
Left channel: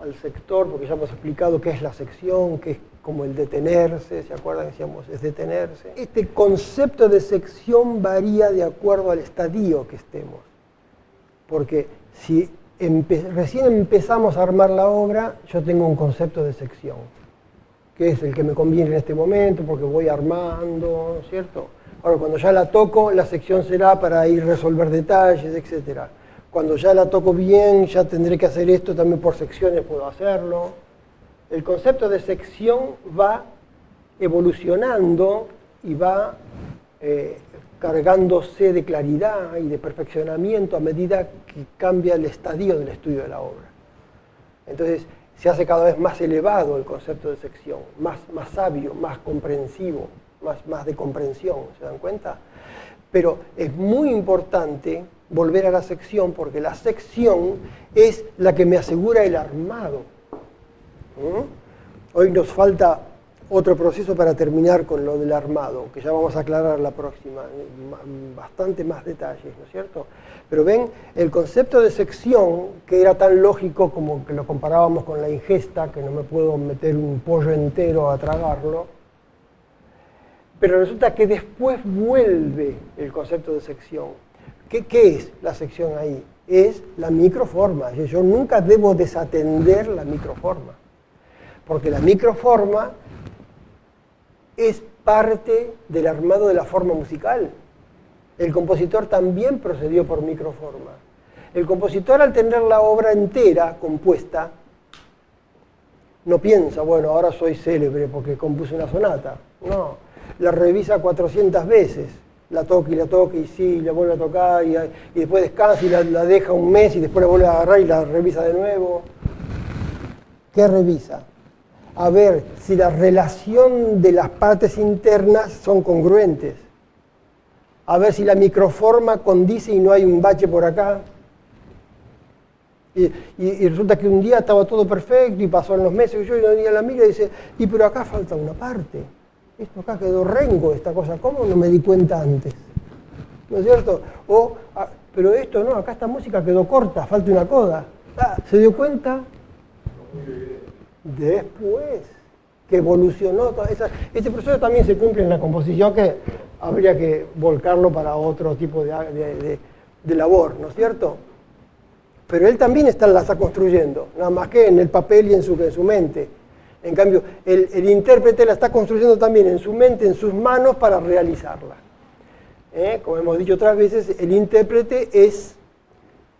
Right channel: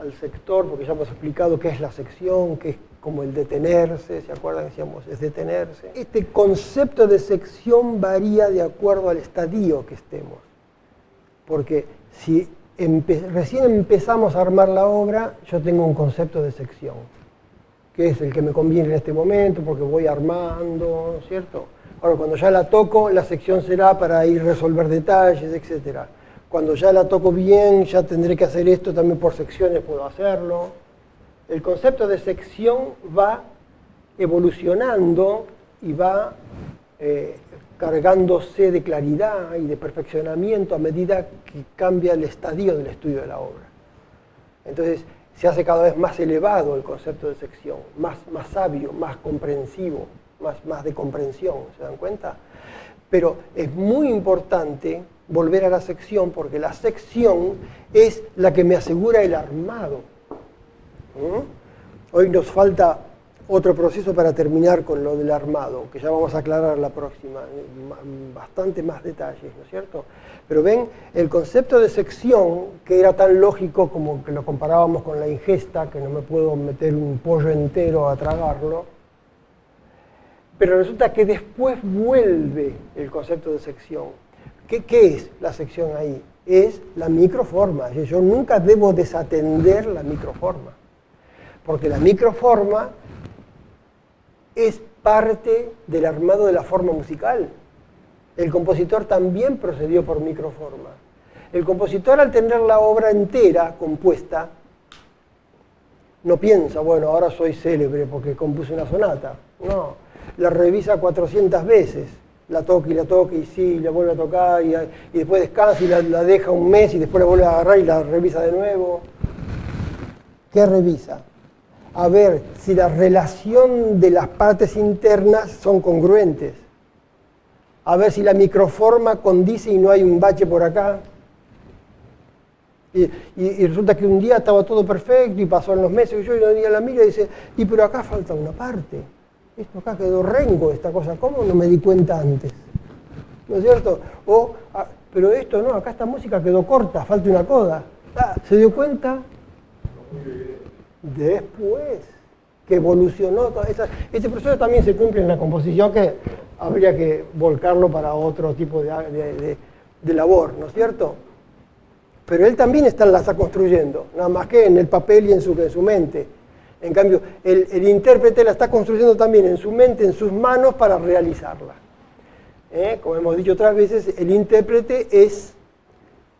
al sector, porque ya hemos explicado qué es la sección, que es como el detenerse, ¿se acuerdan? Decíamos, es detenerse. Este concepto de sección varía de acuerdo al estadio que estemos, porque si recién empezamos a armar la obra, yo tengo un concepto de sección, que es el que me conviene en este momento, porque voy armando, ¿no es cierto? Ahora, cuando ya la toco, la sección será para ir a resolver detalles, etc. Cuando ya la toco bien, ya tendré que hacer esto, también por secciones puedo hacerlo. El concepto de sección va evolucionando y va cargándose de claridad y de perfeccionamiento a medida que cambia el estadio del estudio de la obra. Entonces, se hace cada vez más elevado el concepto de sección, más sabio, más comprensivo, más de comprensión, ¿se dan cuenta? Pero es muy importante volver a la sección, porque la sección es la que me asegura el armado. Hoy nos falta otro proceso para terminar con lo del armado, que ya vamos a aclarar la próxima, bastante más detalles, ¿no es cierto? Pero ven, el concepto de sección, que era tan lógico como que lo comparábamos con la ingesta, que no me puedo meter un pollo entero a tragarlo, pero resulta que después vuelve el concepto de sección. ¿Qué es la sección ahí? Es la microforma. Yo nunca debo desatender la microforma, porque la microforma es parte del armado de la forma musical. El compositor también procedió por microforma. El compositor, al tener la obra entera compuesta, no piensa, bueno, ahora soy célebre porque compuse una sonata. No, la revisa 400 veces. La toca y sí, la vuelve a tocar y después descansa y la deja un mes y después la vuelve a agarrar y la revisa de nuevo. ¿Qué revisa? A ver si la relación de las partes internas son congruentes. A ver si la microforma condice y no hay un bache por acá. Y resulta que un día estaba todo perfecto y pasaron los meses y yo un día la miro y dice, y pero acá falta una parte. Esto acá quedó rengo, esta cosa, ¿cómo no me di cuenta antes? ¿No es cierto? Pero esto no, acá esta música quedó corta, falta una coda. ¿Se dio cuenta? Después que evolucionó toda esa... Este proceso también se cumple en la composición, que habría que volcarlo para otro tipo de labor, ¿no es cierto? Pero él también la está construyendo, nada más que en el papel y en su mente. En cambio, el intérprete la está construyendo también en su mente, en sus manos, para realizarla. Como hemos dicho otras veces, el intérprete es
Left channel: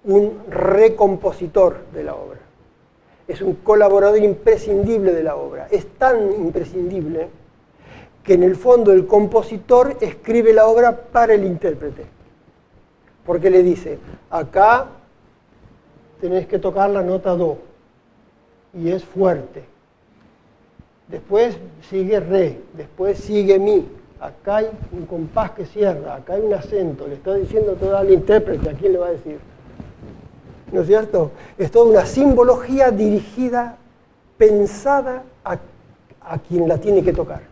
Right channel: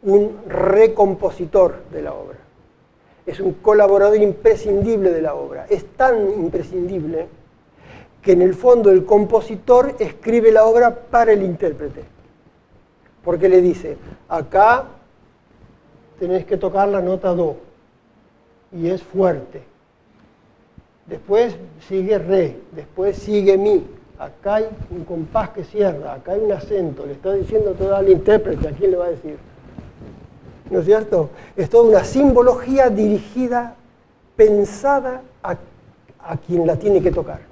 un recompositor de la obra. Es un colaborador imprescindible de la obra. Es tan imprescindible que en el fondo el compositor escribe la obra para el intérprete. Porque le dice, acá tenés que tocar la nota do, y es fuerte. Después sigue re, después sigue mi. Acá hay un compás que cierra, acá hay un acento. Le está diciendo todo al intérprete, ¿a quién le va a decir? ¿No es cierto? Es toda una simbología dirigida, pensada a quien la tiene que tocar.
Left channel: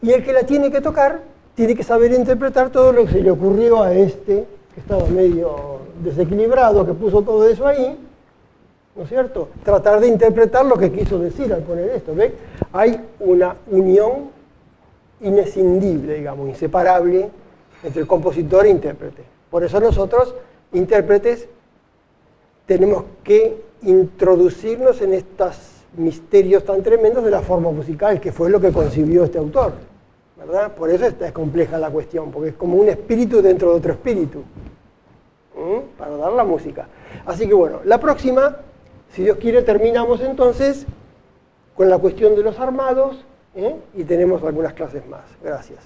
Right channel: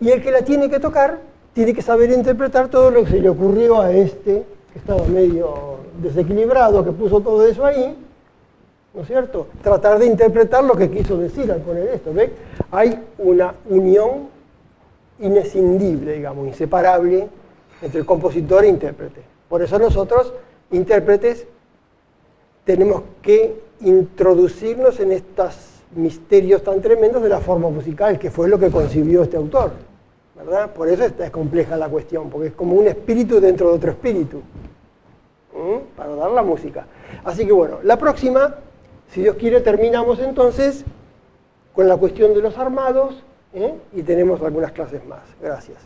Y el que la tiene que tocar tiene que saber interpretar todo lo que se le ocurrió a este, que estaba medio desequilibrado, que puso todo eso ahí, ¿no es cierto? Tratar de interpretar lo que quiso decir al poner esto, ¿ven? Hay una unión inescindible, digamos, inseparable entre compositor e intérprete. Por eso nosotros, intérpretes, tenemos que introducirnos en estos misterios tan tremendos de la forma musical, que fue lo que concibió este autor, ¿verdad? Por eso es compleja la cuestión, porque es como un espíritu dentro de otro espíritu, para dar la música. Así que bueno, la próxima, si Dios quiere, terminamos entonces con la cuestión de los armados, y tenemos algunas clases más. Gracias.